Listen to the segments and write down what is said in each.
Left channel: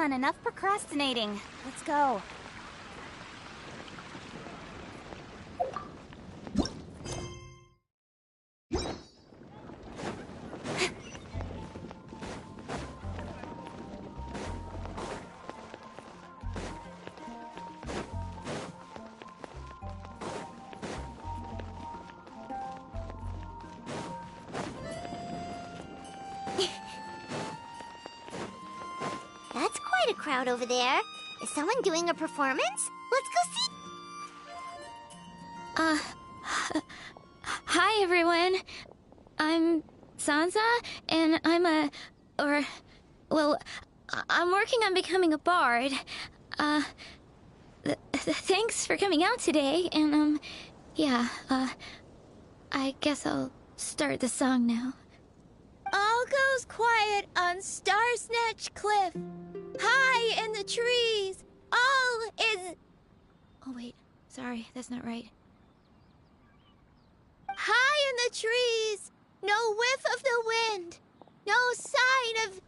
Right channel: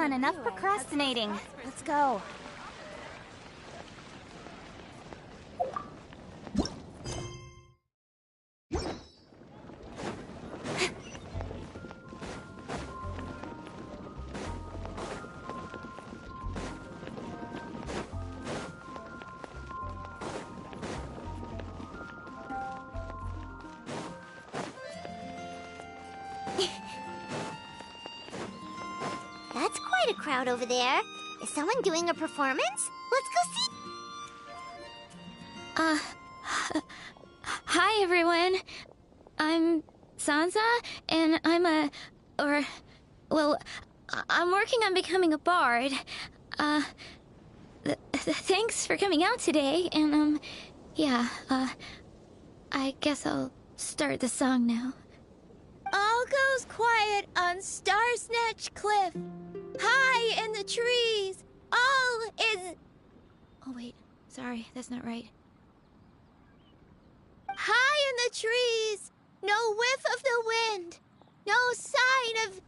on, enough procrastinating. Let's go. That's quite a crowd over there. Is someone doing a performance? Let's go see. Hi everyone. I'm Sansa, and I'm working on becoming a bard. Thanks for coming out today, and I guess I'll start the song now. All goes quiet on Star Snatch Cliff. High in the trees, all is... Oh wait, sorry, that's not right. High in the trees, no whiff of the wind, no sign of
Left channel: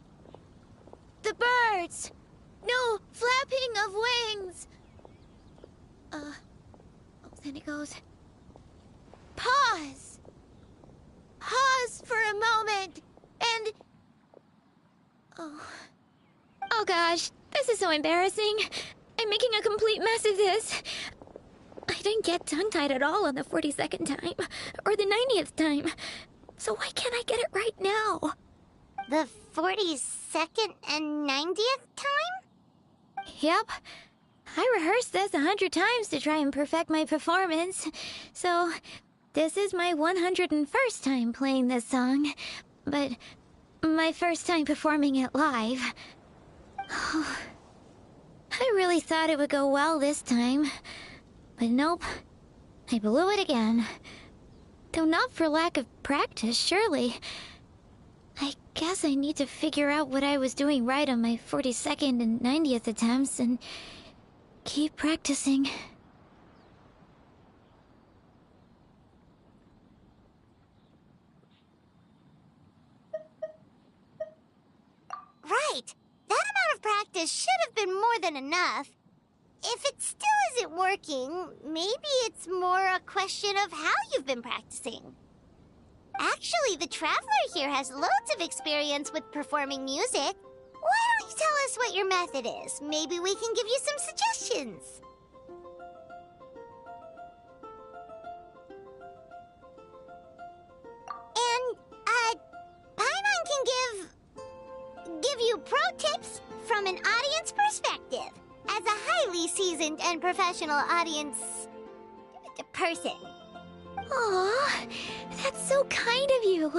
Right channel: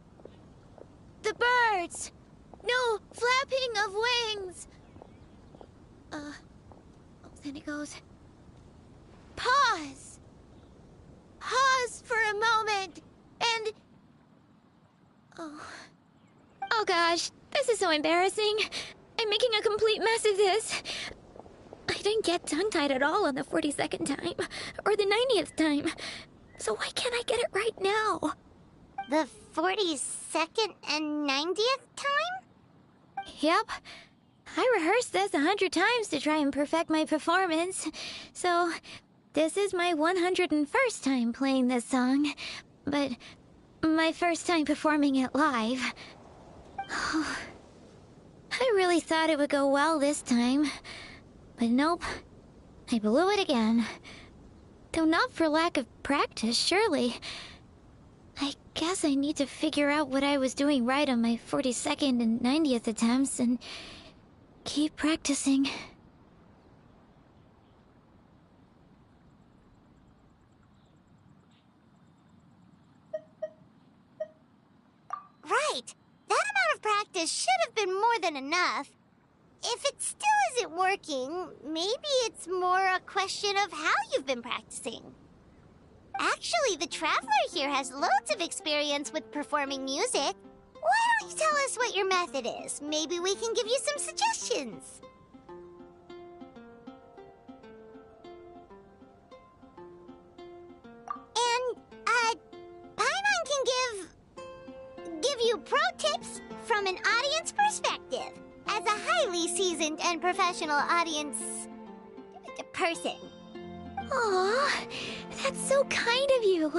the birds, no flapping of wings. Then it goes... Pause. Pause for a moment, and... Oh gosh, this is so embarrassing. I'm making a complete mess of this. I didn't get tongue-tied at all on the 42nd time, or the 90th time. So why can't I get it right now? The 42nd and 90th time? Yep. I rehearsed this 100 times to try and perfect my performance. So, this is my 101st time playing this song. But my first time performing it live. I really thought it would go well this time. But nope. I blew it again. Though not for lack of practice, surely. I guess I need to figure out what I was doing right on my 42nd and 90th attempts and keep practicing. Right. That amount of practice should have been more than enough. If it still isn't working, maybe it's more a question of how you've been practicing. Actually, the Traveler here has loads of experience with performing music. Why don't you tell us what your method is? Maybe we can give you some suggestions. And, Paimon can give you pro tips from an audience perspective. As a highly seasoned and professional audience person. Aw, that's so kind of you.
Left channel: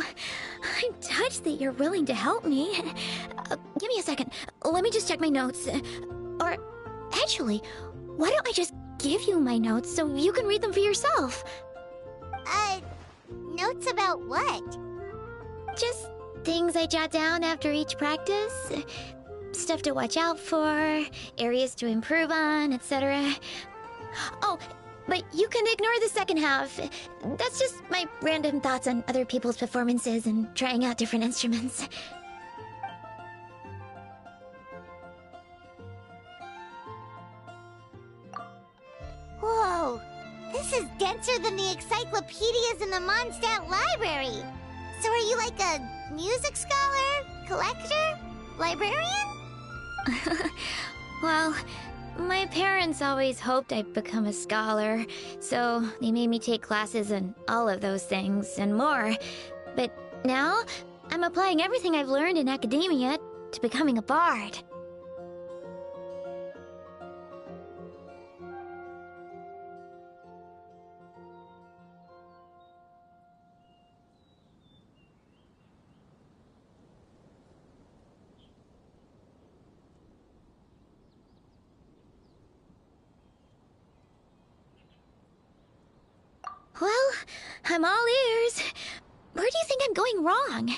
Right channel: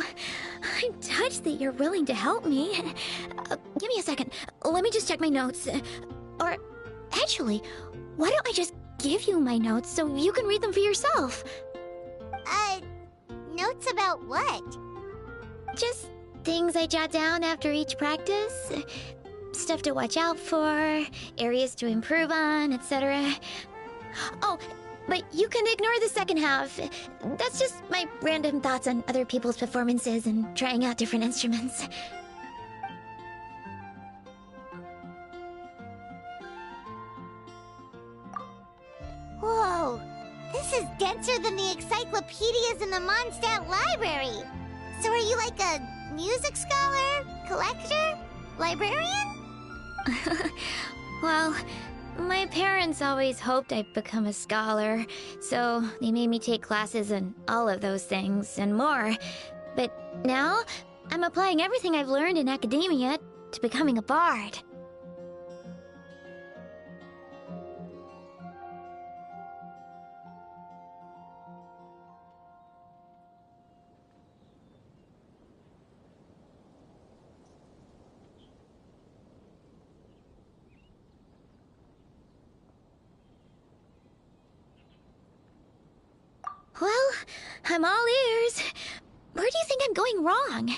I'm touched that you're willing to help me. Give me a second. Let me just check my notes. Or, actually, why don't I just give you my notes so you can read them for yourself? Notes about what? Just things I jot down after each practice. Stuff to watch out for, areas to improve on, etc. Oh, but you can ignore the second half. That's just my random thoughts on other people's performances and trying out different instruments. Whoa, this is denser than the encyclopedias in the Mondstadt library. So are you like a music scholar, collector, librarian? Well, my parents always hoped I'd become a scholar, so they made me take classes in all of those things and more. But now, I'm applying everything I've learned in academia to becoming a bard. Well, I'm all ears. Where do you think I'm going wrong?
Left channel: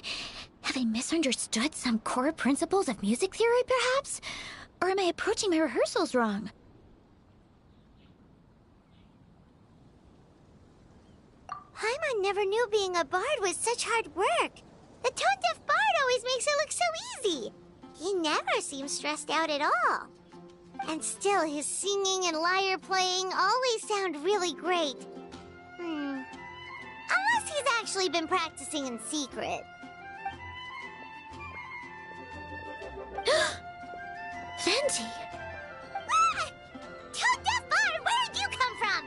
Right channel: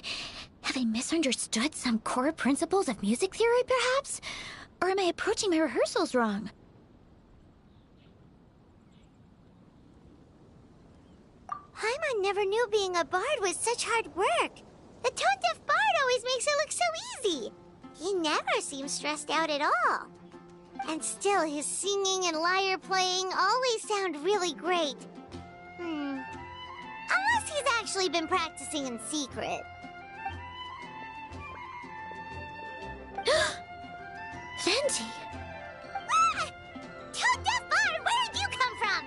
Have I misunderstood some core principles of music theory, perhaps? Or am I approaching my rehearsals wrong? Paimon never knew being a bard was such hard work. The tone-deaf bard always makes it look so easy. He never seems stressed out at all. And still, his singing and lyre playing always sound really great. Unless he's actually been practicing in secret. Venti! Ah! Toad Death Bard, where did you come from?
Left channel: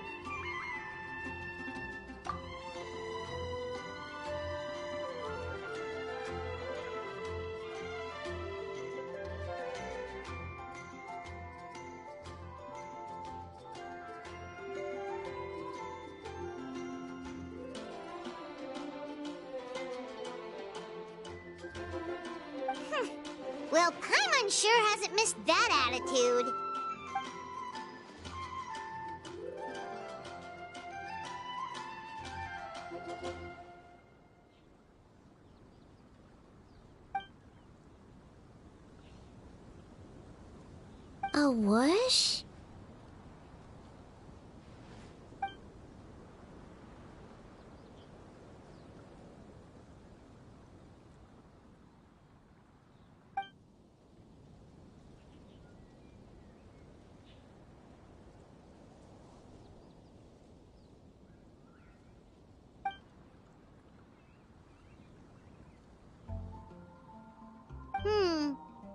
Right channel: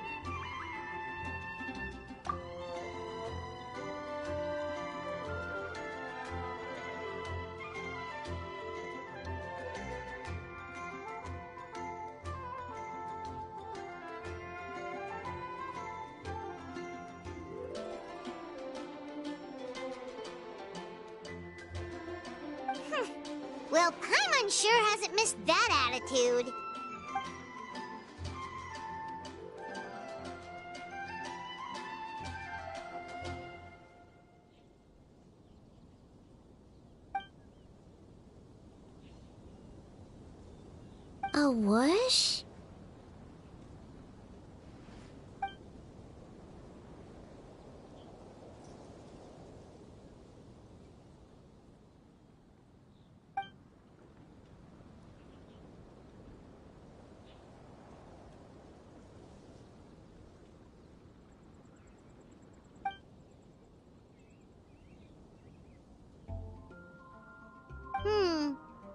Well, Paimon sure hasn't missed that attitude. A whoosh?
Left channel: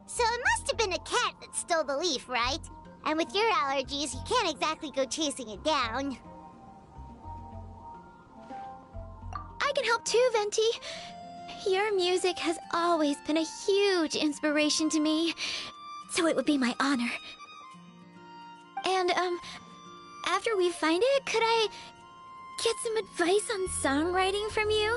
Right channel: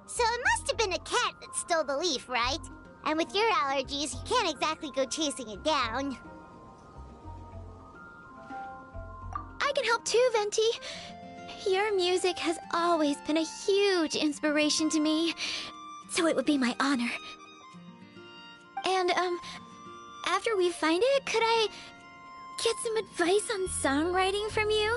So it must have been a cat that stole the leaf, right? And with your allergies, you can't exactly go chasing it down. I can help too, Venti. Your music has always been a huge inspiration to me, so it would be my honor. And, after we find it, could I get some advice on songwriting from you?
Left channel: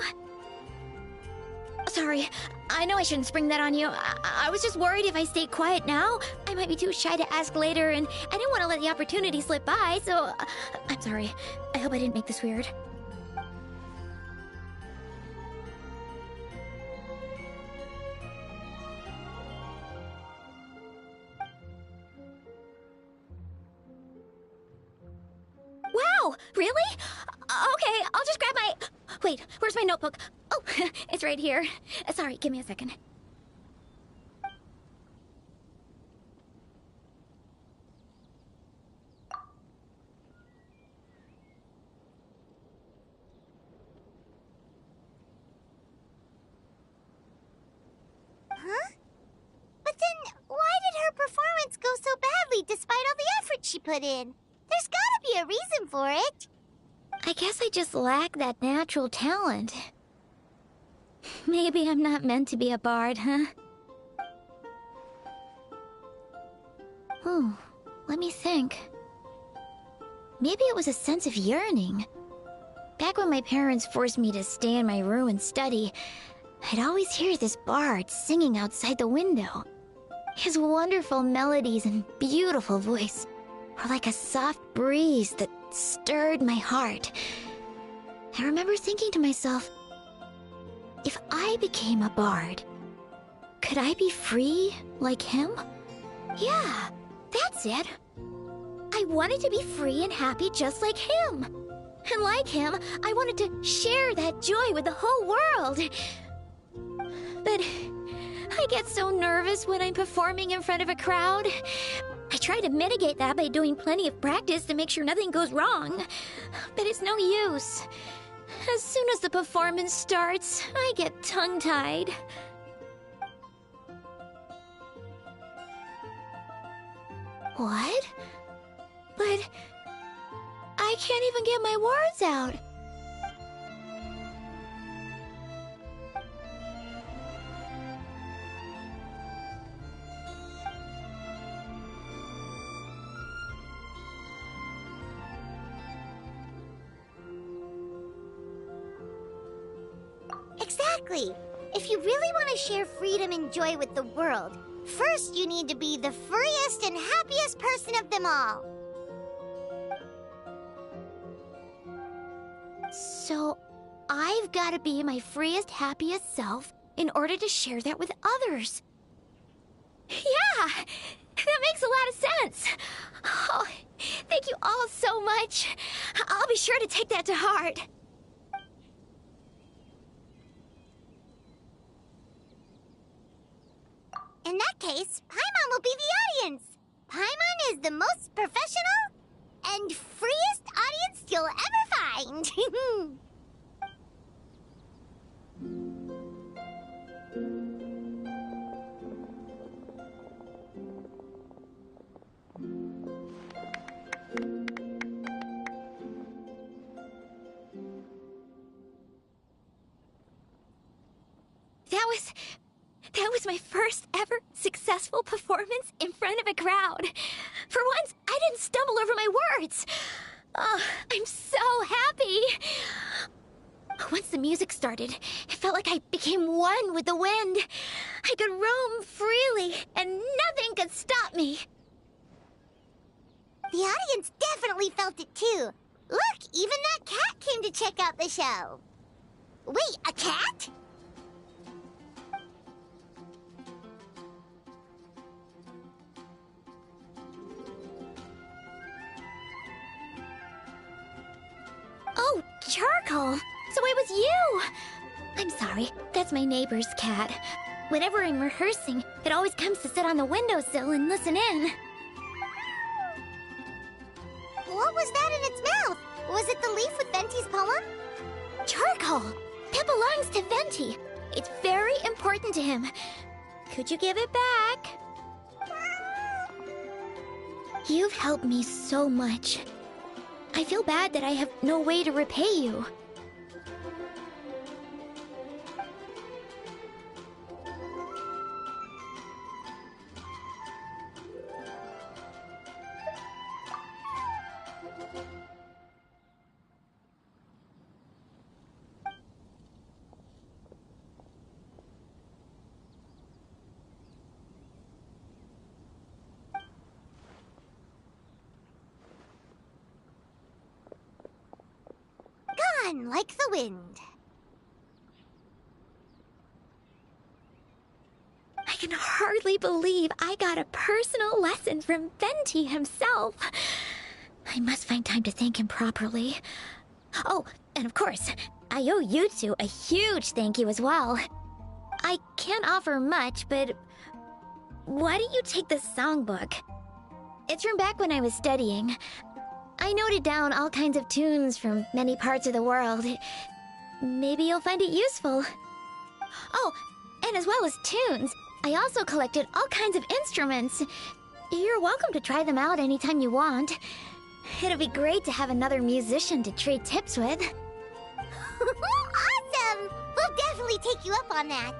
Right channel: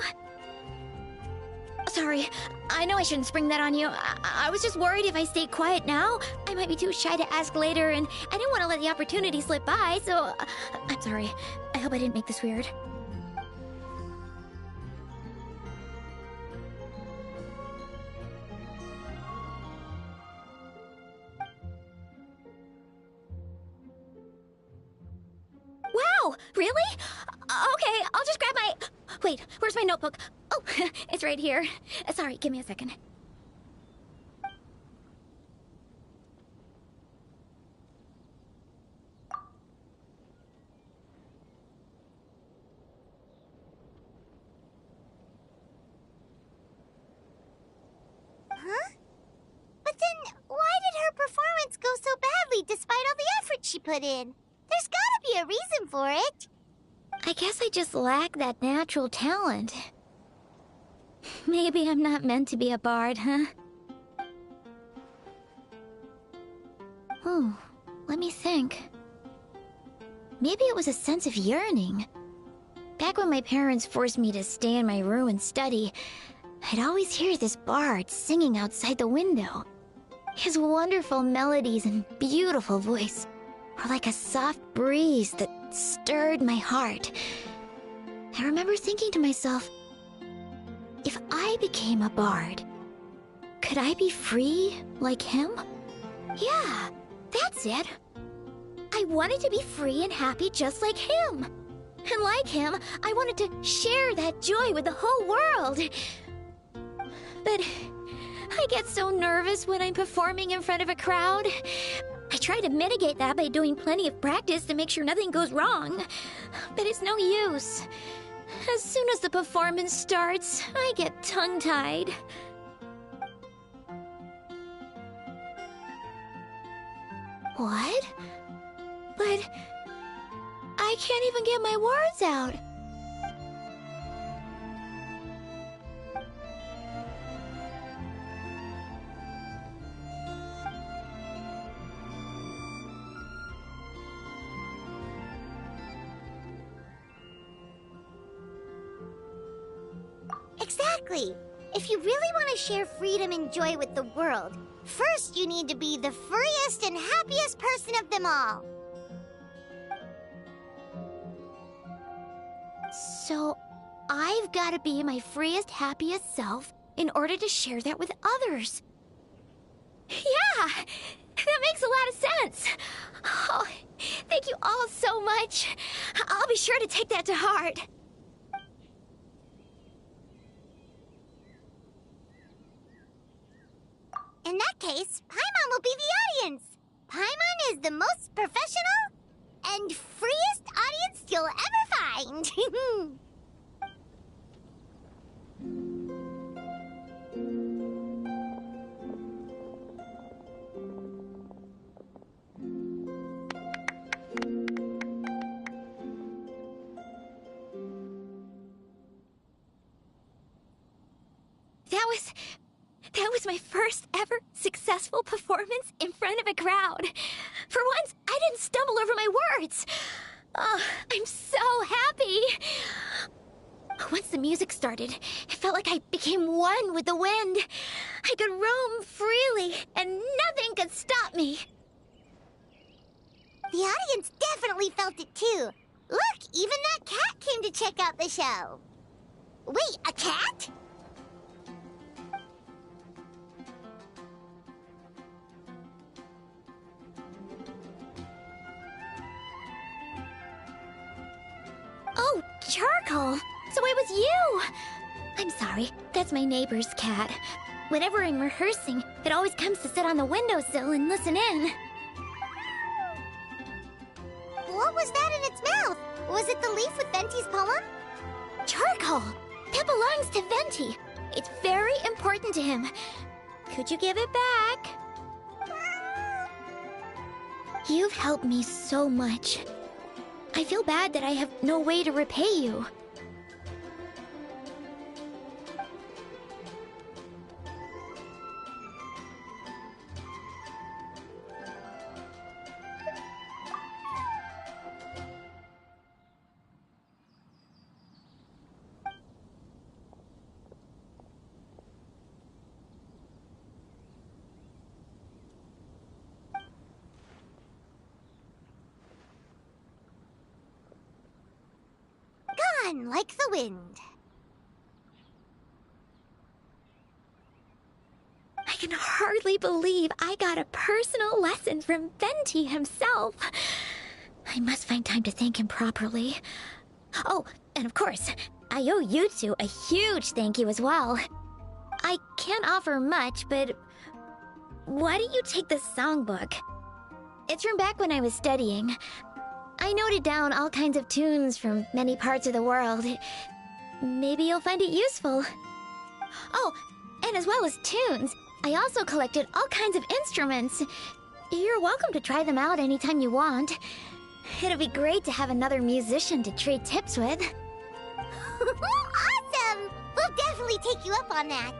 Sorry, I know I shouldn't spring that on you. I was just worried if I stayed quiet now, I might be too shy to ask later, and I didn't want to let the opportunity slip by, so I'm sorry. I hope I didn't make this weird. Wow, really? Okay, I'll just grab my... Wait, where's my notebook? Oh, it's right here. Sorry, give me a second. Huh? But then, why did her performance go so badly despite all the effort she put in? There's gotta be a reason for it. I guess I just lack that natural talent. Maybe I'm not meant to be a bard, huh? Oh, let me think. Maybe it was a sense of yearning. Back when my parents forced me to stay in my room and study, I'd always hear this bard singing outside the window. His wonderful melodies and beautiful voice were like a soft breeze that stirred my heart. I remember thinking to myself, if I became a bard, could I be free like him? Yeah, that's it. I wanted to be free and happy just like him. And like him, I wanted to share that joy with the whole world. But I get so nervous when I'm performing in front of a crowd. I try to mitigate that by doing plenty of practice to make sure nothing goes wrong. But it's no use. As soon as the performance starts, I get tongue-tied. What? But I can't even get my words out. Exactly. If you really want to share freedom and joy with the world, first you need to be the freest and happiest person of them all. So, I've got to be my freest, happiest self in order to share that with others. Yeah! That makes a lot of sense! Oh, thank you all so much. I'll be sure to take that to heart. In that case, case, Paimon will be the audience. Paimon is the most professional and freest audience you'll ever find. That was my first ever successful performance in front of a crowd. For once, I didn't stumble over my words. Oh, I'm so happy. Once the music started, it felt like I became one with the wind. I could roam freely, and nothing could stop me. The audience definitely felt it too. Look, even that cat came to check out the show. Wait, a cat? Oh, Charcoal! So it was you! I'm sorry, that's my neighbor's cat. Whenever I'm rehearsing, it always comes to sit on the windowsill and listen in. What was that in its mouth? Was it the leaf with Venti's poem? Charcoal! That belongs to Venti. It's very important to him. Could you give it back? You've helped me so much. I feel bad that I have no way to repay you. Gone like the wind. I can hardly believe I got a personal lesson from Venti himself. I must find time to thank him properly. Oh, and of course, I owe you two a huge thank you as well. I can't offer much, but why don't you take this songbook? It's from back when I was studying. I noted down all kinds of tunes from many parts of the world. Maybe you'll find it useful. Oh, and as well as tunes, I also collected all kinds of instruments. You're welcome to try them out anytime you want. It'll be great to have another musician to trade tips with. Awesome! We'll definitely take you up on that.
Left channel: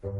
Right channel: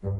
Did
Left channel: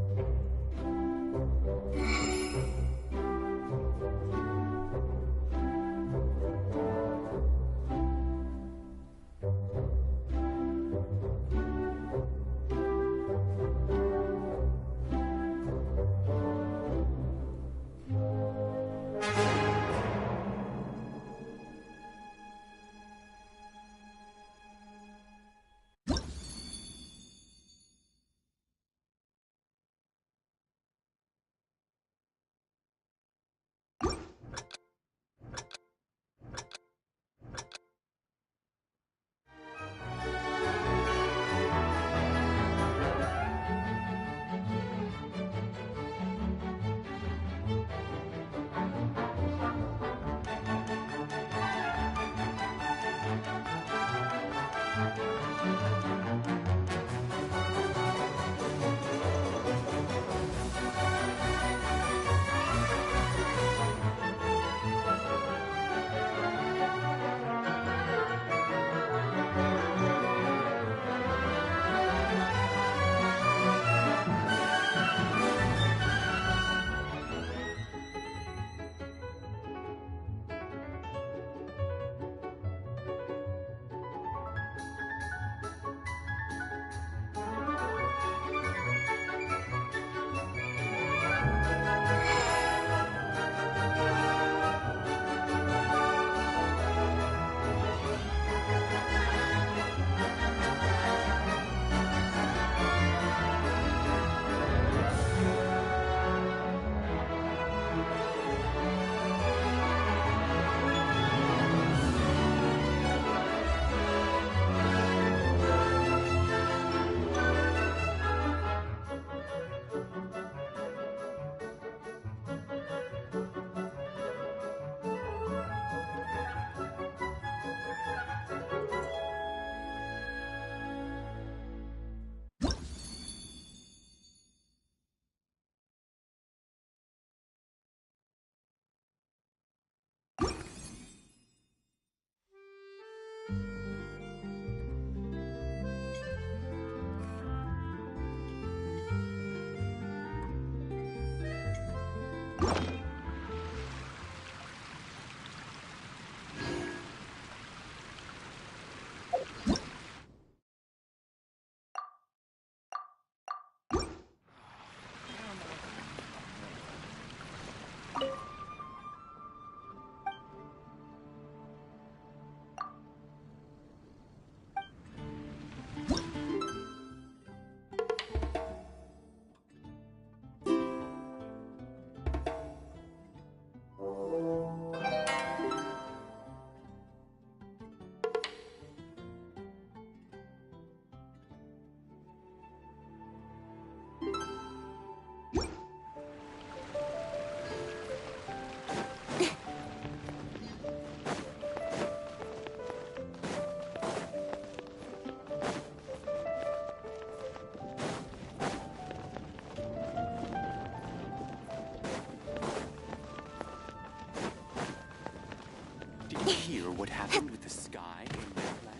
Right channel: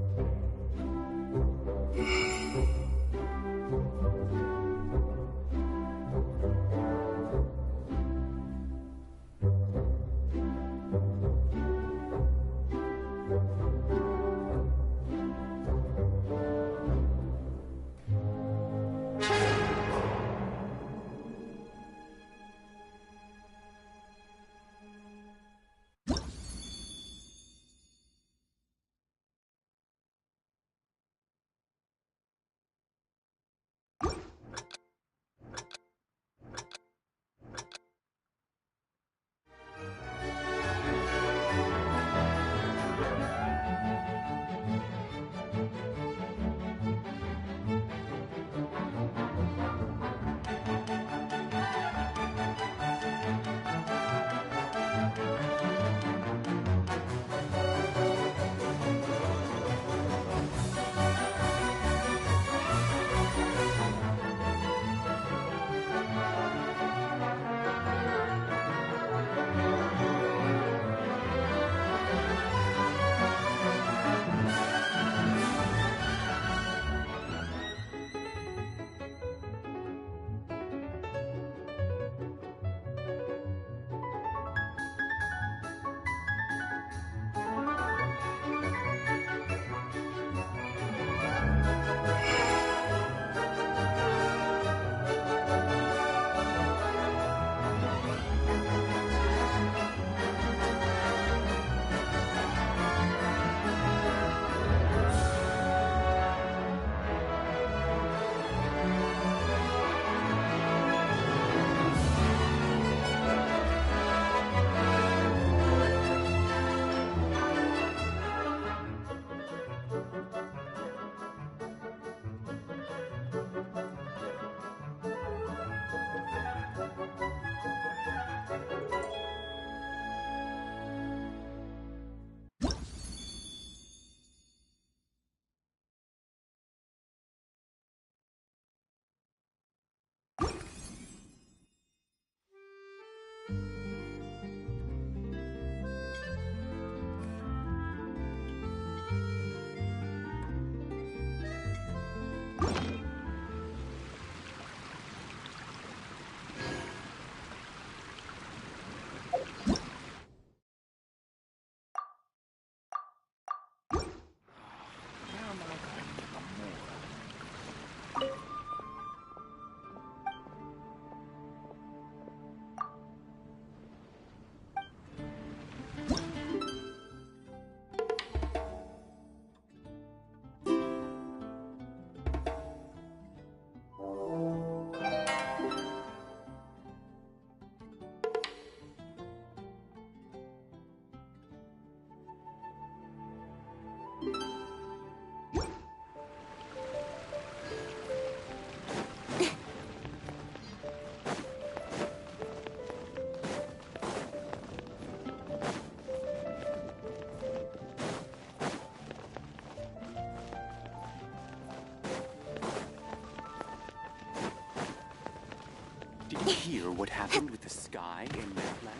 you hear what happened with the sky in Lapland?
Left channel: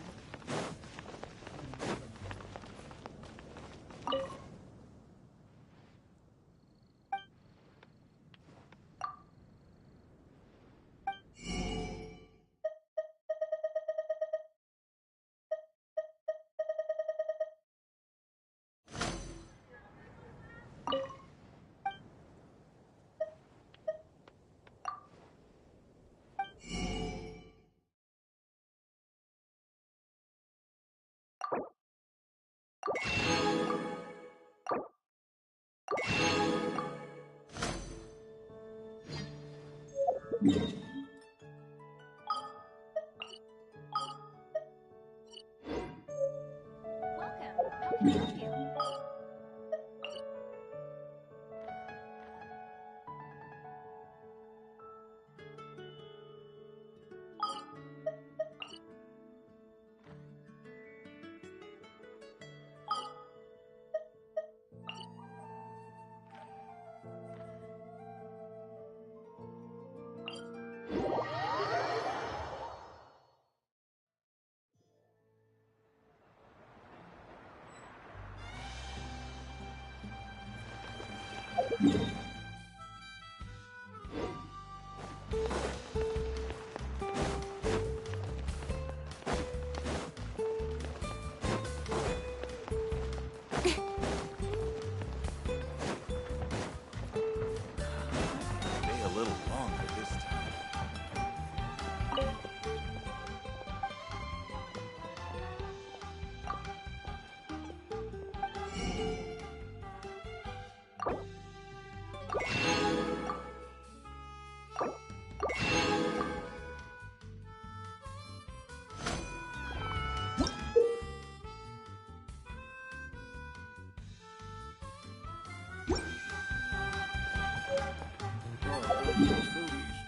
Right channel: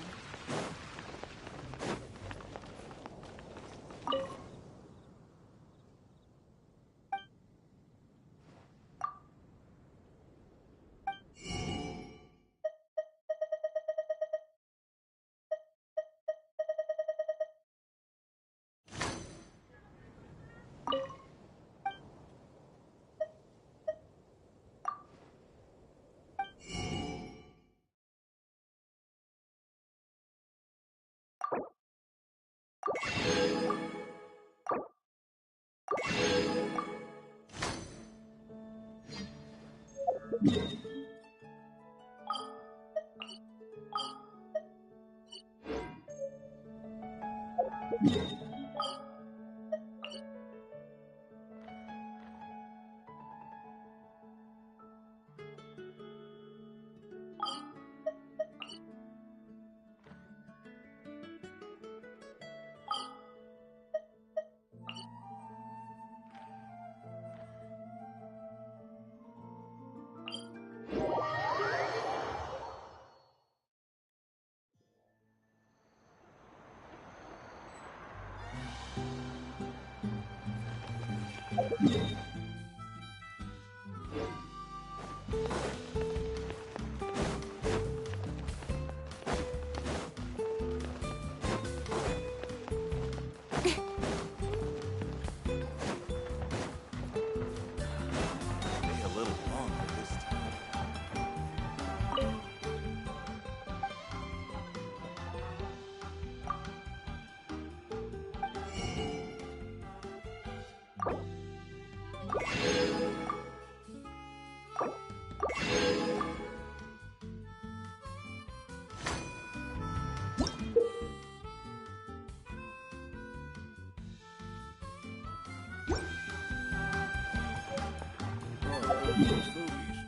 Stay a little longer this time. Oh, those foodies.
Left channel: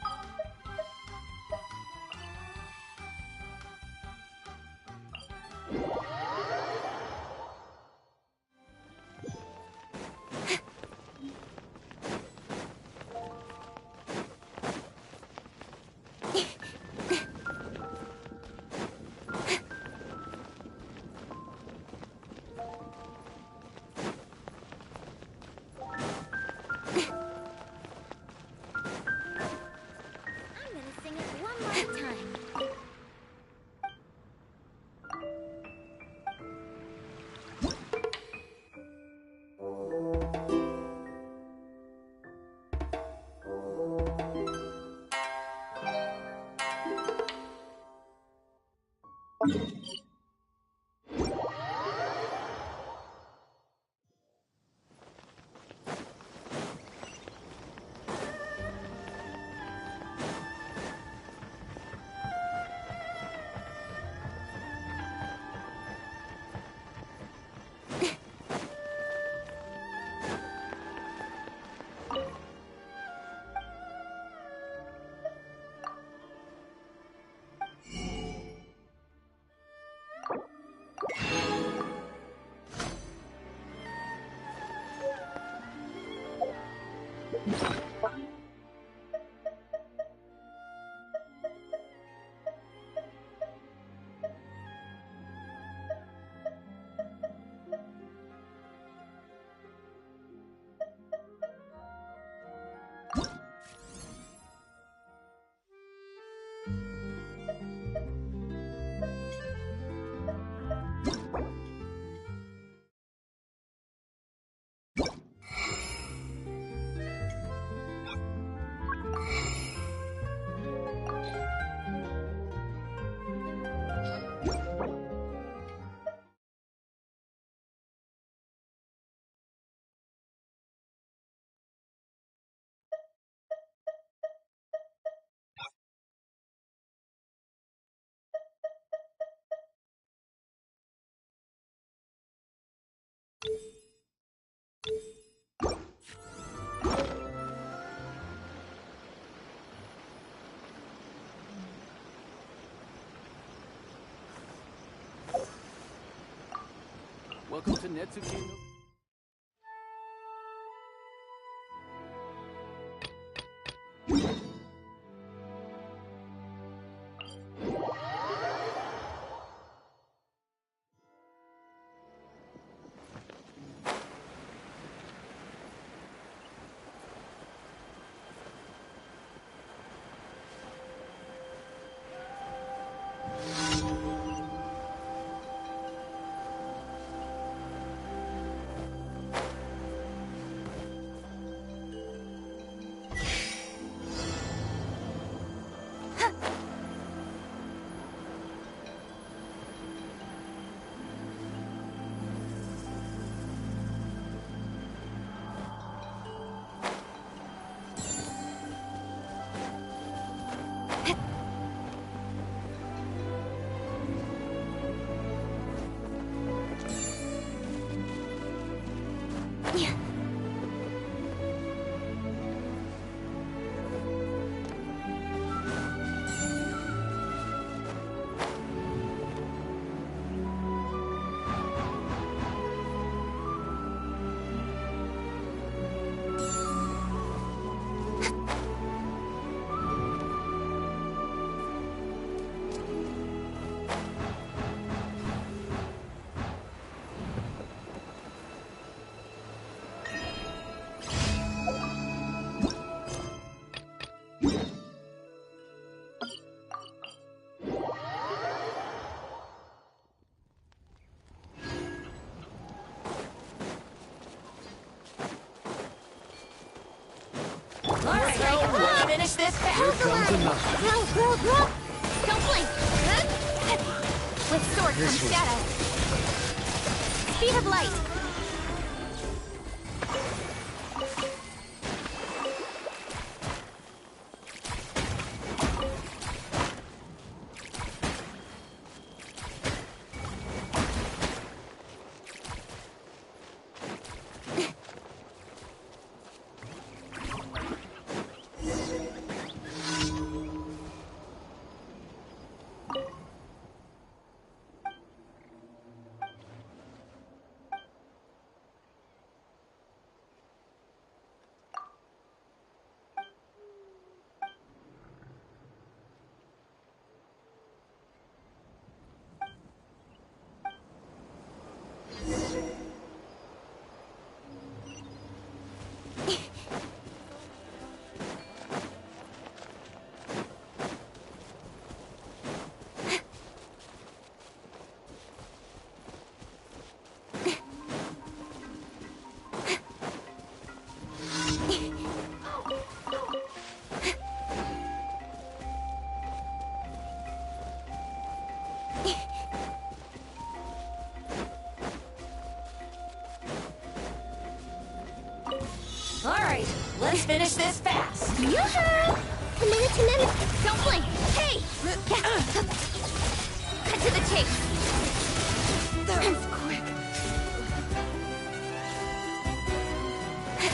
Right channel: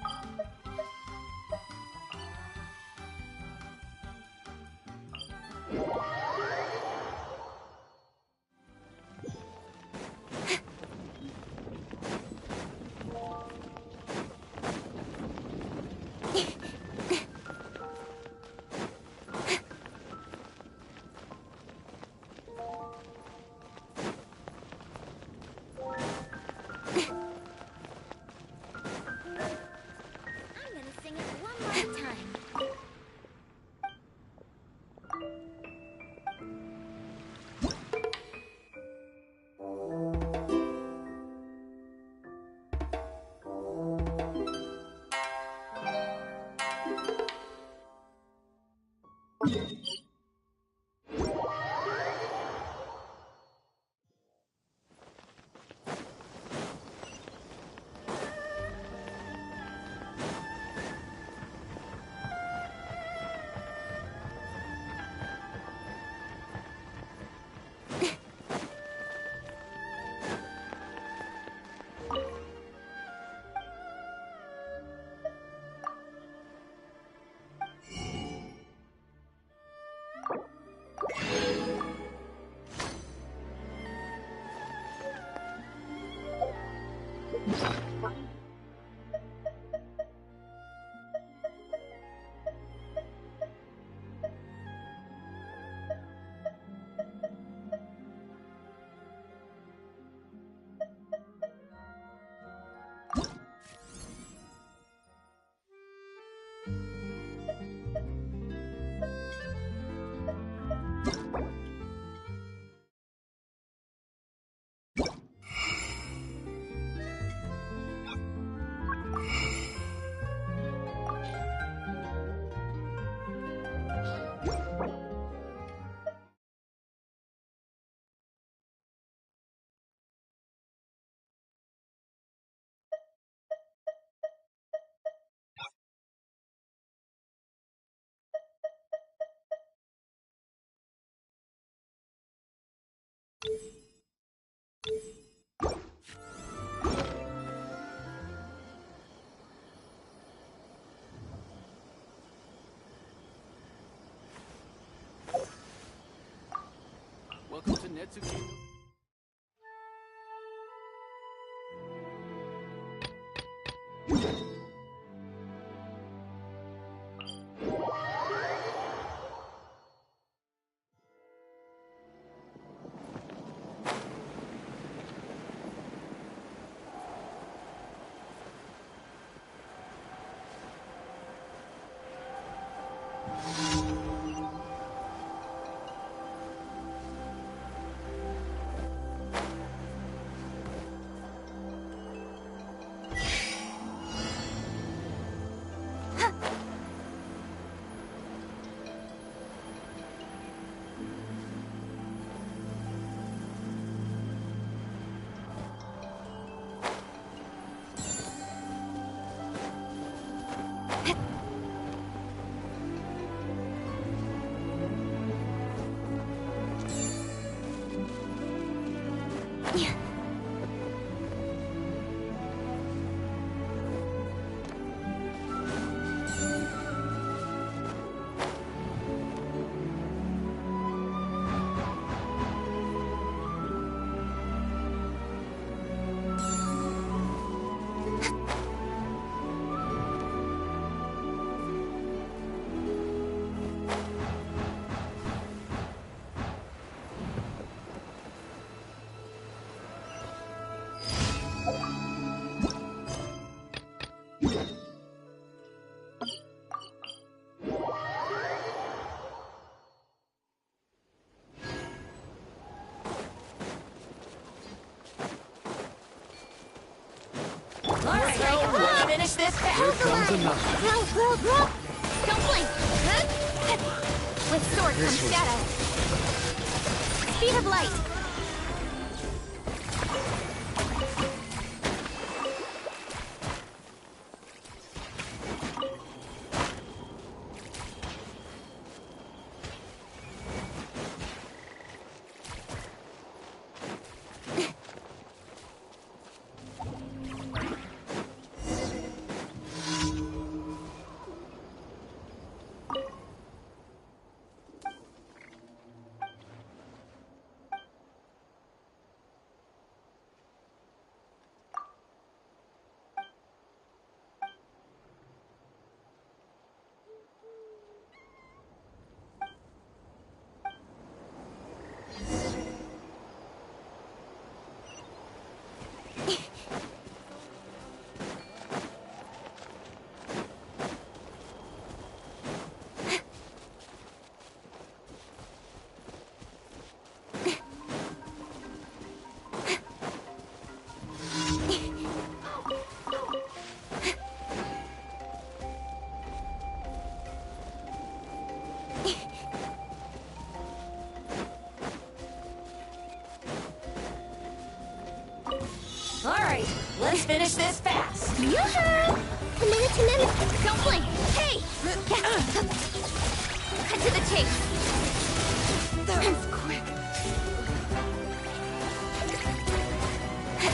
I'm gonna sing it one more time. Welcome to Netsuki. Alright, let's finish this fast. Here comes another. Don't blink. With sword comes shadow. Speed of light. Alright, let's finish this fast. Yoo-hoo! Don't blink. Hey! Cut to the chase. That was quick.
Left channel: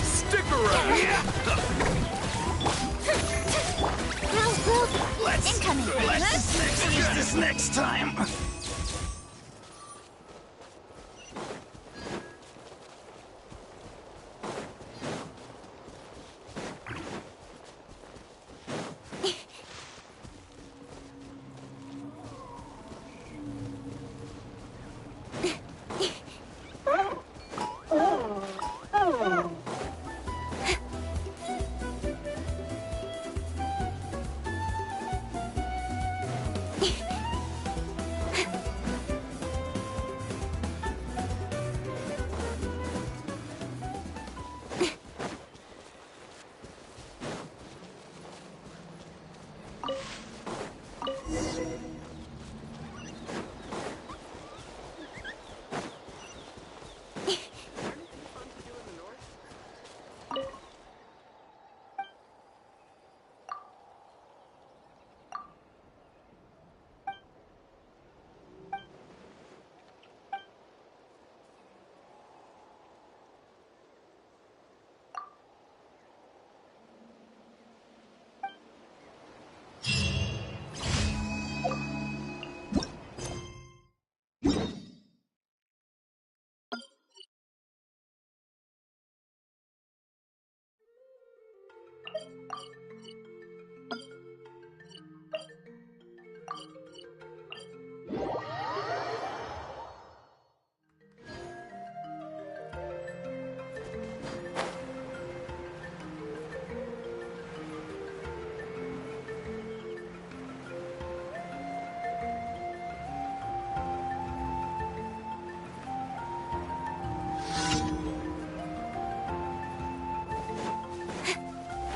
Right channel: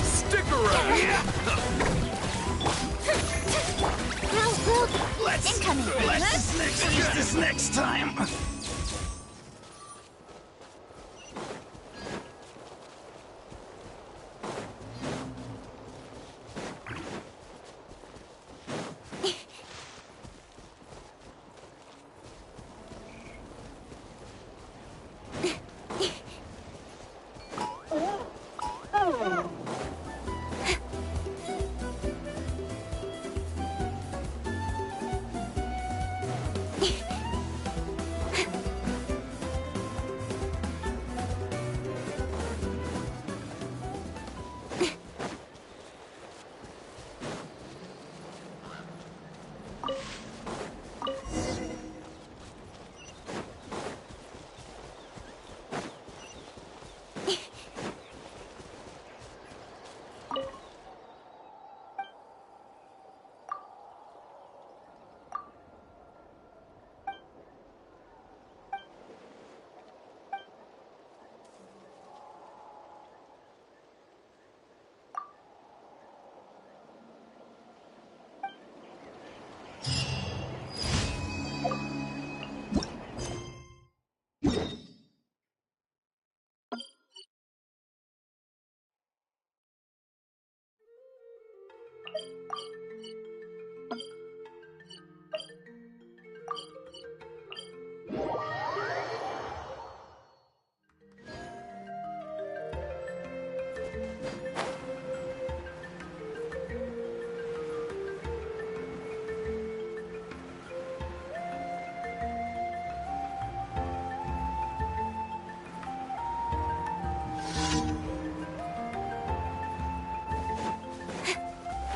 Stick around. Incoming. Let's finish this next time.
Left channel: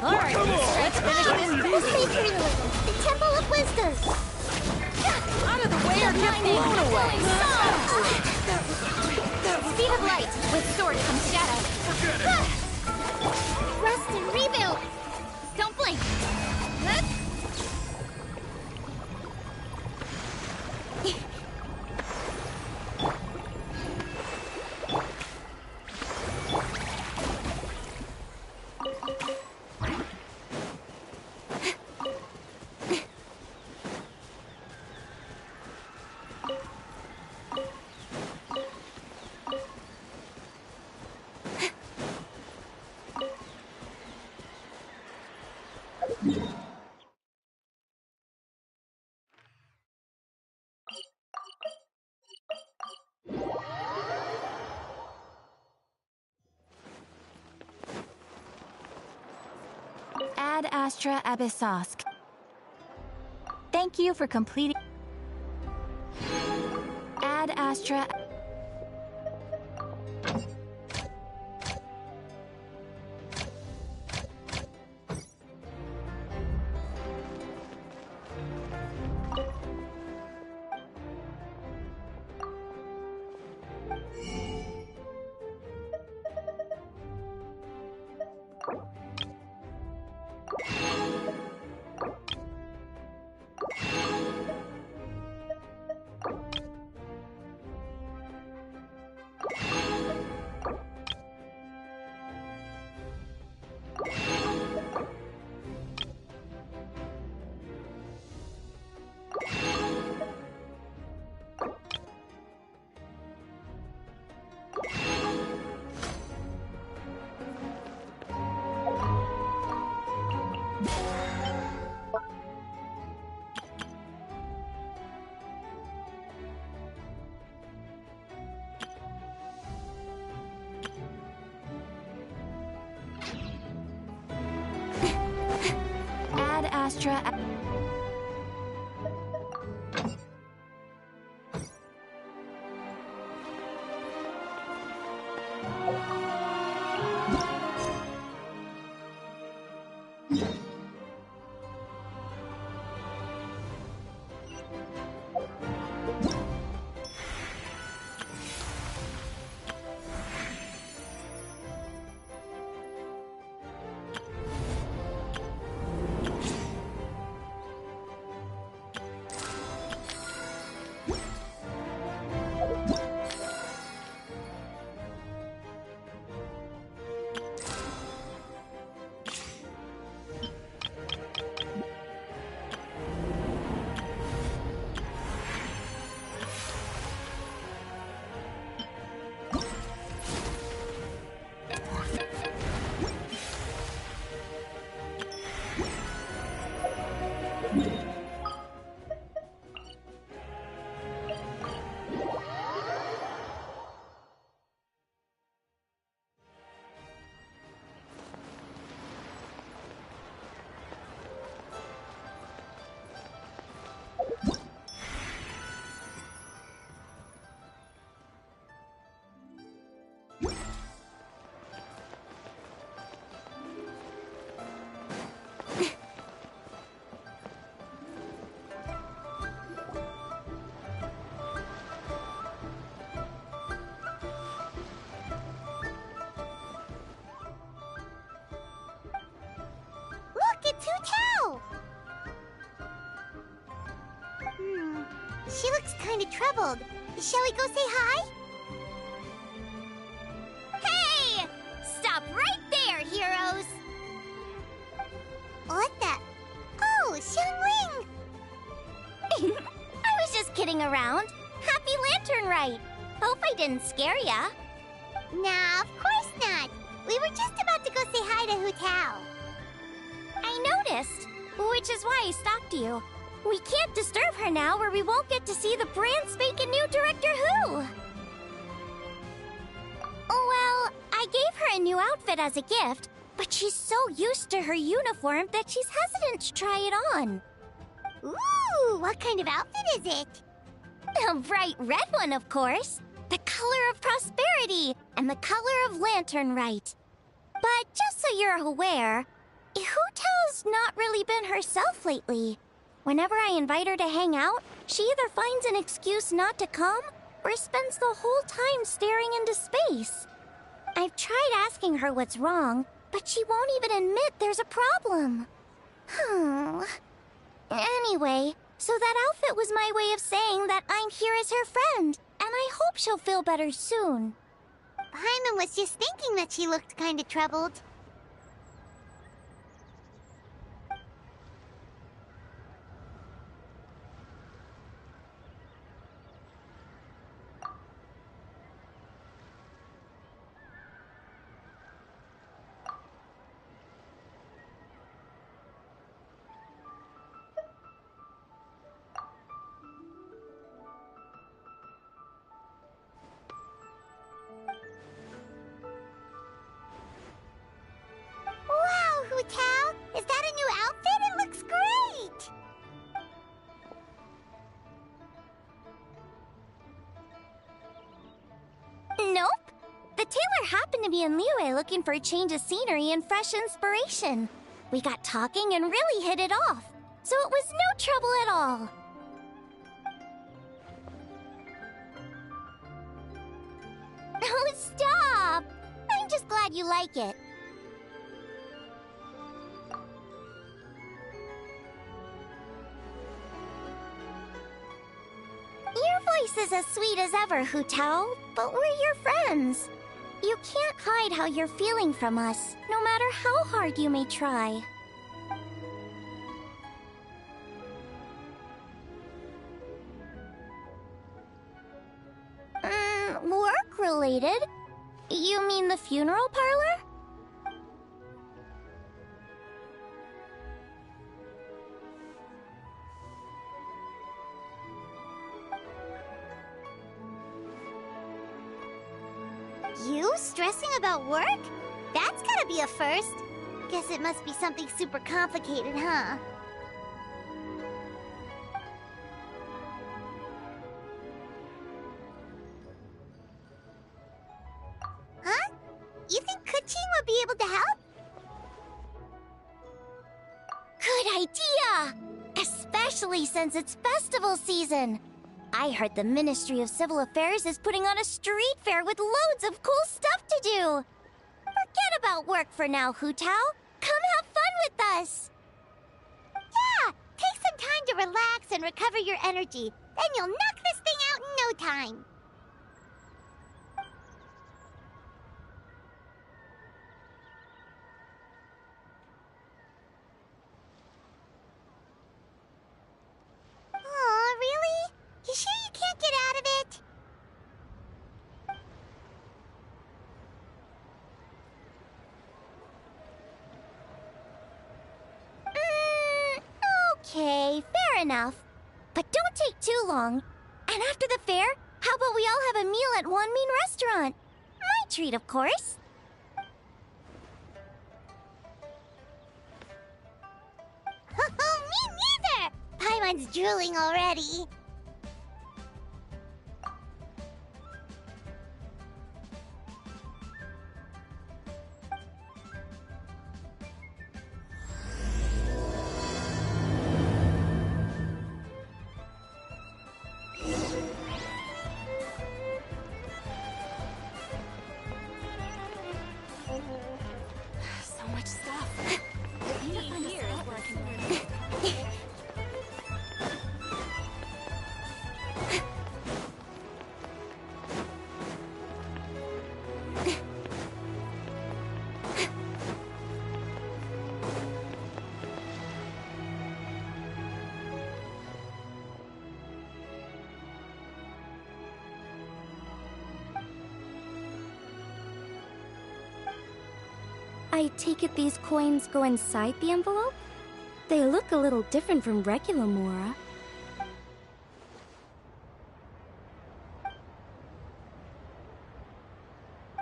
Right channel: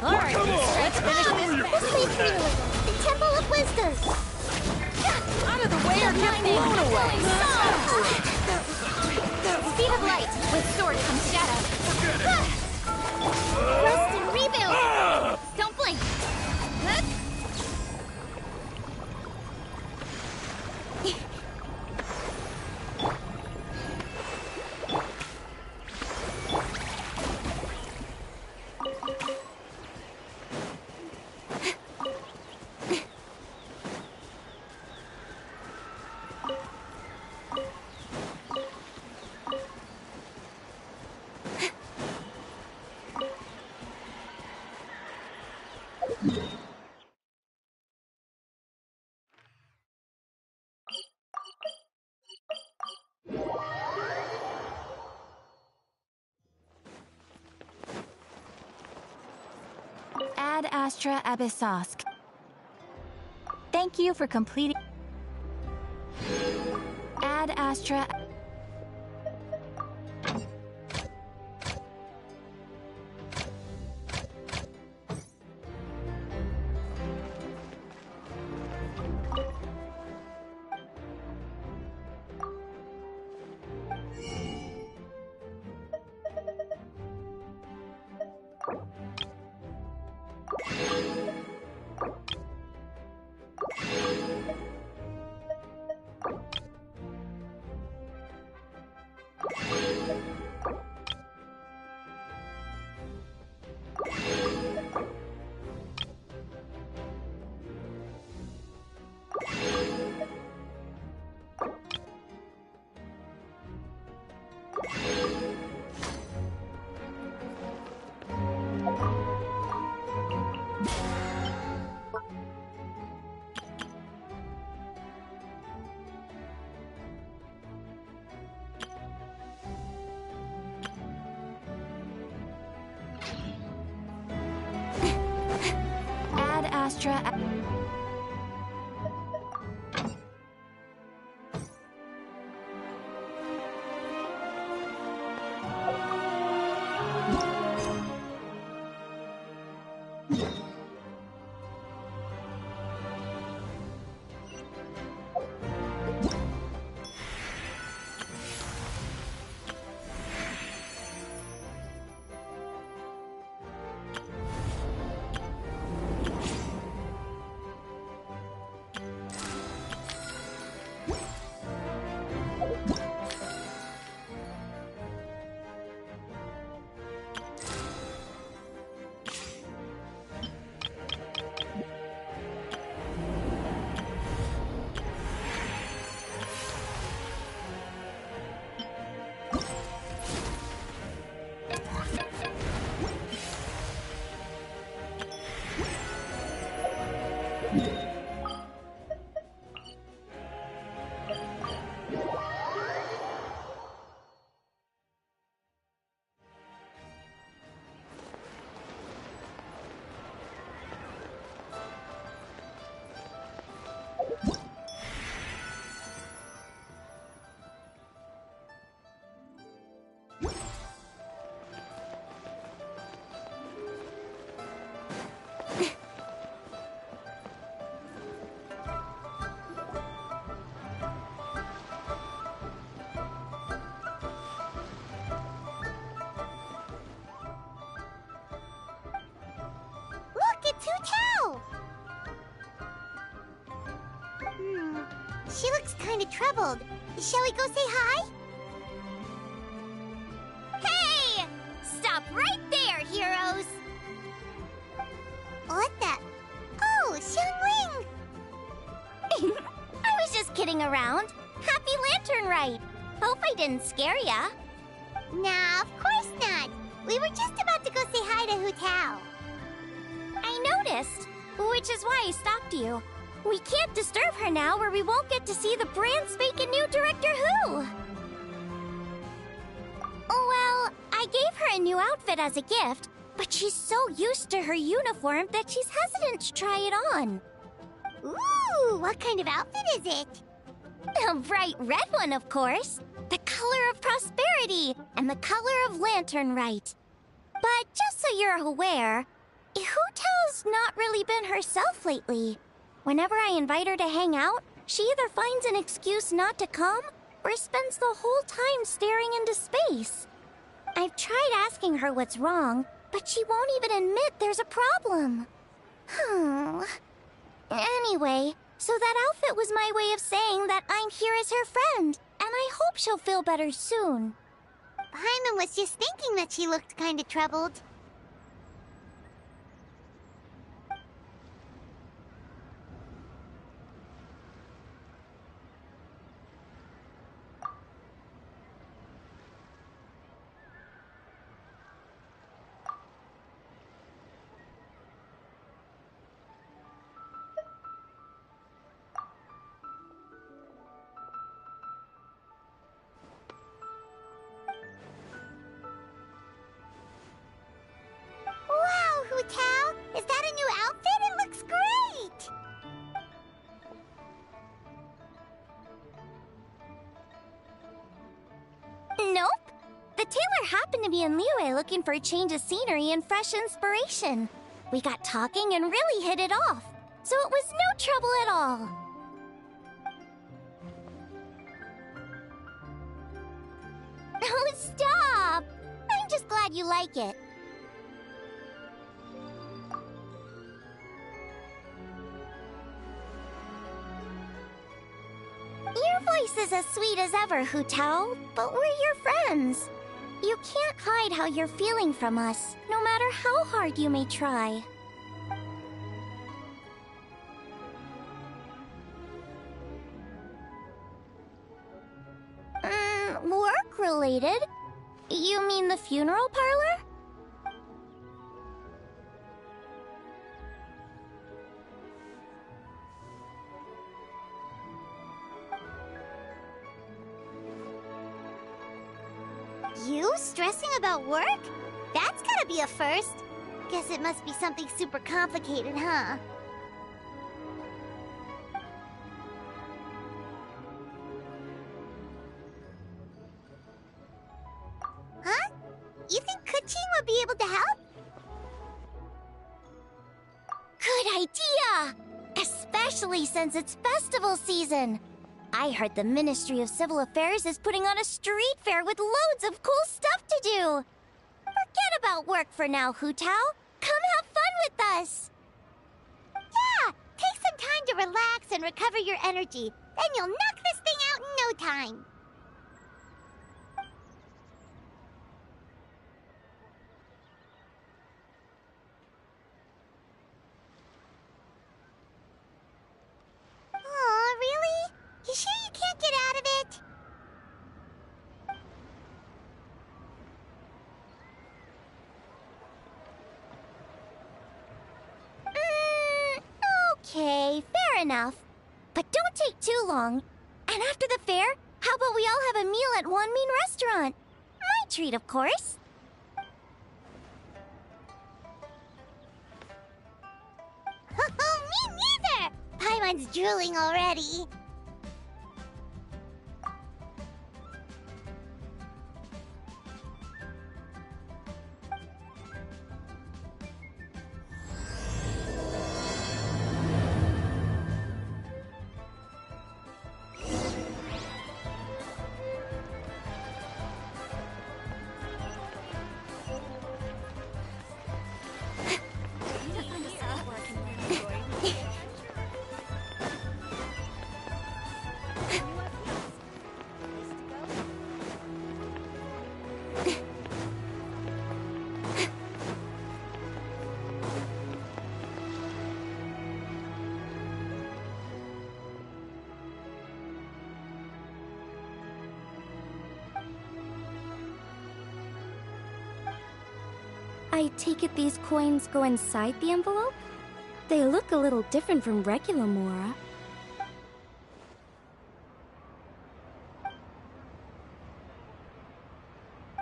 Alright, let's finish this fast. The Temple of Wisdom. Out of the way or get blown away. Speed of light. With sword comes shadow. Rest and rebuild. Don't blink. Ad Astra Abyssosk. Thank you for completing. Ad Astra. Astra... Look, it's Hu Tao! She looks kind of troubled. Shall we go say hi? Hey! Stop right there, heroes! What the? Oh, Xiangling! I was just kidding around. Happy Lanern Rite! Hope I didn't scare ya. Nah, of course not. We were just about to go say hi to Hu Tao. I noticed, which is why I stopped you. We can't disturb her now or we won't get to see the brand spanking new Director Who. Well, I gave her a new outfit as a gift, but she's so used to her uniform that she's hesitant to try it on. Ooh, what kind of outfit is it? A bright red one, of course. The color of prosperity and the color of Lanern Rite. But just so you're aware, Hu Tao's not really been herself lately. Whenever I invite her to hang out, she either finds an excuse not to come or spends the whole time staring into space. I've tried asking her what's wrong, but she won't even admit there's a problem. Anyway, so that outfit was my way of saying that I'm here as her friend, and I hope she'll feel better soon. Paimon was just thinking that she looked kind of troubled. Wow, Hu Tao! Is that a new outfit? It looks great! Nope. The tailor happened to be in Liyue looking for a change of scenery and fresh inspiration. We got talking and really hit it off, so it was no trouble at all. Oh, stop! I'm just glad you like it. Your voice is as sweet as ever, Hu Tao, but we're your friends. You can't hide how you're feeling from us, no matter how hard you may try. Work-related? You mean the funeral parlor? You stressing about work? That's gotta be a first. Guess it must be something super complicated, huh? since it's festival season. I heard the Ministry of Civil Affairs is putting on a street fair with loads of cool stuff to do. Forget about work for now, Hu Tao. Come have fun with us. Yeah, take some time to relax and recover your energy. Then you'll knock this thing out in no time. Aw, really? You sure you can't get out of it? Okay, fair enough. But don't take too long. And after the fair, how about we all have a meal at Wanmin Restaurant? My treat, of course. Me neither! Paimon's drooling already. I take it these coins go inside the envelope? They look a little different from regular Mora.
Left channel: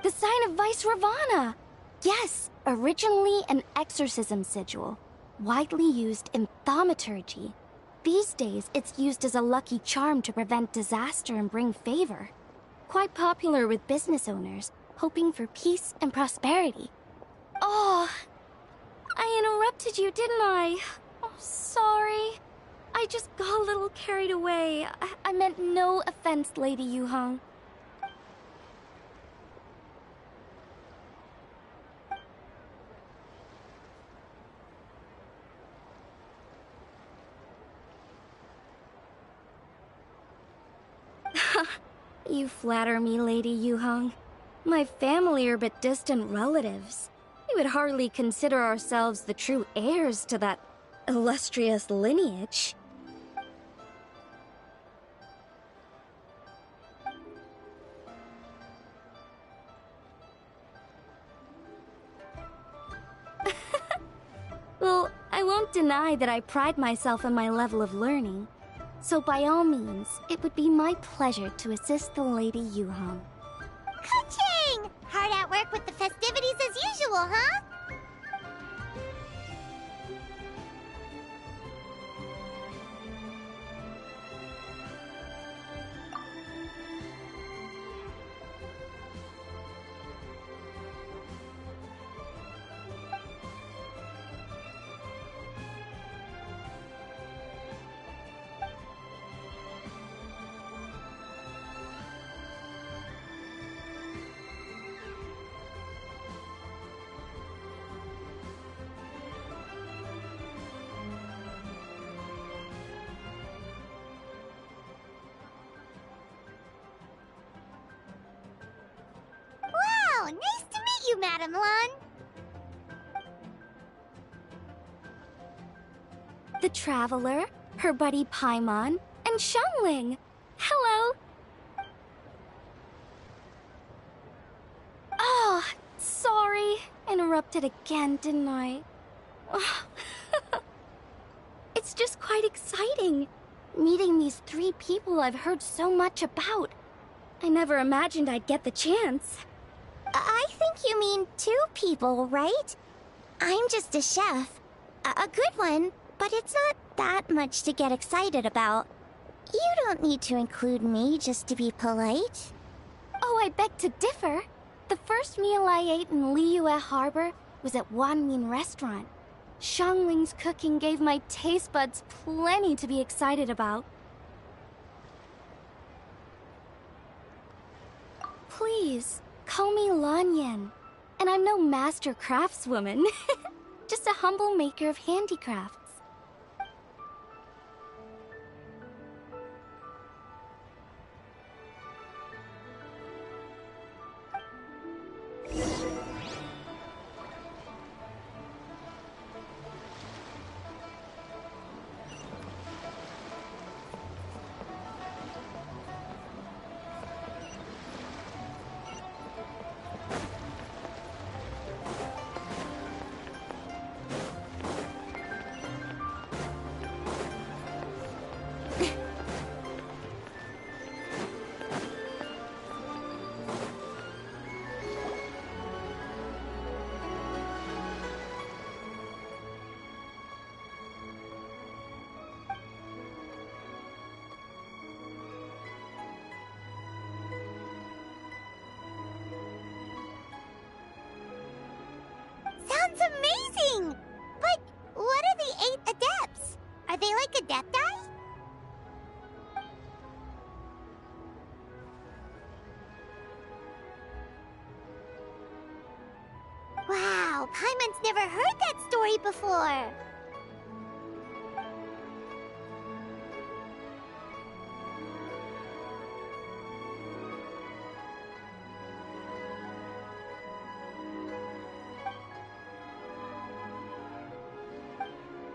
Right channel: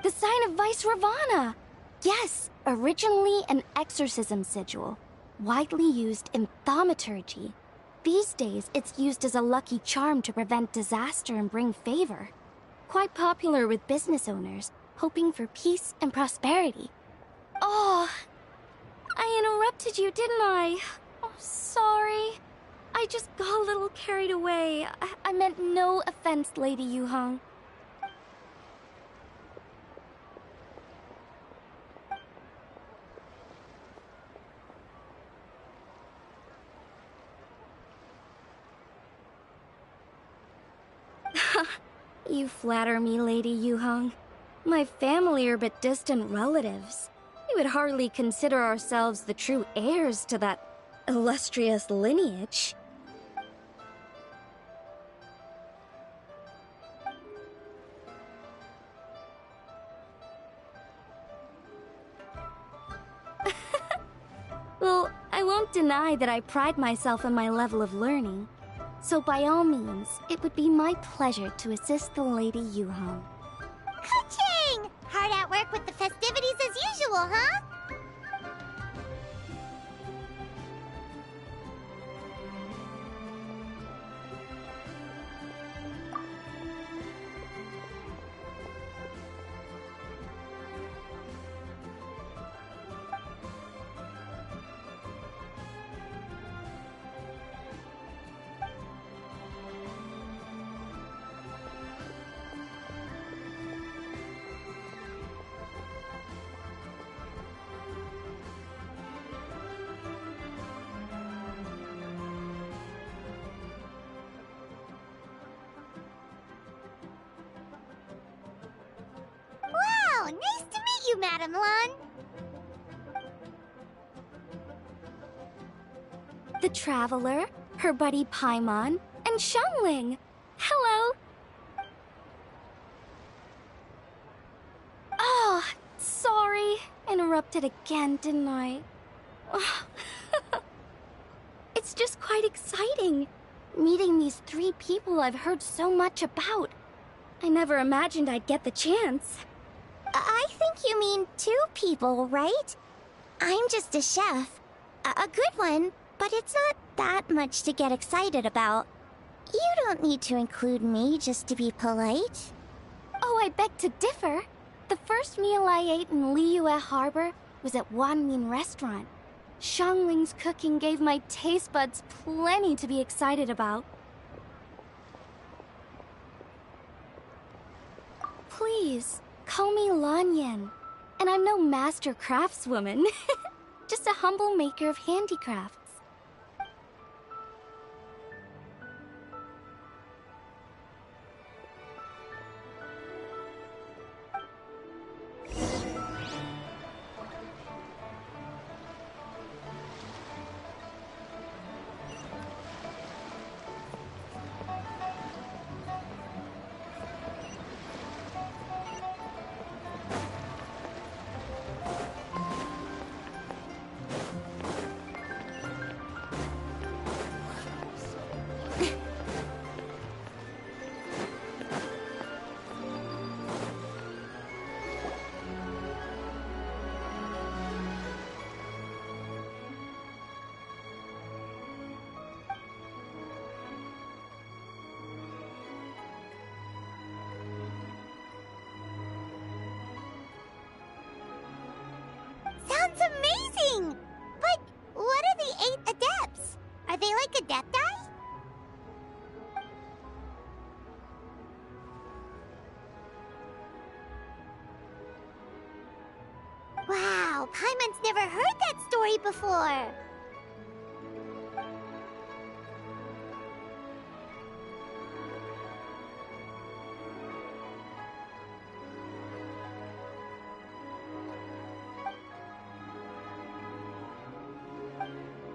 The sign of Vice Ravana! Yes, originally an exorcism sigil, widely used in thaumaturgy. These days, it's used as a lucky charm to prevent disaster and bring favor. Quite popular with business owners, hoping for peace and prosperity. Oh, I interrupted you, didn't I? Oh, sorry. I just got a little carried away. I meant no offense, Lady Yuhong. You flatter me, Lady Yuhong. My family are but distant relatives. We would hardly consider ourselves the true heirs to that illustrious lineage. Well, I won't deny that I pride myself in my level of learning. So by all means, it would be my pleasure to assist the Lady Yuhong. Ka-ching! Hard at work with the festivities as usual, huh? Wow, nice to meet you, Madam Lan. The Traveler, her buddy Paimon, and Xiangling. Hello! Oh, sorry. Interrupted again, didn't I? It's just quite exciting. Meeting these 3 people I've heard so much about. I never imagined I'd get the chance. I think you mean 2 people, right? I'm just a chef. A good one, but it's not that much to get excited about. You don't need to include me just to be polite. Oh, I beg to differ. The first meal I ate in Liyue Harbor was at Wanmin Restaurant. Xiangling's cooking gave my taste buds plenty to be excited about. Please, call me Lanyan. And I'm no master craftswoman. Just a humble maker of handicrafts. Sounds amazing! But what are the 8 adepts? Are they like adepti? Wow, Paimon's never heard that story before.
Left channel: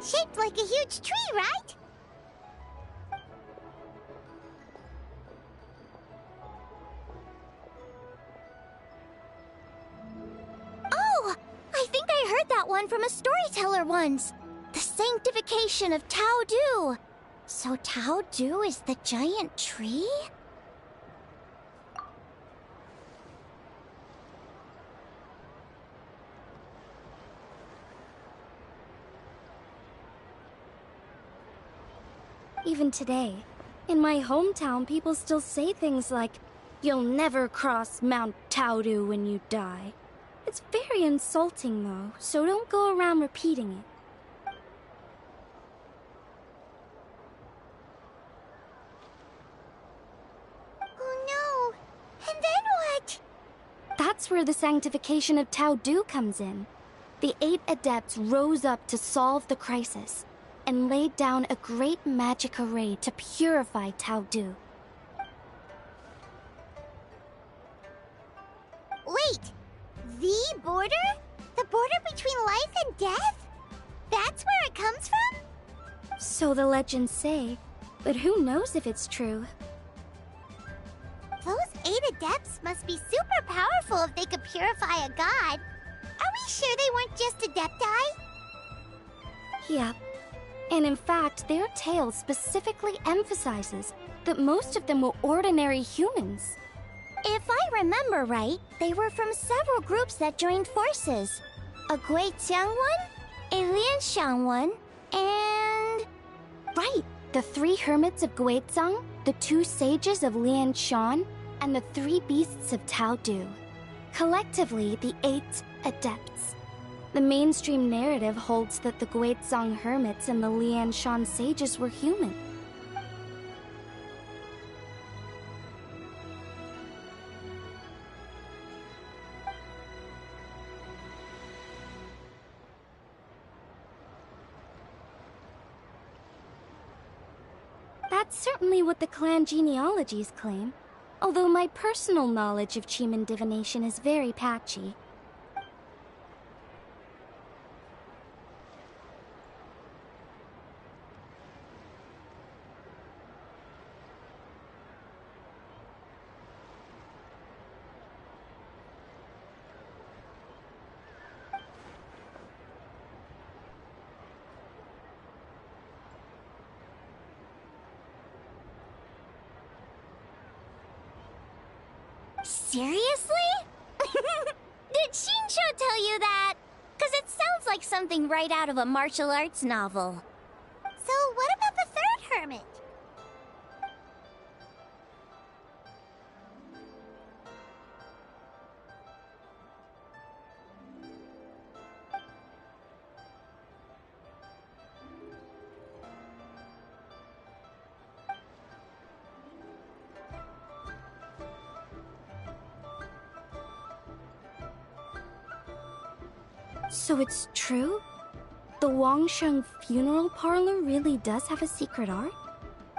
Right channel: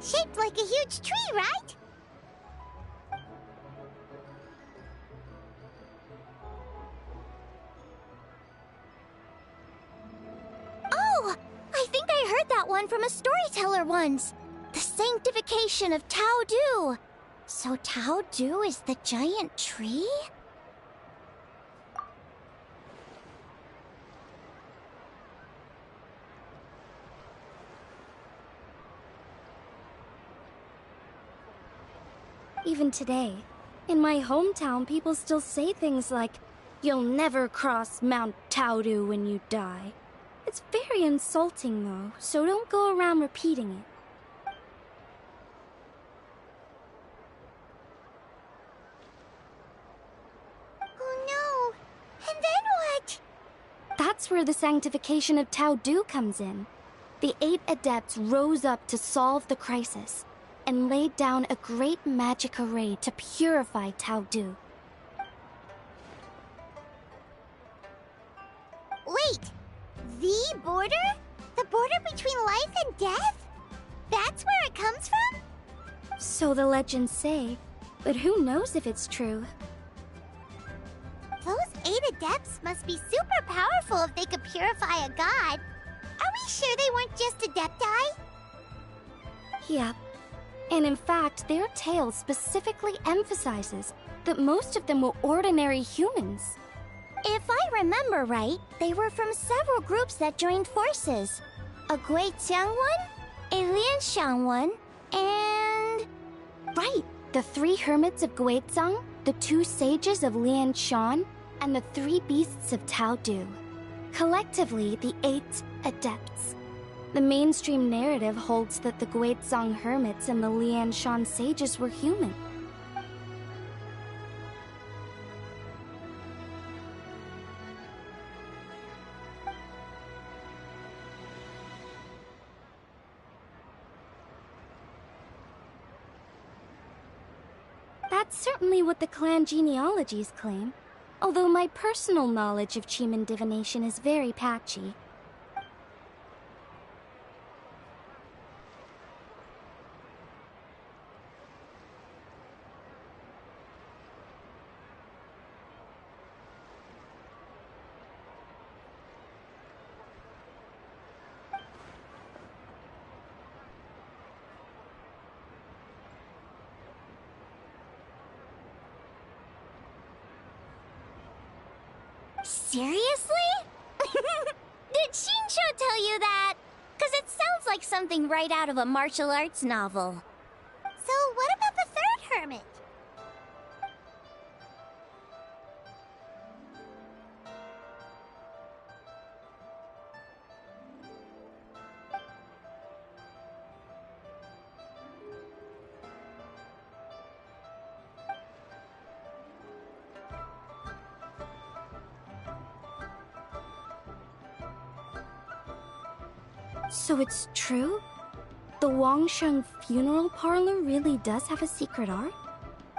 Shaped like a huge tree, right? Oh! I think I heard that one from a storyteller once. The sanctification of Tao Du. So Tao Du is the giant tree? Even today, in my hometown, people still say things like, "You'll never cross Mount Taodu when you die." It's very insulting, though, so don't go around repeating it. Oh no! And then what? That's where the sanctification of Taodu comes in. The 8 adepts rose up to solve the crisis, and laid down a great magic array to purify Taodu. Wait! The border? The border between life and death? That's where it comes from? So the legends say, but who knows if it's true? Those 8 adepts must be super powerful if they could purify a god. Are we sure they weren't just adepti? Yep. And in fact, their tale specifically emphasizes that most of them were ordinary humans. If I remember right, they were from several groups that joined forces. A Guiqiang one, a Lianxiang one, and... Right! The 3 hermits of Guizang, the 2 sages of Lianshan, and the 3 beasts of Taodu. Collectively, the 8 adepts. The mainstream narrative holds that the Guizang hermits and the Lianshan sages were human. That's certainly what the clan genealogies claim, although my personal knowledge of Chiman divination is very patchy. Seriously? Did Shinsho tell you that? 'Cause it sounds like something right out of a martial arts novel. So what about the 3rd hermit? So it's true? The Wangsheng funeral parlor really does have a secret art?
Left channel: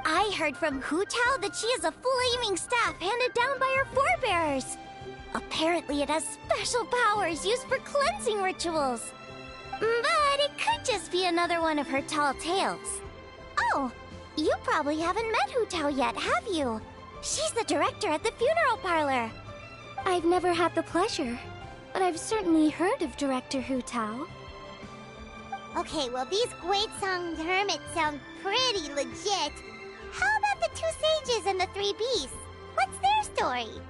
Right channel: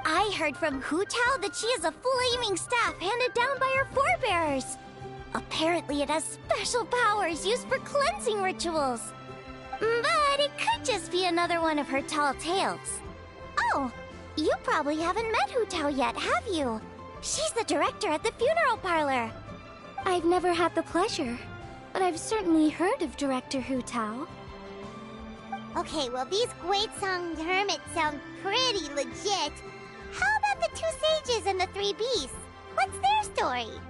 I heard from Hu Tao that she is a flaming staff handed down by her forebears. Apparently it has special powers used for cleansing rituals. But it could just be another one of her tall tales. Oh, you probably haven't met Hu Tao yet, have you? She's the director at the funeral parlor. I've never had the pleasure, but I've certainly heard of Director Hu Tao. Okay, well, these Guizhong hermits sound pretty legit. How about the two sages and the three beasts? What's their story?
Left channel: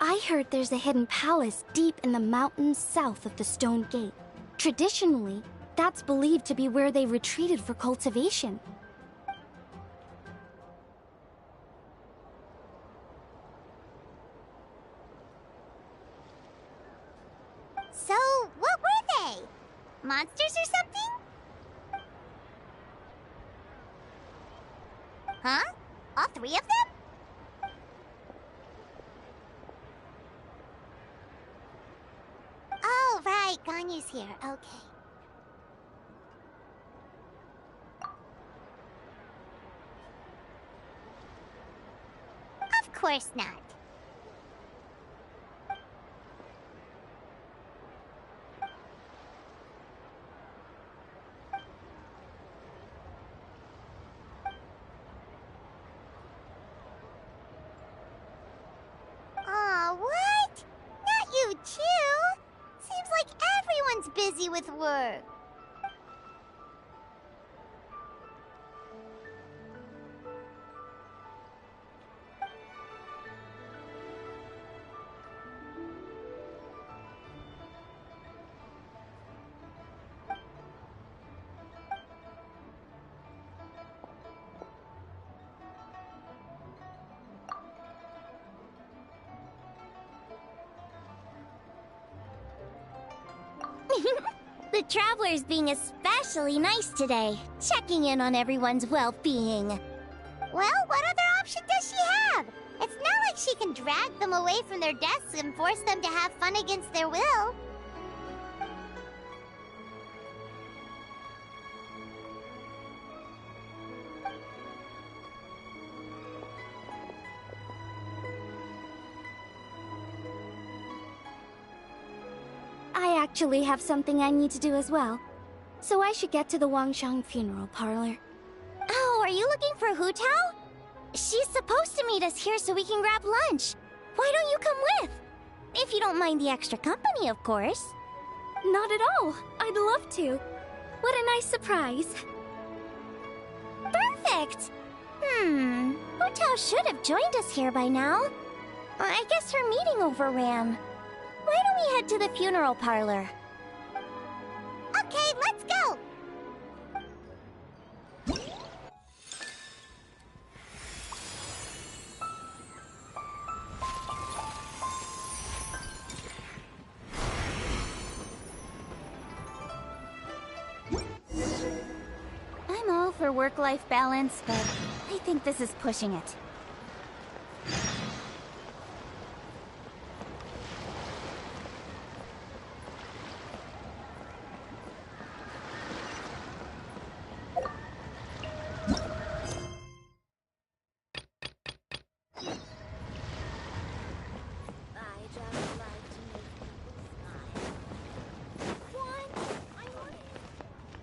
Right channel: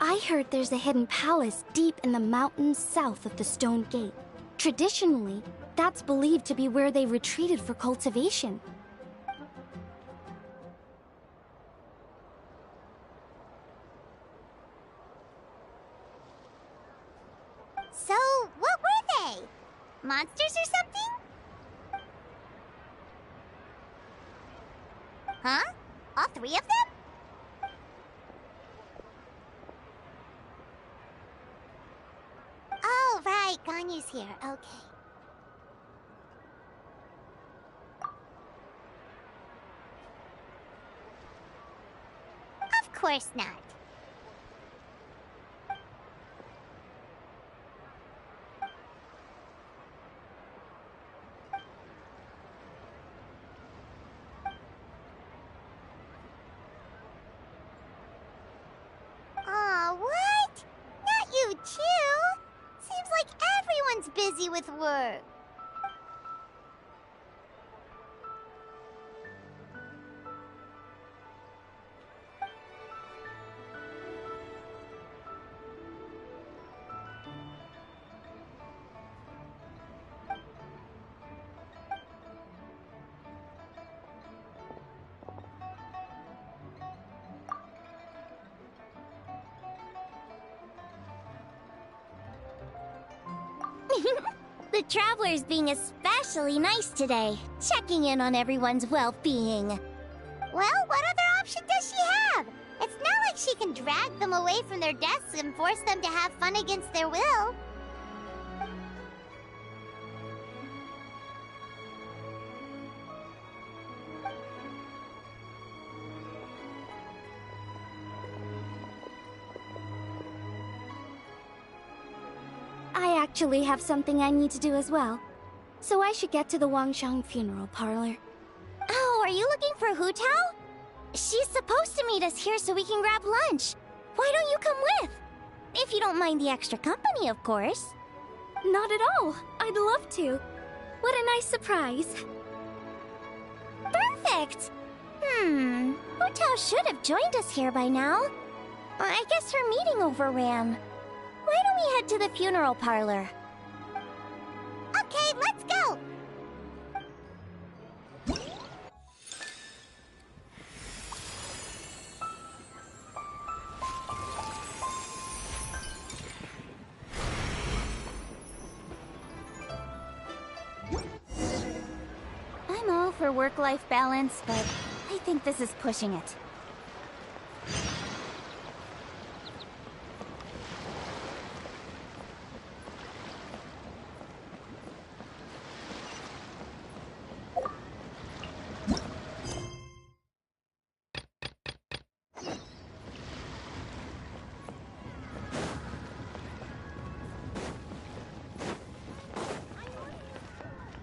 I heard there's a hidden palace deep in the mountains south of the Stone Gate. Traditionally, that's believed to be where they retreated for cultivation. So, what were they? Monsters or something? Huh? All three of them? Oh, right, Ganyu's here. Okay. Of course not. Aw, what? Not you too? Seems like everyone's busy with work. The traveler's being especially nice today, checking in on everyone's well-being. Well, what other option does she have? It's not like she can drag them away from their desks and force them to have fun against their will. I actually have something I need to do as well. So I should get to the Wangsheng funeral parlor. Oh, are you looking for Hu Tao? She's supposed to meet us here so we can grab lunch. Why don't you come with? If you don't mind the extra company, of course. Not at all. I'd love to. What a nice surprise. Perfect! Hu Tao should have joined us here by now. I guess her meeting overran. Why don't we head to the funeral parlor? Okay, let's go! I'm all for work-life balance, but I think this is pushing it.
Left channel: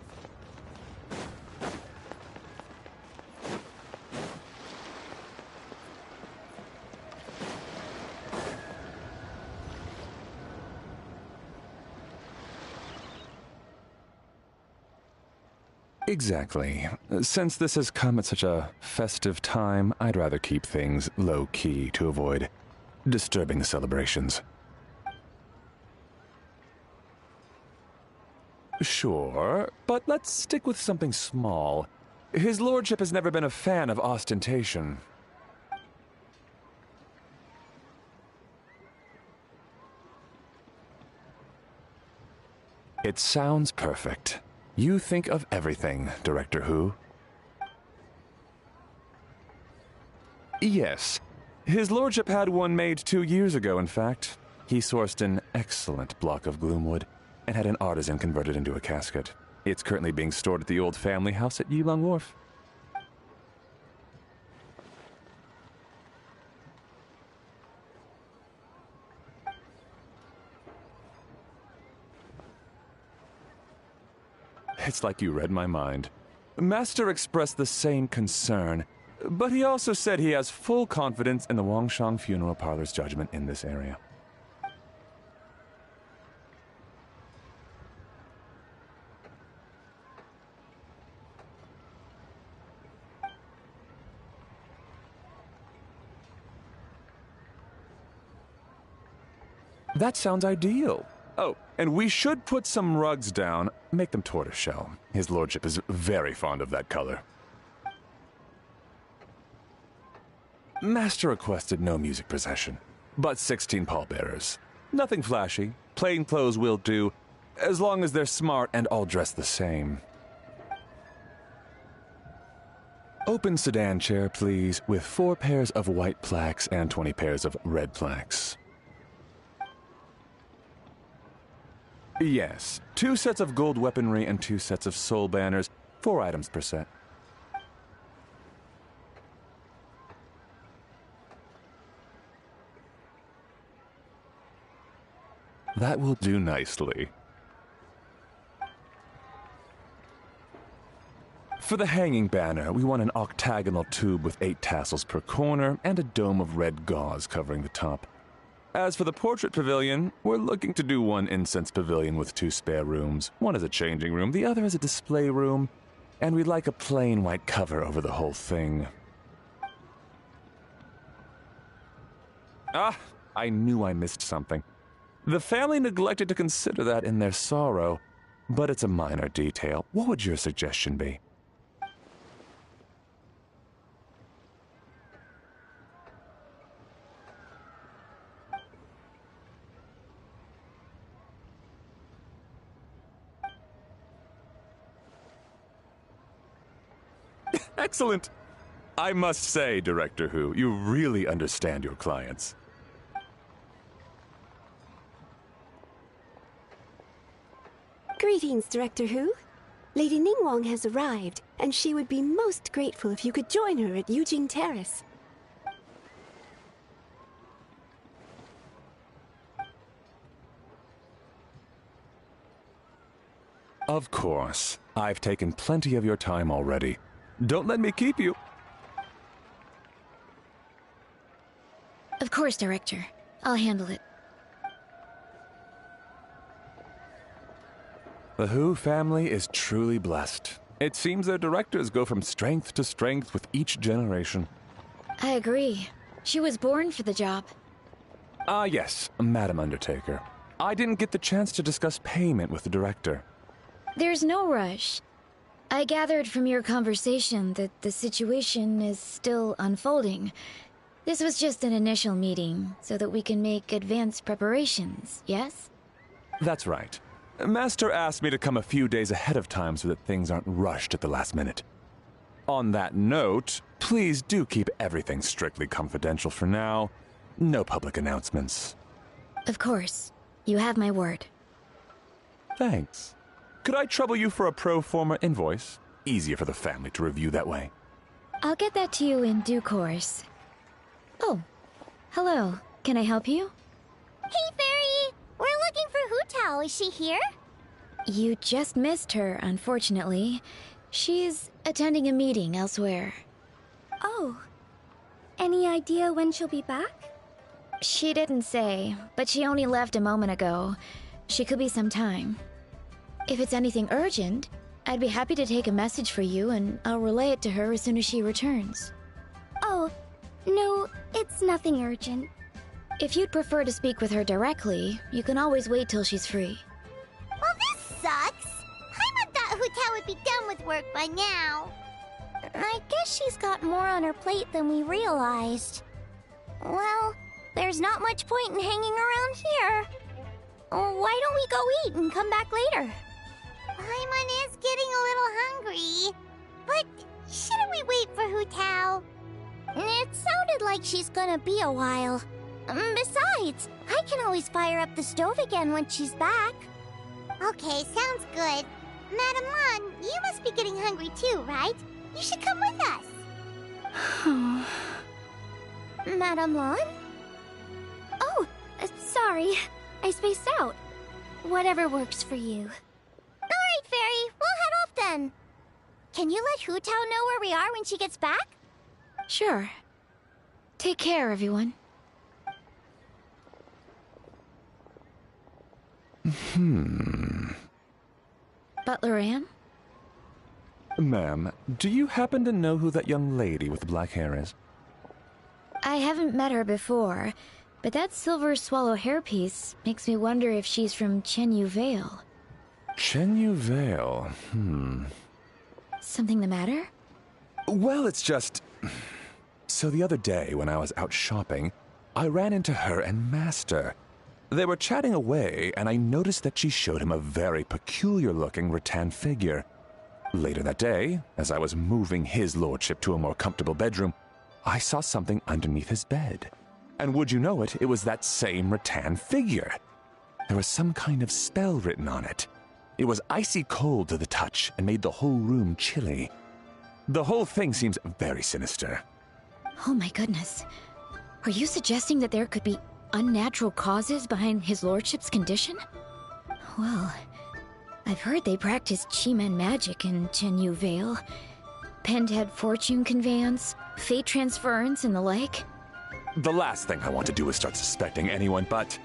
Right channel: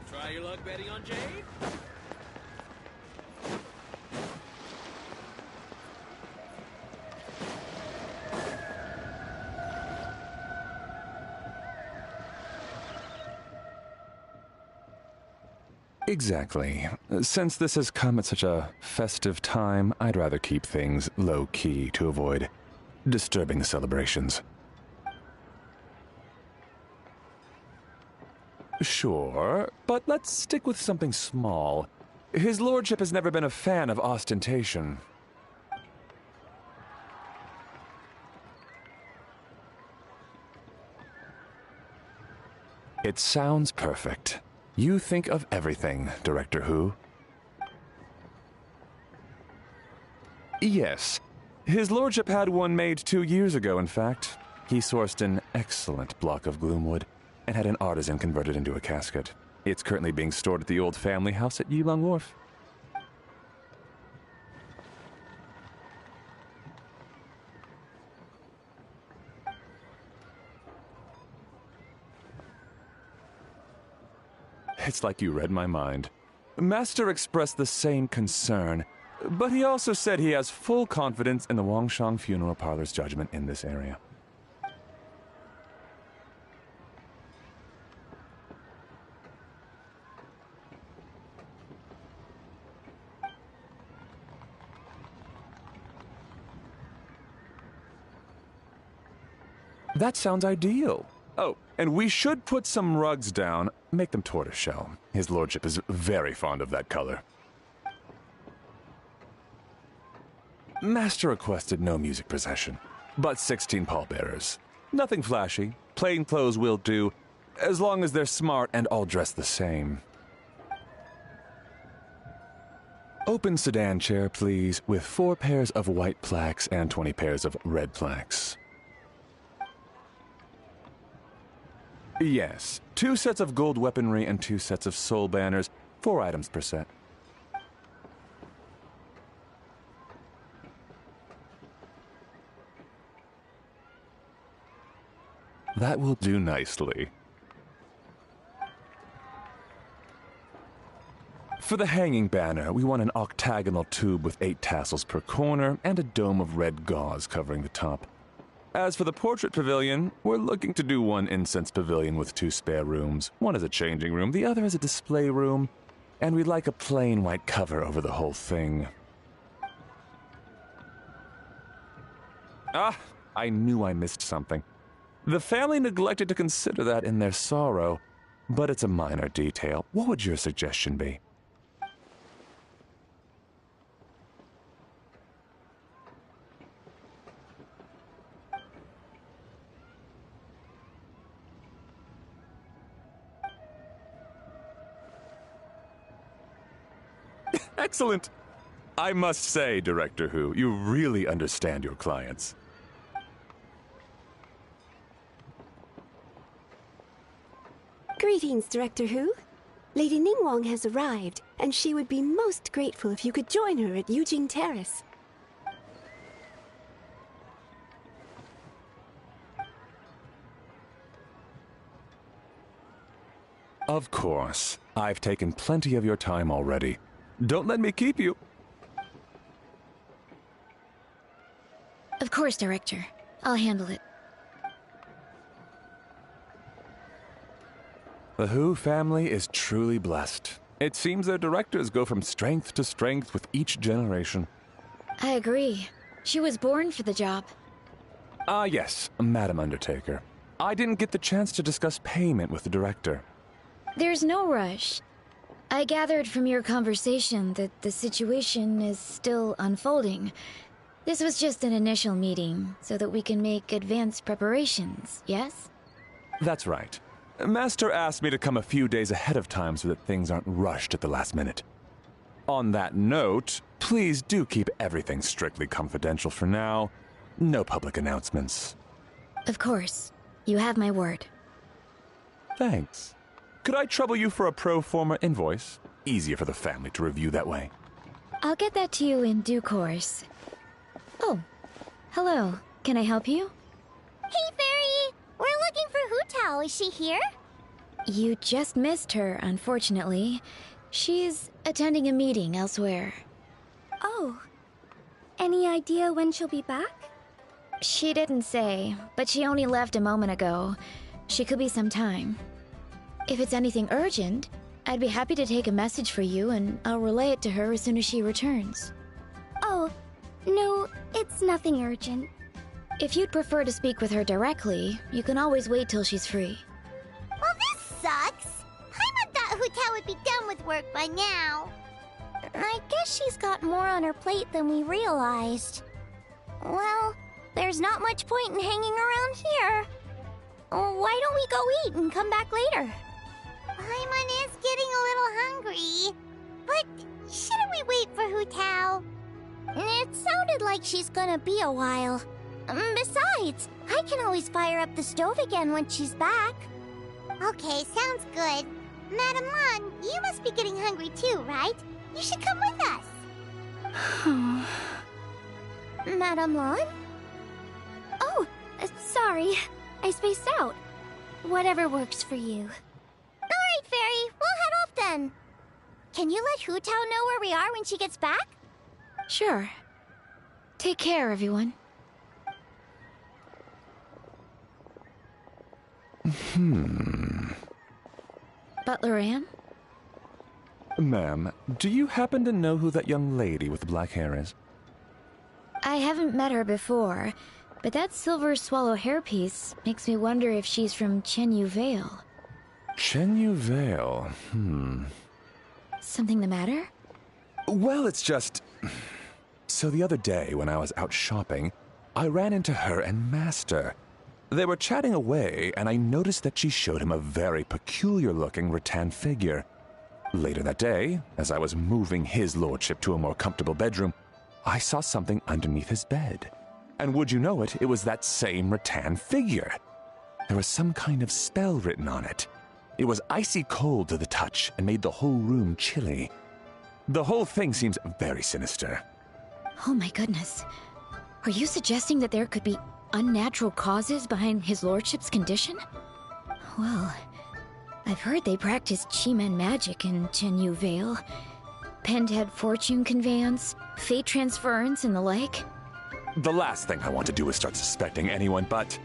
Try your luck betting on Jade? Exactly. Since this has come at such a festive time, I'd rather keep things low-key to avoid disturbing the celebrations. Sure, but let's stick with something small. His lordship has never been a fan of ostentation. It sounds perfect. You think of everything, Director Hu. Yes. His lordship had one made 2 years ago, in fact. He sourced an excellent block of gloomwood and had an artisan convert it into a casket. It's currently being stored at the old family house at Yilong Wharf. It's like you read my mind. Master expressed the same concern, but he also said he has full confidence in the Wangshang Funeral Parlor's judgment in this area. That sounds ideal. Oh, and we should put some rugs down. Make them tortoiseshell. His lordship is very fond of that color. Master requested no music procession, but 16 pallbearers. Nothing flashy. Plain clothes will do, as long as they're smart and all dressed the same. Open sedan chair, please, with 4 pairs of white plaques and 20 pairs of red plaques. Yes, 2 sets of gold weaponry and 2 sets of soul banners, 4 items per set. That will do nicely. For the hanging banner, we want an octagonal tube with 8 tassels per corner and a dome of red gauze covering the top. As for the portrait pavilion, we're looking to do one incense pavilion with 2 spare rooms. One is a changing room, the other is a display room, and we'd like a plain white cover over the whole thing. Ah, I knew I missed something. The family neglected to consider that in their sorrow, but it's a minor detail. What would your suggestion be? Excellent! I must say, Director Hu, you really understand your clients. Greetings, Director Hu. Lady Ningguang has arrived, and she would be most grateful if you could join her at Yujing Terrace. Of course. I've taken plenty of your time already. Don't let me keep you. Of course, Director. I'll handle it. The Hu family is truly blessed. It seems their directors go from strength to strength with each generation. I agree. She was born for the job. Ah, yes, Madam Undertaker. I didn't get the chance to discuss payment with the director. There's no rush. I gathered from your conversation that the situation is still unfolding. This was just an initial meeting, so that we can make advanced preparations, yes? That's right. Master asked me to come a few days ahead of time so that things aren't rushed at the last minute. On that note, please do keep everything strictly confidential for now. No public announcements. Of course. You have my word. Thanks. Could I trouble you for a pro forma invoice? Easier for the family to review that way. I'll get that to you in due course. Oh, hello. Can I help you? Hey, Fairy! We're looking for Hu Tao. Is she here? You just missed her, unfortunately. She's attending a meeting elsewhere. Oh. Any idea when she'll be back? She didn't say, but she only left a moment ago. She could be some time. If it's anything urgent, I'd be happy to take a message for you and I'll relay it to her as soon as she returns. Oh, no, it's nothing urgent. If you'd prefer to speak with her directly, you can always wait till she's free. Well, this sucks. Paimon thought Hu Tao would be done with work by now. I guess she's got more on her plate than we realized. Well, there's not much point in hanging around here. Why don't we go eat and come back later? Paimon is getting a little hungry. But shouldn't we wait for Hu Tao? It sounded like she's gonna be a while. Besides, I can always fire up the stove again when she's back. Okay, sounds good. Madam Lan, you must be getting hungry too, right? You should come with us. Madame Lan? Oh, sorry. I spaced out. Whatever works for you. Alright, Fairy, we'll head off then. Can you let Hu Tao know where we are when she gets back? Sure. Take care, everyone. Butler Anne? Ma'am, do you happen to know who that young lady with the black hair is? I haven't met her before, but that silver swallow hairpiece makes me wonder if she's from Chenyu Vale. Chenyu Vale, Something the matter? Well, it's just... So the other day, when I was out shopping, I ran into her and Master. They were chatting away, and I noticed that she showed him a very peculiar-looking rattan figure. Later that day, as I was moving his lordship to a more comfortable bedroom, I saw something underneath his bed. And would you know it, it was that same rattan figure. There was some kind of spell written on it. It was icy cold to the touch and made the whole room chilly. The whole thing seems very sinister. Oh my goodness. Are you suggesting that there could be unnatural causes behind his lordship's condition? Well, I've heard they practice Chi-Men magic in Chenyu Vale. Pendhead fortune conveyance, fate transference, and the like. The last thing I want to do is start suspecting anyone, but...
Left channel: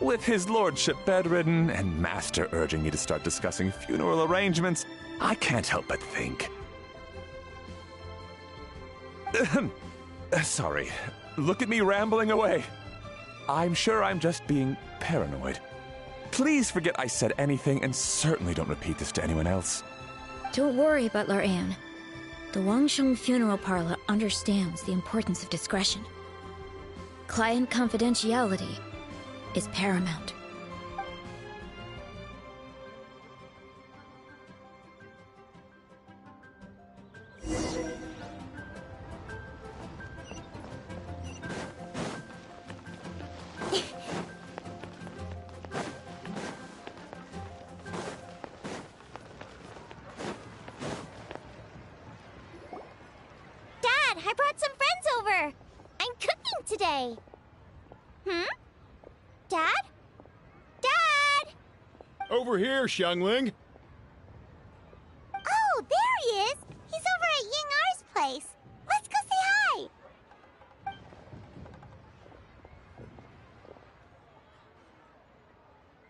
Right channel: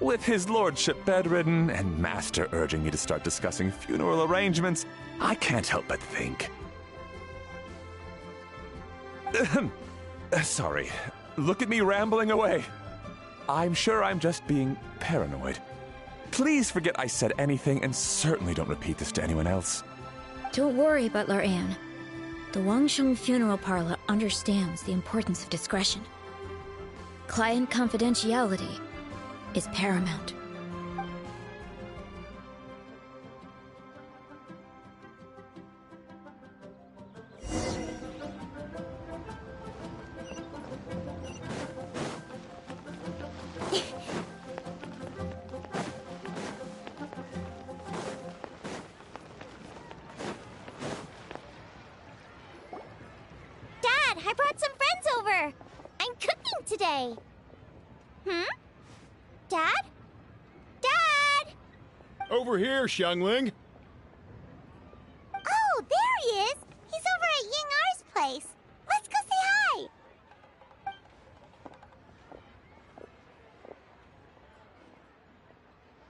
with his lordship bedridden and Master urging me to start discussing funeral arrangements, I can't help but think. Sorry. Look at me rambling away. I'm sure I'm just being paranoid. Please forget I said anything, and certainly don't repeat this to anyone else. Don't worry, Butler Anne. The Wangsheng Funeral Parlor understands the importance of discretion. Client confidentiality is paramount. Dad, I brought some friends over. I'm cooking today. Dad? Dad! Over here, Xiangling. Oh, there he is! He's over at Ying R's place. Let's go say hi!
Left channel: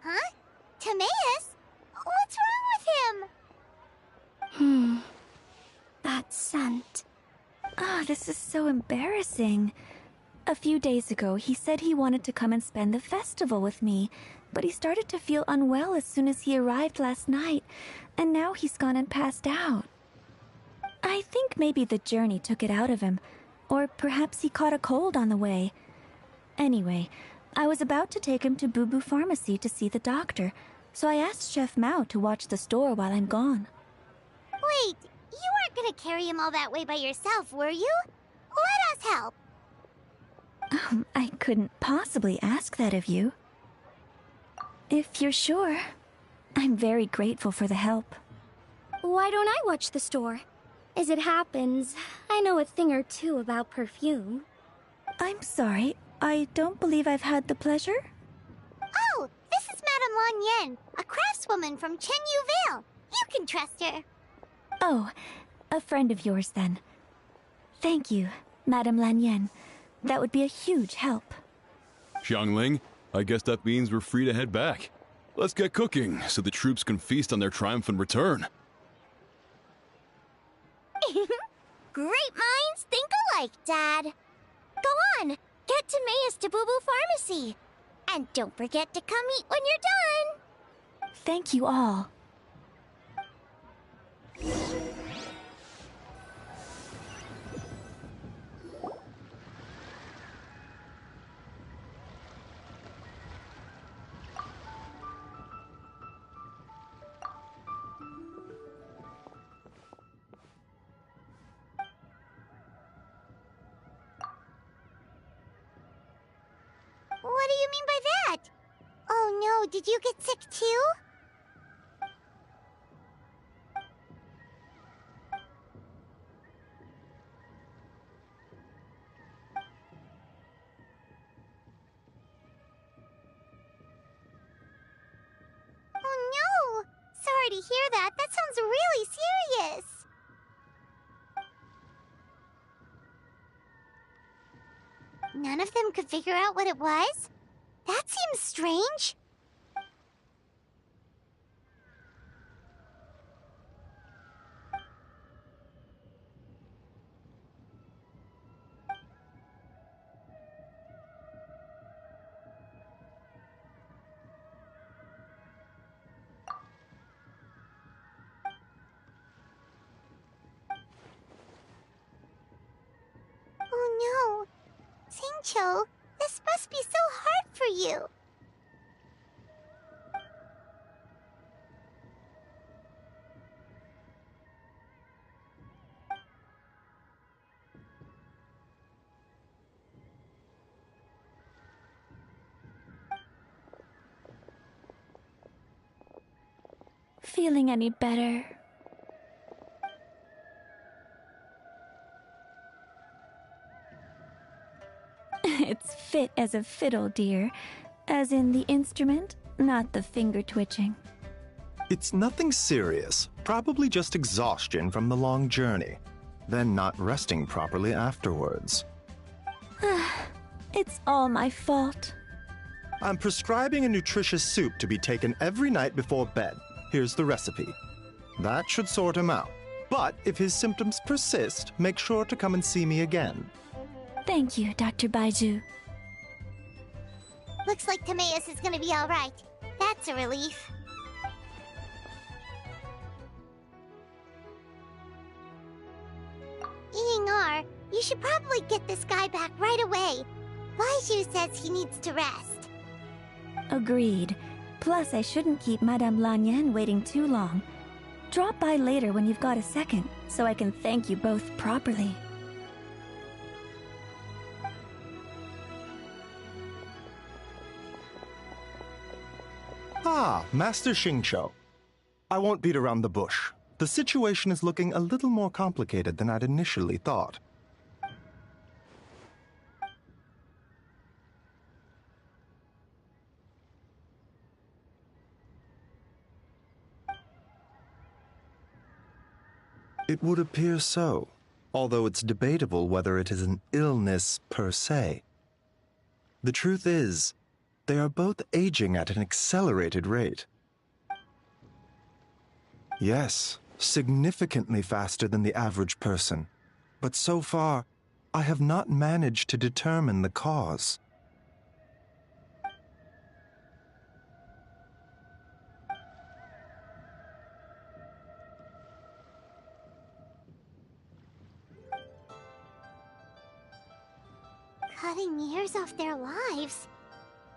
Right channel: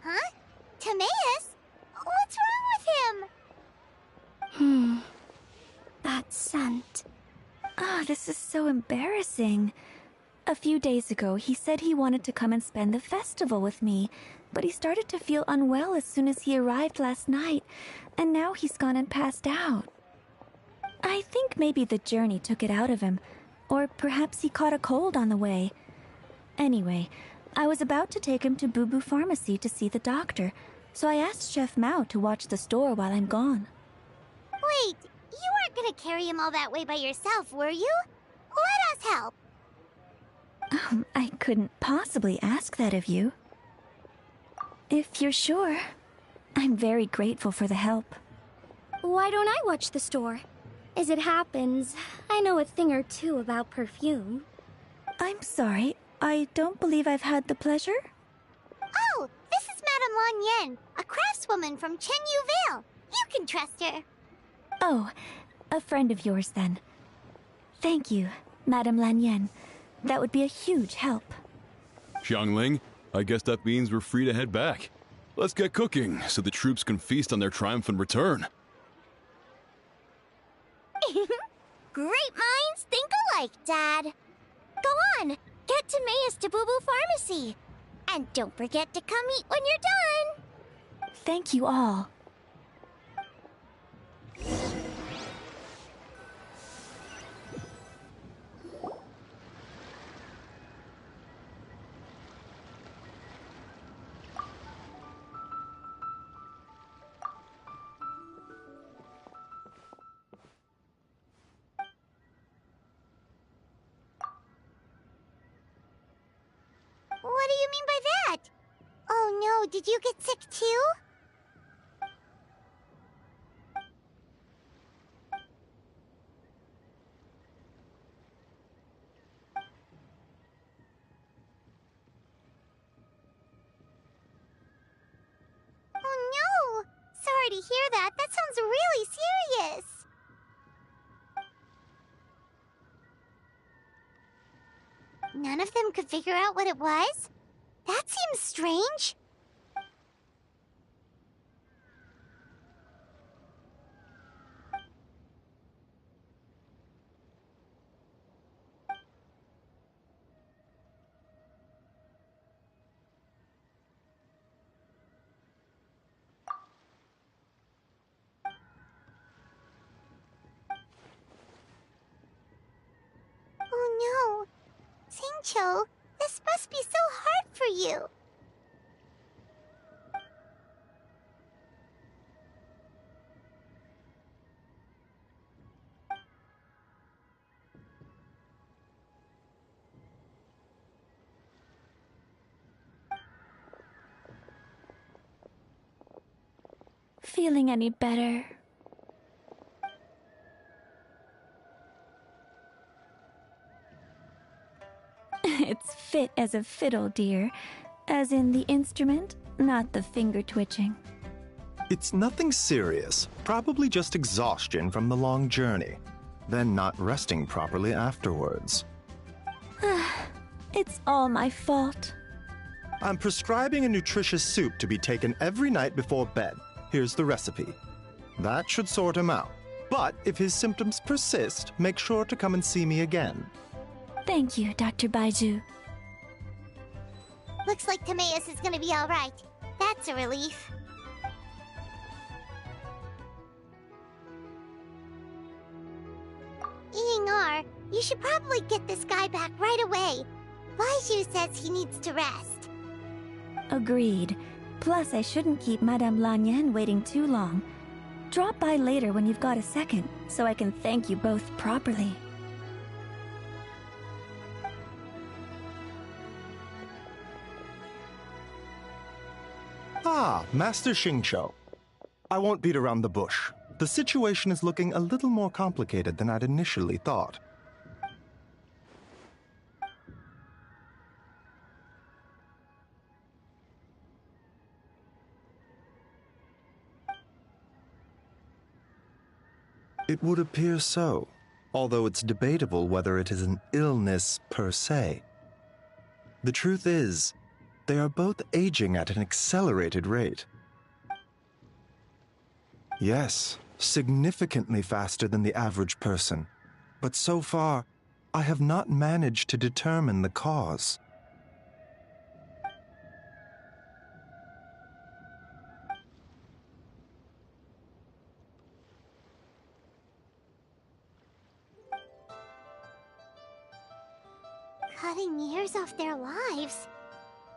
Huh? Timaeus? What's wrong with him? That scent. Ah, this is so embarrassing. A few days ago, he said he wanted to come and spend the festival with me, but he started to feel unwell as soon as he arrived last night, and now he's gone and passed out. I think maybe the journey took it out of him, or perhaps he caught a cold on the way. Anyway, I was about to take him to Boo Boo Pharmacy to see the doctor, so I asked Chef Mao to watch the store while I'm gone. Wait, you weren't gonna carry him all that way by yourself, were you? Let us help. I couldn't possibly ask that of you. If you're sure, I'm very grateful for the help. Why don't I watch the store? As it happens, I know a thing or two about perfume. I'm sorry, I don't believe I've had the pleasure. Oh, this is Madame Lan Yen, a craftswoman from Chenyu Vale. You can trust her. Oh, a friend of yours then. Thank you, Madame Lanyen. That would be a huge help. Xiangling, I guess that means we're free to head back. Let's get cooking so the troops can feast on their triumphant return. Great minds think alike, Dad. Go on, get Timaeus to Boo Boo Pharmacy. And don't forget to come eat when you're done. Thank you all. Oh no, did you get sick too? Oh no! Sorry to hear that. That sounds really serious. None of them could figure out what it was? That seems strange. Oh no. Singcho, this must be so hard for you. Feeling any better? It's fit as a fiddle, dear. As in the instrument, not the finger twitching. It's nothing serious, probably just exhaustion from the long journey, then not resting properly afterwards. It's all my fault. I'm prescribing a nutritious soup to be taken every night before bed. Here's the recipe. That should sort him out. But if his symptoms persist, make sure to come and see me again. Thank you, Dr. Baiju. Looks like Timaeus is gonna be alright. That's a relief. Eing-R, you should probably get this guy back right away. Baiju says he needs to rest. Agreed. Plus, I shouldn't keep Madame Lanern waiting too long. Drop by later when you've got a second, so I can thank you both properly. Ah, Master Xingqiu. I won't beat around the bush. The situation is looking a little more complicated than I'd initially thought. It would appear so, although it's debatable whether it is an illness per se. The truth is, they are both aging at an accelerated rate. Yes, significantly faster than the average person. But so far, I have not managed to determine the cause. Cutting years off their lives?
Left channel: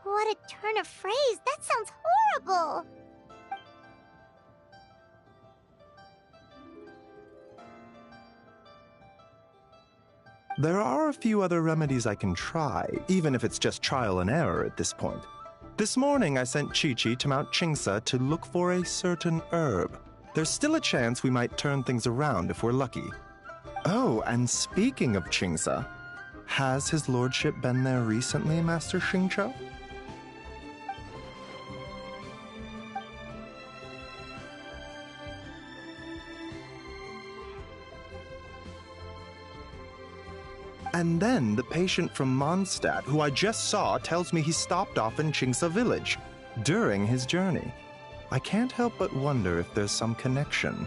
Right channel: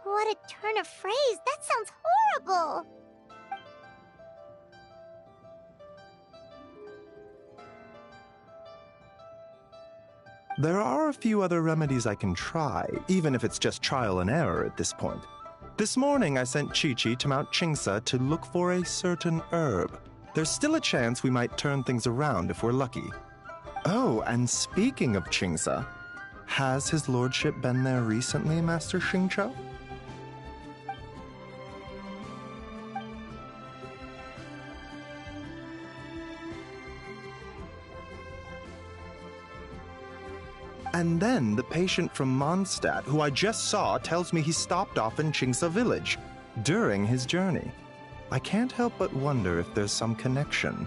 What a turn of phrase! That sounds horrible! There are a few other remedies I can try, even if it's just trial and error at this point. This morning I sent Chi-Chi to Mount Qingsa to look for a certain herb. There's still a chance we might turn things around if we're lucky. Oh, and speaking of Qingsa, has his lordship been there recently, Master Xingqiu? And then the patient from Mondstadt, who I just saw, tells me he stopped off in Qingsa village during his journey. I can't help but wonder if there's some connection.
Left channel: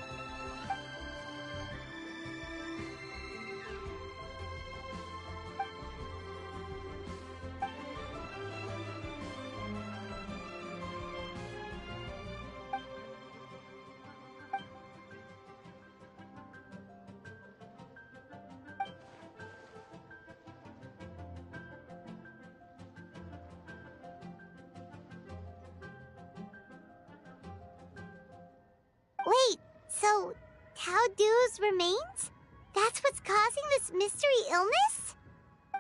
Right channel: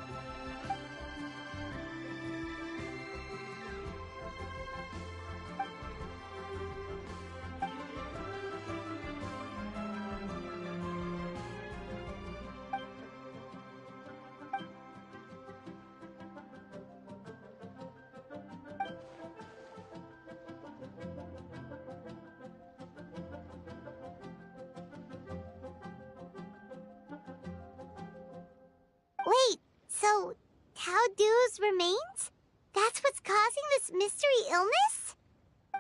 Wait, so Tao Du's remains? That's what's causing this mystery illness?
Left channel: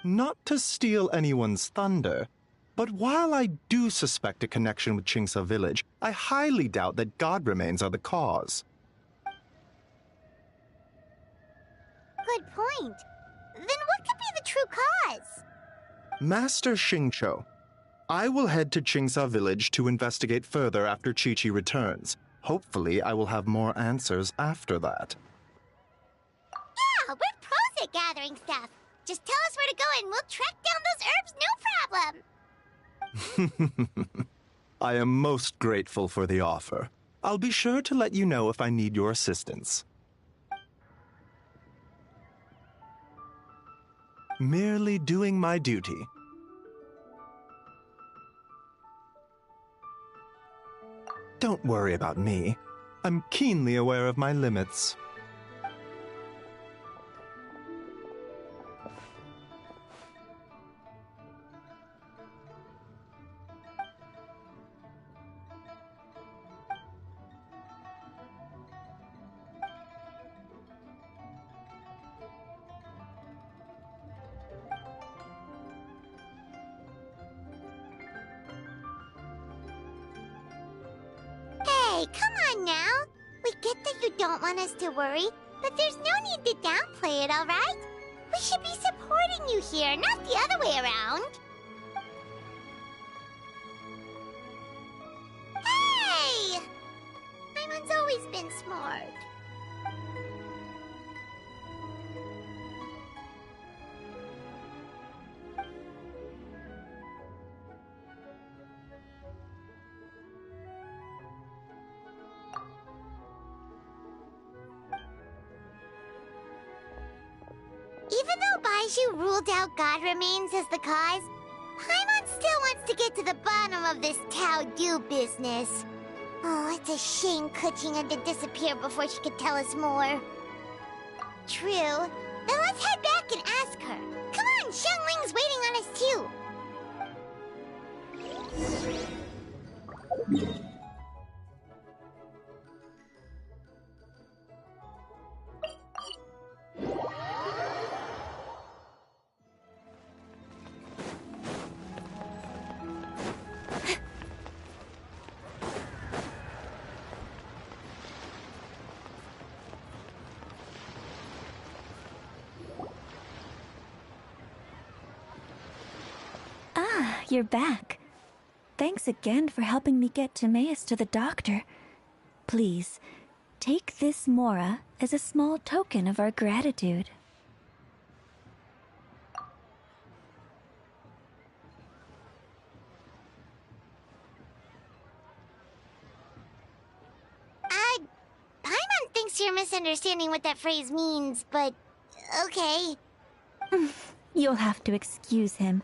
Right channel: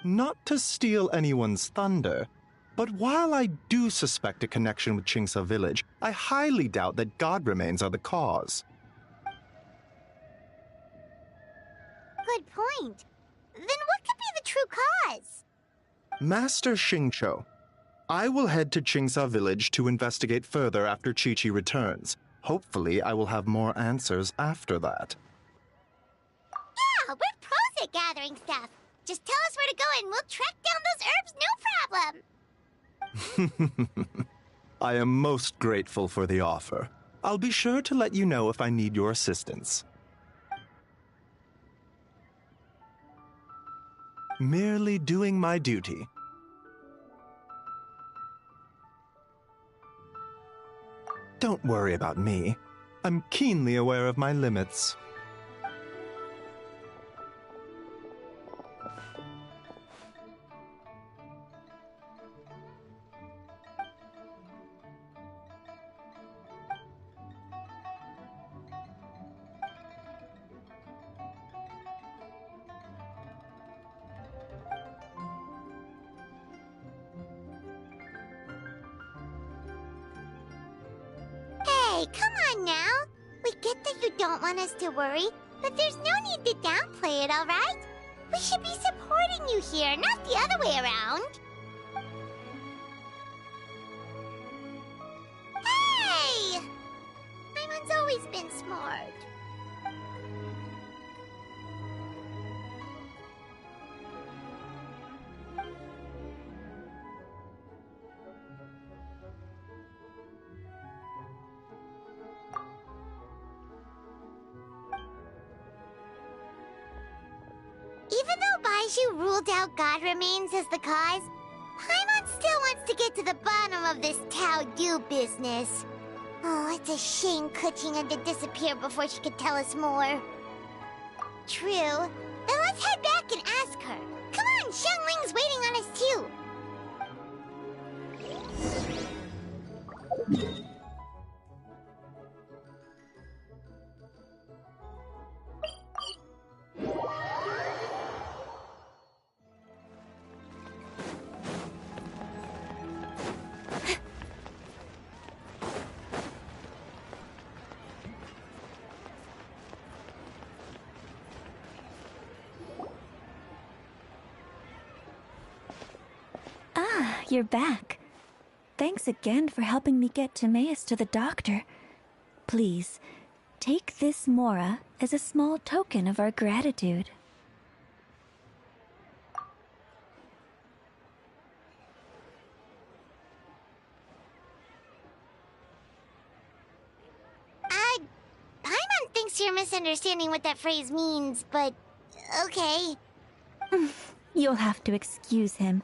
Not to steal anyone's thunder, But while I do suspect a connection with Chingsa village, I highly doubt that god remains are the cause. Good point. Then what could be the true cause? Master Xingqiu, I will head to Chingsa village to investigate further after Chi-Chi returns. Hopefully, I will have more answers after that. Yeah, we're pros at gathering stuff. Just tell us where to go and we'll track down those herbs, no problem. I am most grateful for the offer. I'll be sure to let you know if I need your assistance. Merely doing my duty. Don't worry about me. I'm keenly aware of my limits. Hey, come on now. We get that you don't want us to worry, but there's no need to downplay it, all right? We should be supporting you here, not the other way around. Hey! Paimon's always been smart. Even though Baizhu ruled out God remains as the cause, Paimon still wants to get to the bottom of this Tao Du business. Oh, it's a shame Kuching had to disappear before she could tell us more. True. Then let's head back and ask her. Come on, Xiangling's waiting on us too. You're back. Thanks again for helping me get Timaeus to the doctor. Please, take this Mora as a small token of our gratitude. Paimon thinks you're misunderstanding what that phrase means, but okay. You'll have to excuse him.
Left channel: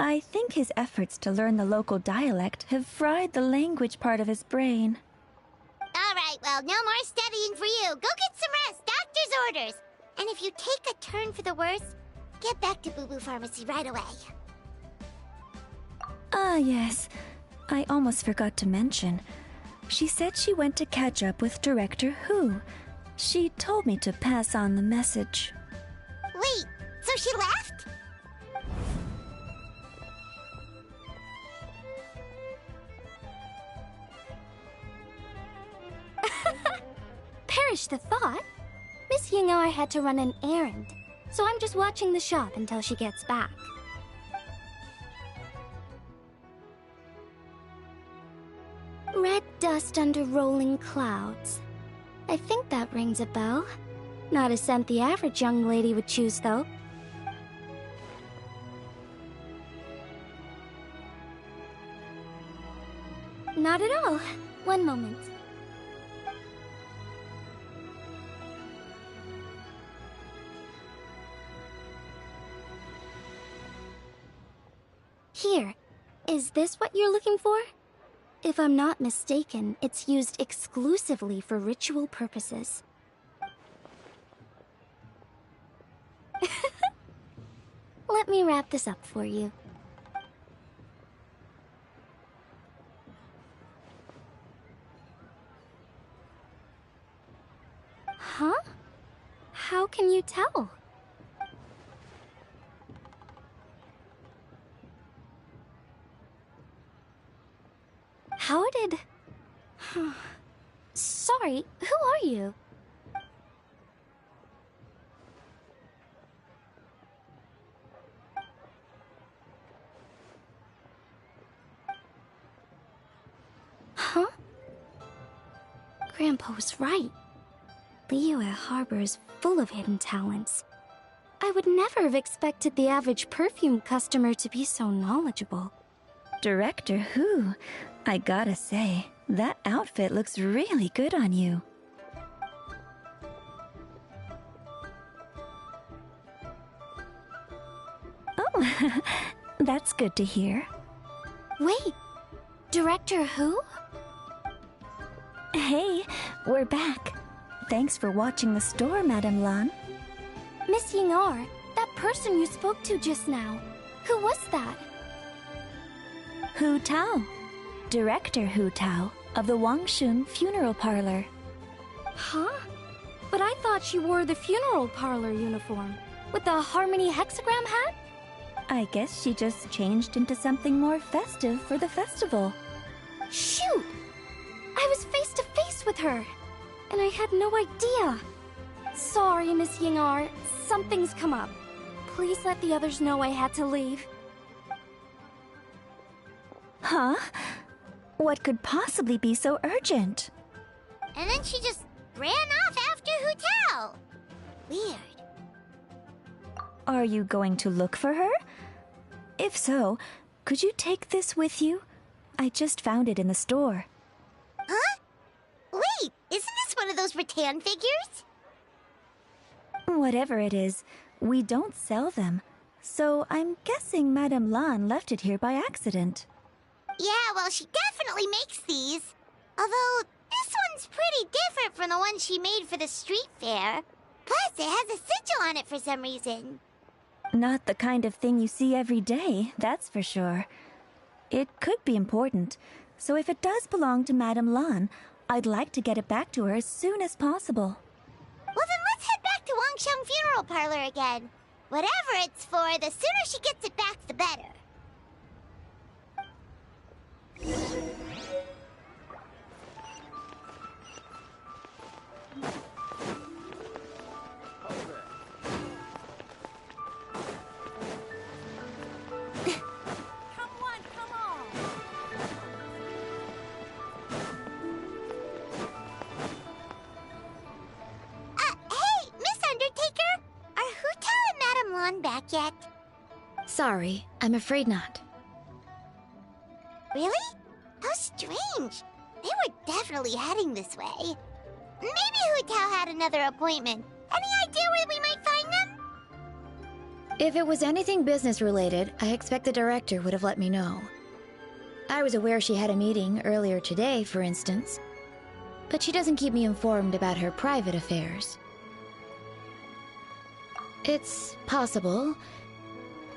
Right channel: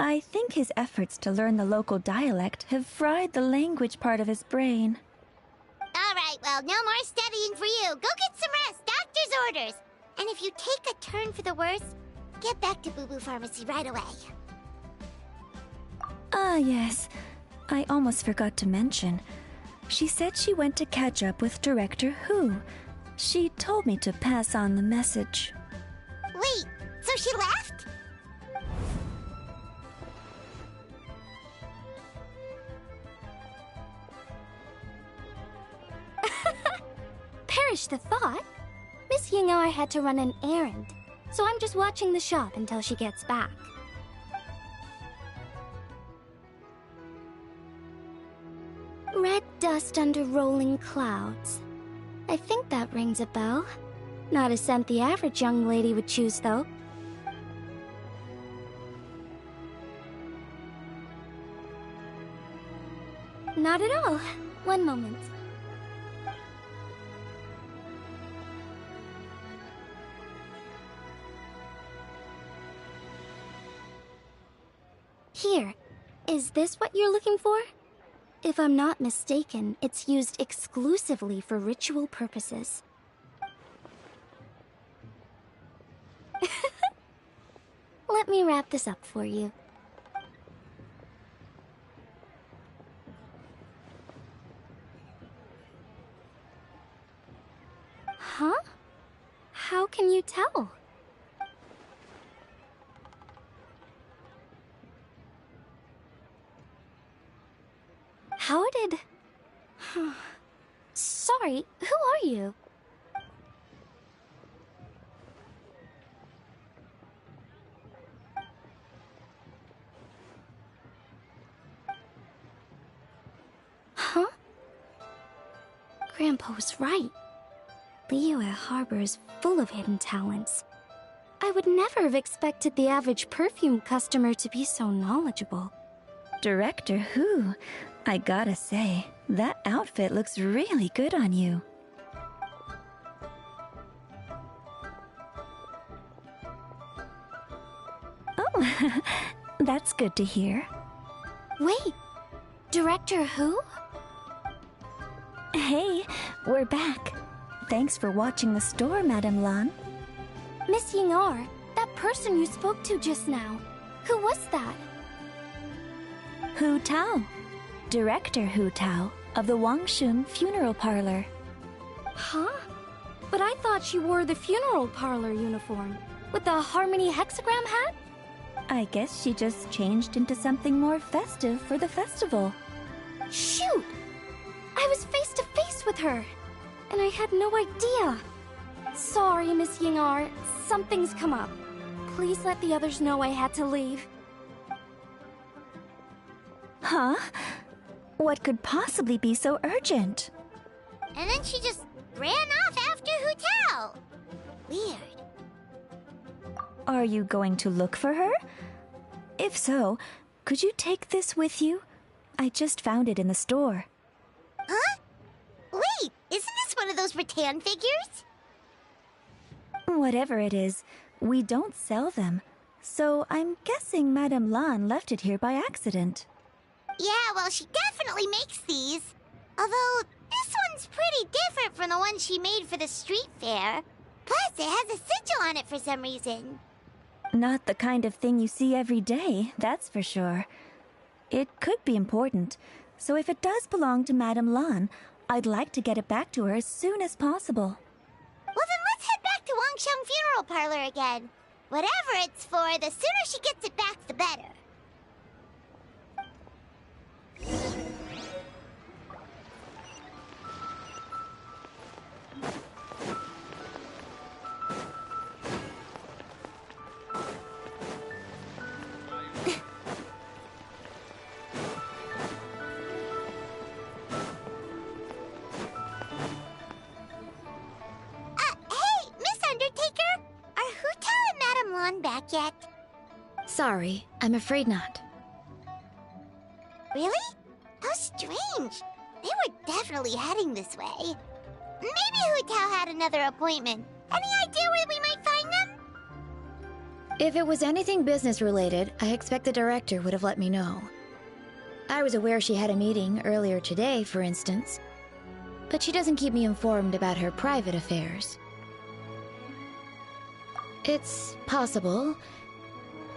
I think his efforts to learn the local dialect have fried the language part of his brain. All right, well, no more studying for you. Go get some rest. Doctor's orders. And if you take a turn for the worse, get back to Boo Boo Pharmacy right away. Ah, yes. I almost forgot to mention. She said she went to catch up with Director Hu. She told me to pass on the message. Wait, so she left? Perish the thought. Miss Ying and I had to run an errand, so I'm just watching the shop until she gets back. Red dust under rolling clouds. I think that rings a bell. Not a scent the average young lady would choose, though. Not at all. One moment. Here. Is this what you're looking for? If I'm not mistaken, it's used exclusively for ritual purposes. Let me wrap this up for you. Huh? How can you tell? How did... Sorry, who are you? Huh? Grandpa was right. Liyue Harbor is full of hidden talents. I would never have expected the average perfume customer to be so knowledgeable. Director Who? I gotta say, that outfit looks really good on you. Oh, that's good to hear. Wait, Director Who? Hey, we're back. Thanks for watching the store, Madame Lan. Miss Ying'er, that person you spoke to just now, who was that? Hu Tao, Director Hu Tao of the Wangshun Funeral Parlor. Huh? But I thought she wore the funeral parlor uniform, with the Harmony hexagram hat? I guess she just changed into something more festive for the festival. Shoot! I was face to face with her, and I had no idea. Sorry, Miss Ying'er, something's come up. Please let the others know I had to leave. Huh? What could possibly be so urgent? And then she just ran off after Hu Tao. Weird. Are you going to look for her? If so, could you take this with you? I just found it in the store. Huh? Wait, isn't this one of those rattan figures? Whatever it is, we don't sell them. So I'm guessing Madame Lan left it here by accident. Yeah, well, she definitely makes these. Although, this one's pretty different from the one she made for the street fair. Plus, it has a sigil on it for some reason. Not the kind of thing you see every day, that's for sure. It could be important, so if it does belong to Madame Lan, I'd like to get it back to her as soon as possible. Well, then let's head back to Wangsheng Funeral Parlor again. Whatever it's for, the sooner she gets it back, the better. Back yet? Sorry, I'm afraid not. Really? How strange. They were definitely heading this way. Maybe Hu Tao had another appointment. Any idea where we might find them? If it was anything business related, I expect the director would have let me know. I was aware she had a meeting earlier today, for instance. But she doesn't keep me informed about her private affairs. It's possible.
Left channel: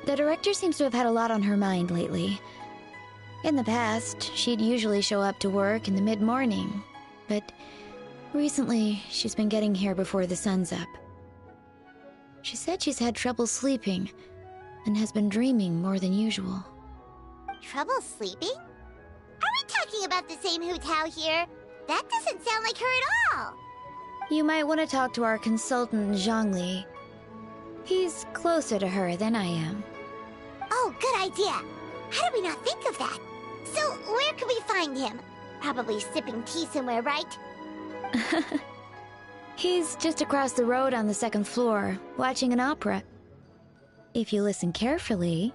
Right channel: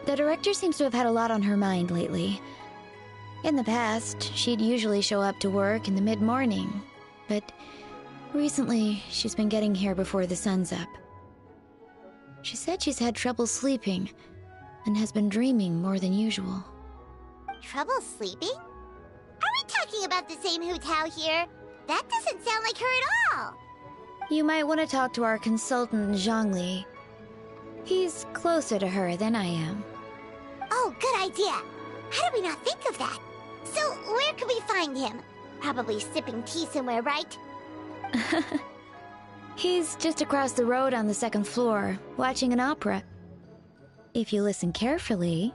The director seems to have had a lot on her mind lately. In the past, she'd usually show up to work in the mid-morning, but recently she's been getting here before the sun's up. She said she's had trouble sleeping and has been dreaming more than usual. Trouble sleeping? Are we talking about the same Hu Tao here? That doesn't sound like her at all. You might want to talk to our consultant, Zhongli. He's closer to her than I am. Oh, good idea. How did we not think of that? So, where could we find him? Probably sipping tea somewhere, right? He's just across the road on the second floor, watching an opera. If you listen carefully,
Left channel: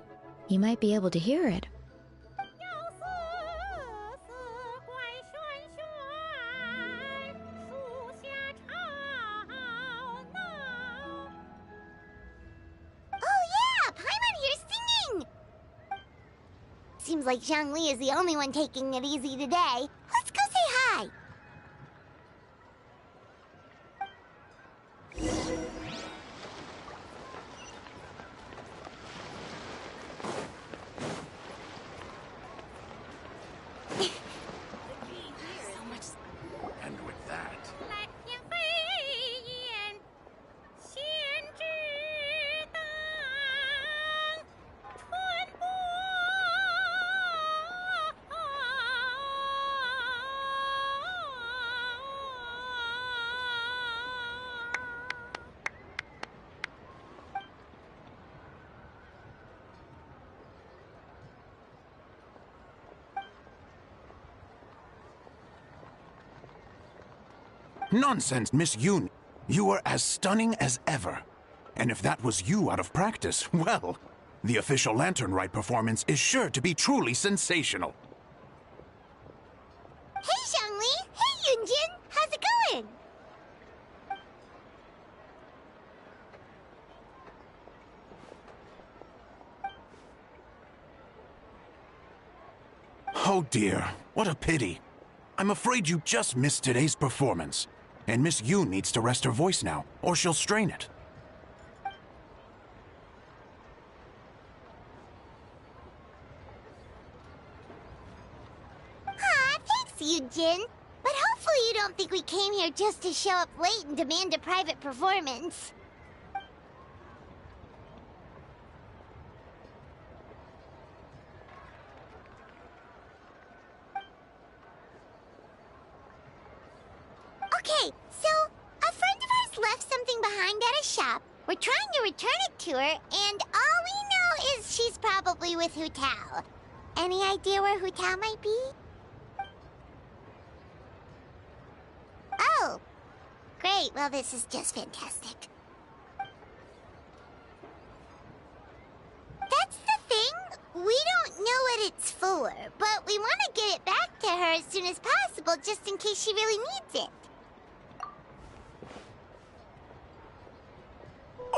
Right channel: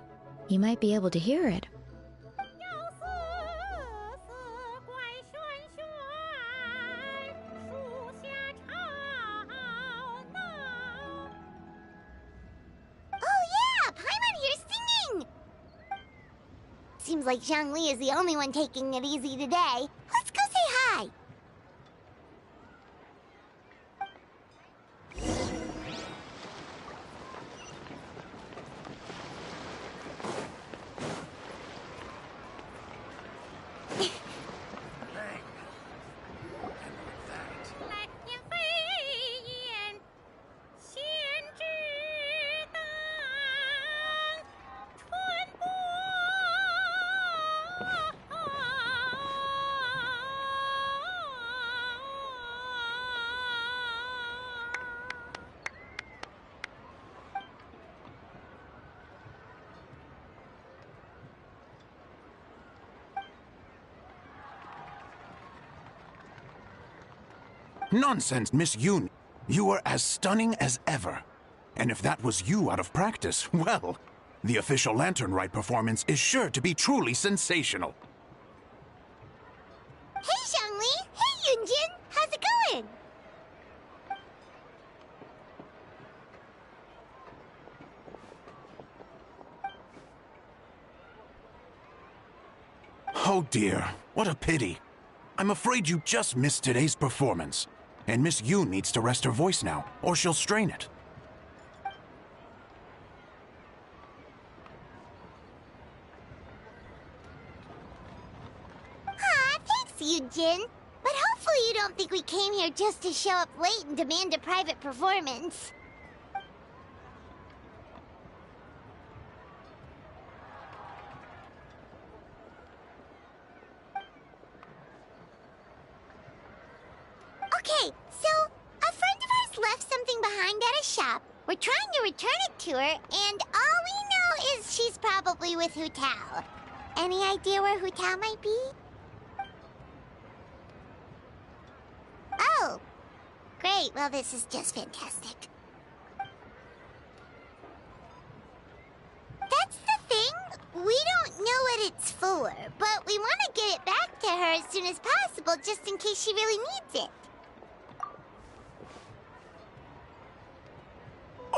you might be able to hear it. Seems like Zhongli is the only one taking it easy today. Let's go say hi. Nonsense, Miss Yoon. You are as stunning as ever. And if that was you out of practice, well, the official Lanern Rite performance is sure to be truly sensational. Hey, Zhongli! Hey, Yunjin! How's it going? Oh dear, what a pity. I'm afraid you just missed today's performance. And Miss Yoon needs to rest her voice now, or she'll strain it. Aw, thanks, Yunjin. But hopefully you don't think we came here just to show up late and demand a private performance. Okay, so a friend of ours left something behind at a shop. We're trying to return it to her, and all we know is she's probably with Hu Tao. Any idea where Hu Tao might be? Oh, great. Well, this is just fantastic. That's the thing. We don't know what it's for, but we want to get it back to her as soon as possible just in case she really needs it.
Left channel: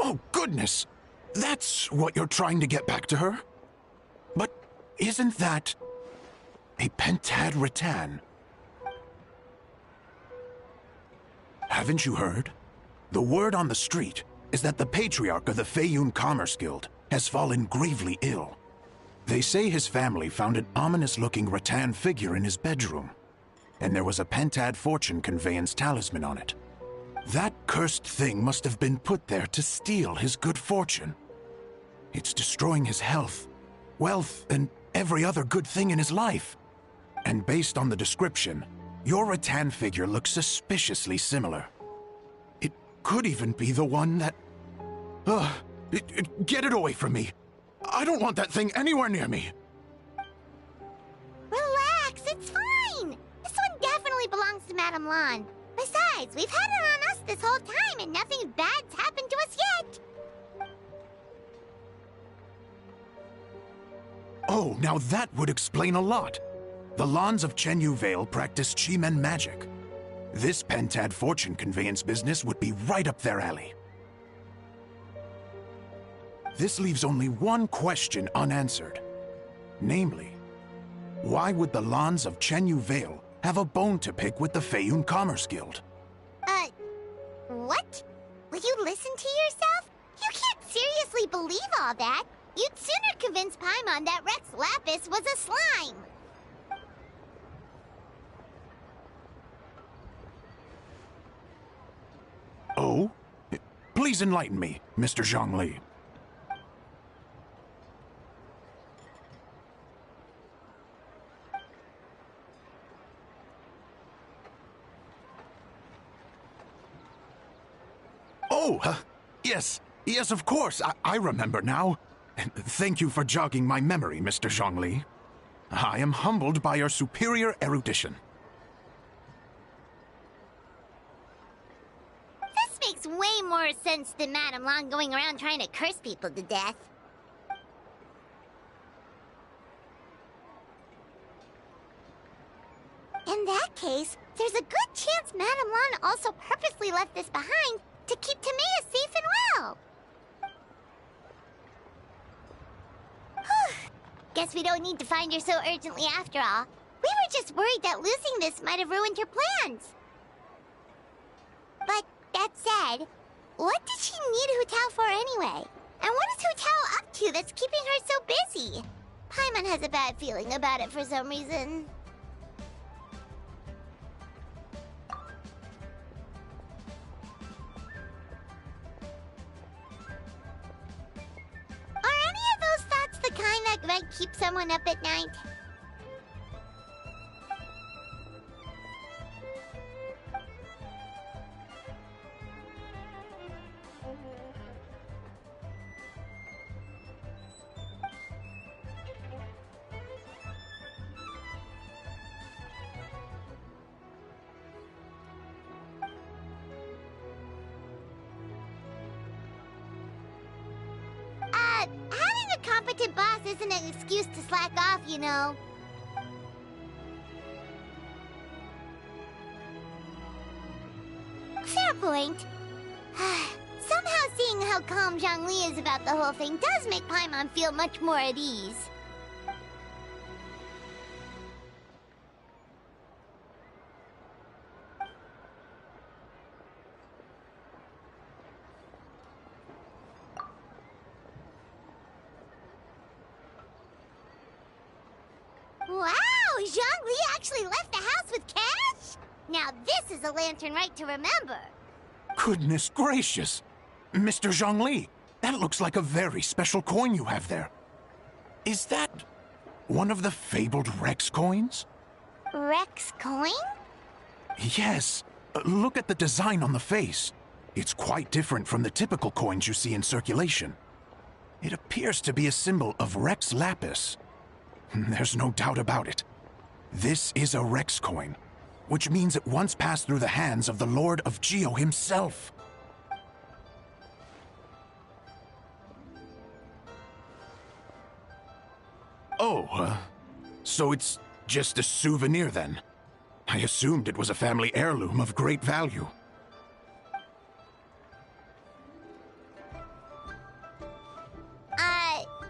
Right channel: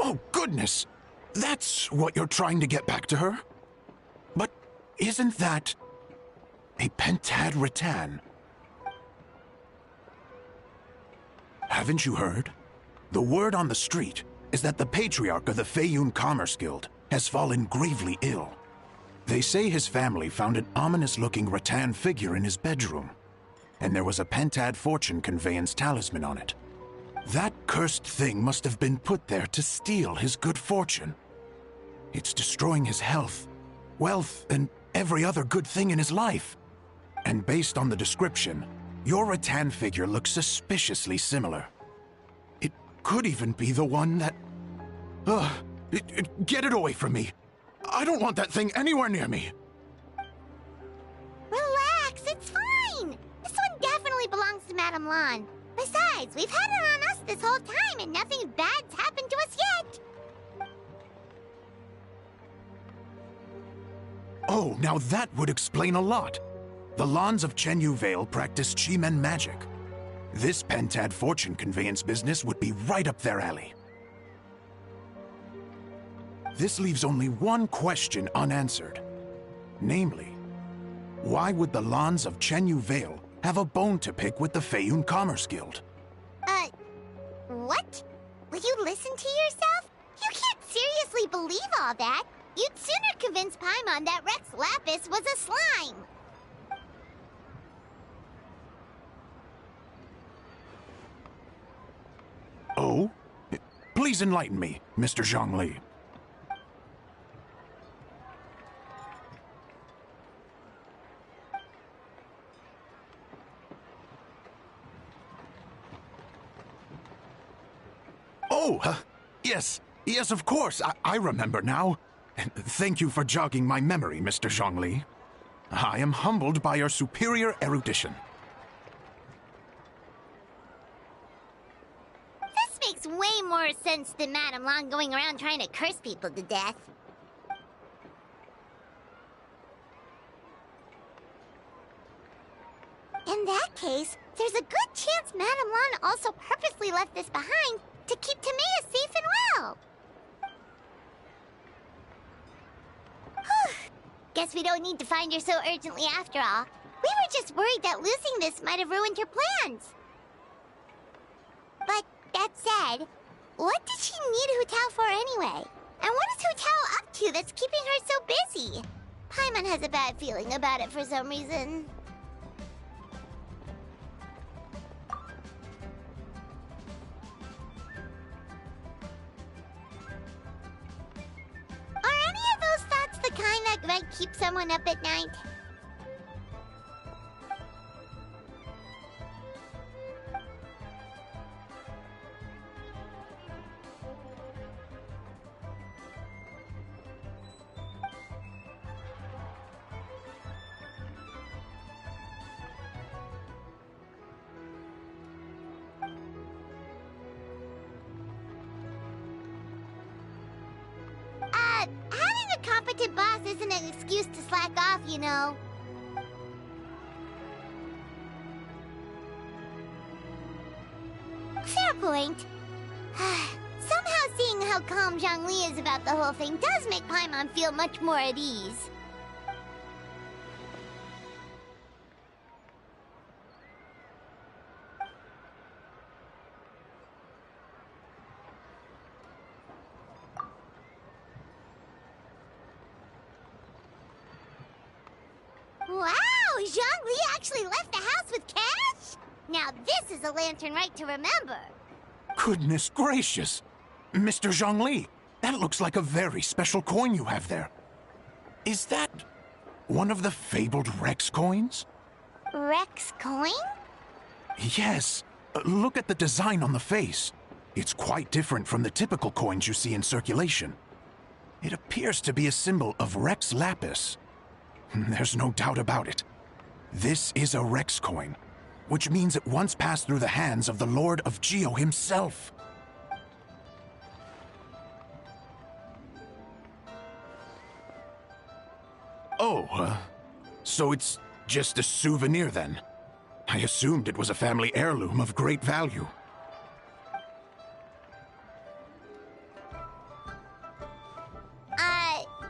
Oh, goodness! That's what you're trying to get back to her? But isn't that a pentad rattan? Haven't you heard? The word on the street is that the patriarch of the Feiyun Commerce Guild has fallen gravely ill. They say his family found an ominous-looking rattan figure in his bedroom, and there was a pentad fortune conveyance talisman on it. That cursed thing must have been put there to steal his good fortune. It's destroying his health, wealth, and every other good thing in his life. And based on the description, your rattan figure looks suspiciously similar. It could even be the one that... get it away from me! I don't want that thing anywhere near me! Relax, it's fine! This one definitely belongs to Madame Lan. Besides, we've had it on us this whole time and nothing bad's happened to us yet! Oh, now that would explain a lot. The Lans of Chenyu Vale practice Chi-Men magic. This pentad fortune conveyance business would be right up their alley. This leaves only one question unanswered. Namely, why would the Lans of Chenyu Vale have a bone to pick with the Feiyun Commerce Guild? What? Will you listen to yourself? You can't seriously believe all that. You'd sooner convince Paimon that Rex Lapis was a slime. Oh? Please enlighten me, Mr. Zhongli. Oh, yes, of course, I remember now. Thank you for jogging my memory, Mr. Zhongli. I am humbled by your superior erudition. This makes way more sense than Madame Lan going around trying to curse people to death. In that case, there's a good chance Madame Lan also purposely left this behind to keep Tamea safe and well. Guess we don't need to find her so urgently after all. We were just worried that losing this might have ruined her plans. But that said, what did she need Hu Tao for anyway? And what is Hu Tao up to that's keeping her so busy? Paimon has a bad feeling about it for some reason. Are any of those thoughts the kind that might keep someone up at night? isn't an excuse to slack off, you know. Fair point. Somehow seeing how calm Zhongli is about the whole thing does make Paimon feel much more at ease. Wow! Zhongli actually left the house with cash? Now this is a Lanern Rite to remember. Goodness gracious! Mr. Zhongli, that looks like a very special coin you have there. Is that one of the fabled Rex coins? Rex coin? Yes. Look at the design on the face. It's quite different from the typical coins you see in circulation. It appears to be a symbol of Rex Lapis. There's no doubt about it. This is a Rex coin, which means it once passed through the hands of the Lord of Geo himself. Oh, so it's just a souvenir then? I assumed it was a family heirloom of great value.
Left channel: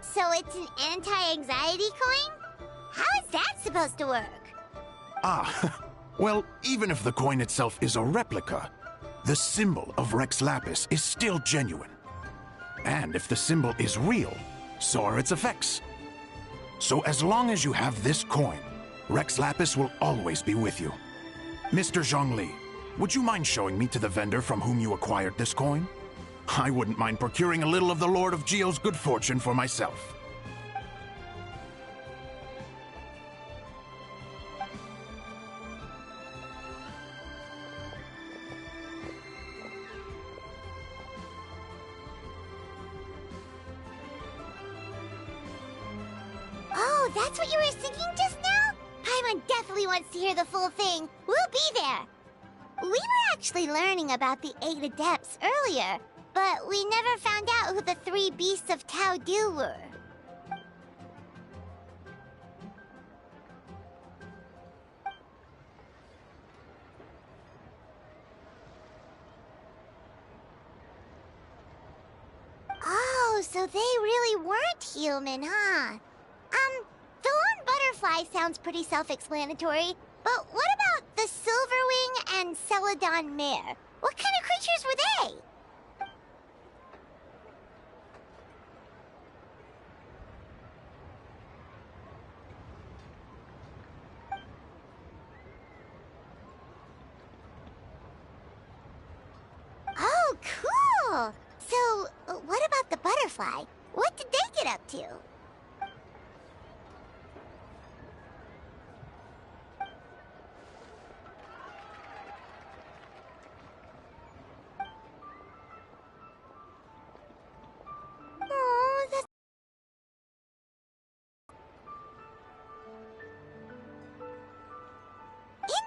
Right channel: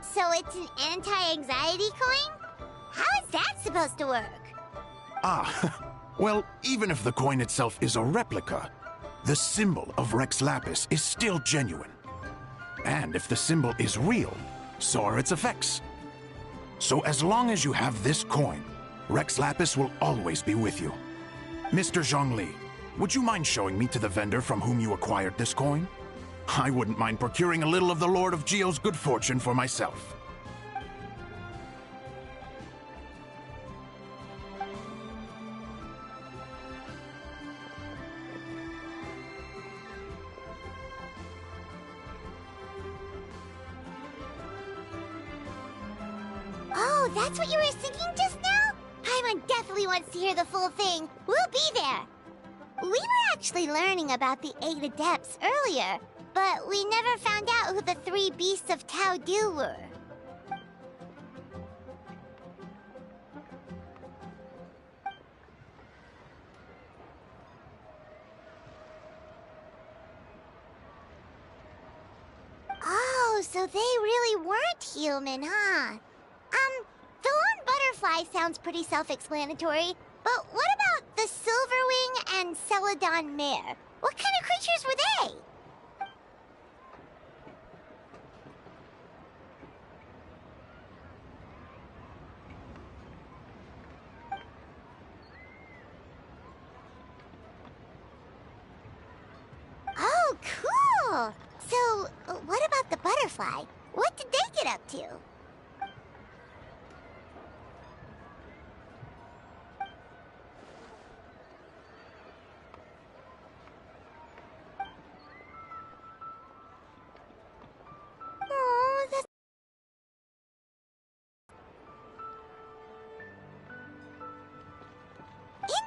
So it's an anti-anxiety coin? How is that supposed to work? Well, even if the coin itself is a replica, the symbol of Rex Lapis is still genuine. And if the symbol is real, so are its effects. So as long as you have this coin, Rex Lapis will always be with you. Mr. Zhongli, would you mind showing me to the vendor from whom you acquired this coin? I wouldn't mind procuring a little of the Lord of Geo's good fortune for myself. Oh, that's what you were singing just now? Paimon definitely wants to hear the full thing. We'll be there. We were actually learning about the 8 Adepts earlier, but we never found out who the 3 Beasts of Tao Dil were. Oh, so they really weren't human, huh? The lone butterfly sounds pretty self-explanatory, but what about the Silverwing and Celadon Mare? What kind of creatures were they? Oh, cool! So, what about the butterfly? What did they get up to? Oh, that's...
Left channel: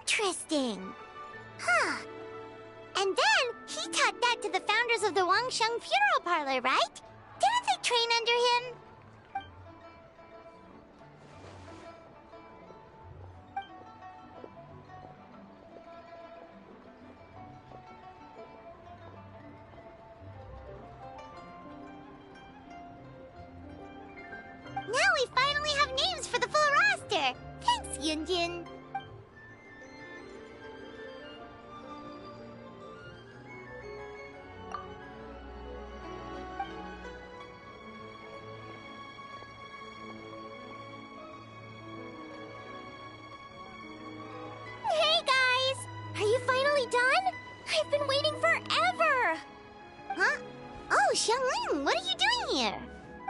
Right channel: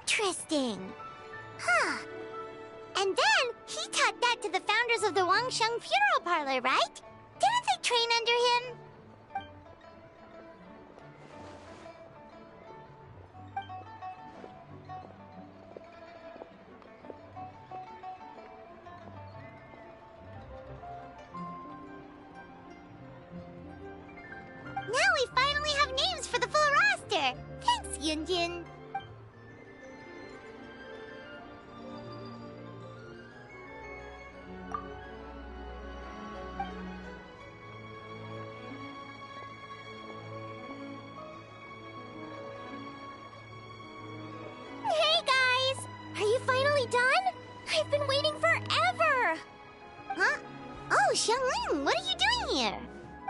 Interesting. Huh. And then, he taught that to the founders of the Wangsheng Funeral Parlor, right? Didn't they train under him? Now we finally have names for the full roster! Thanks, Yunjin! Hey guys! Are you finally done? I've been waiting forever! Huh? Oh, Xiangling, what are you doing here?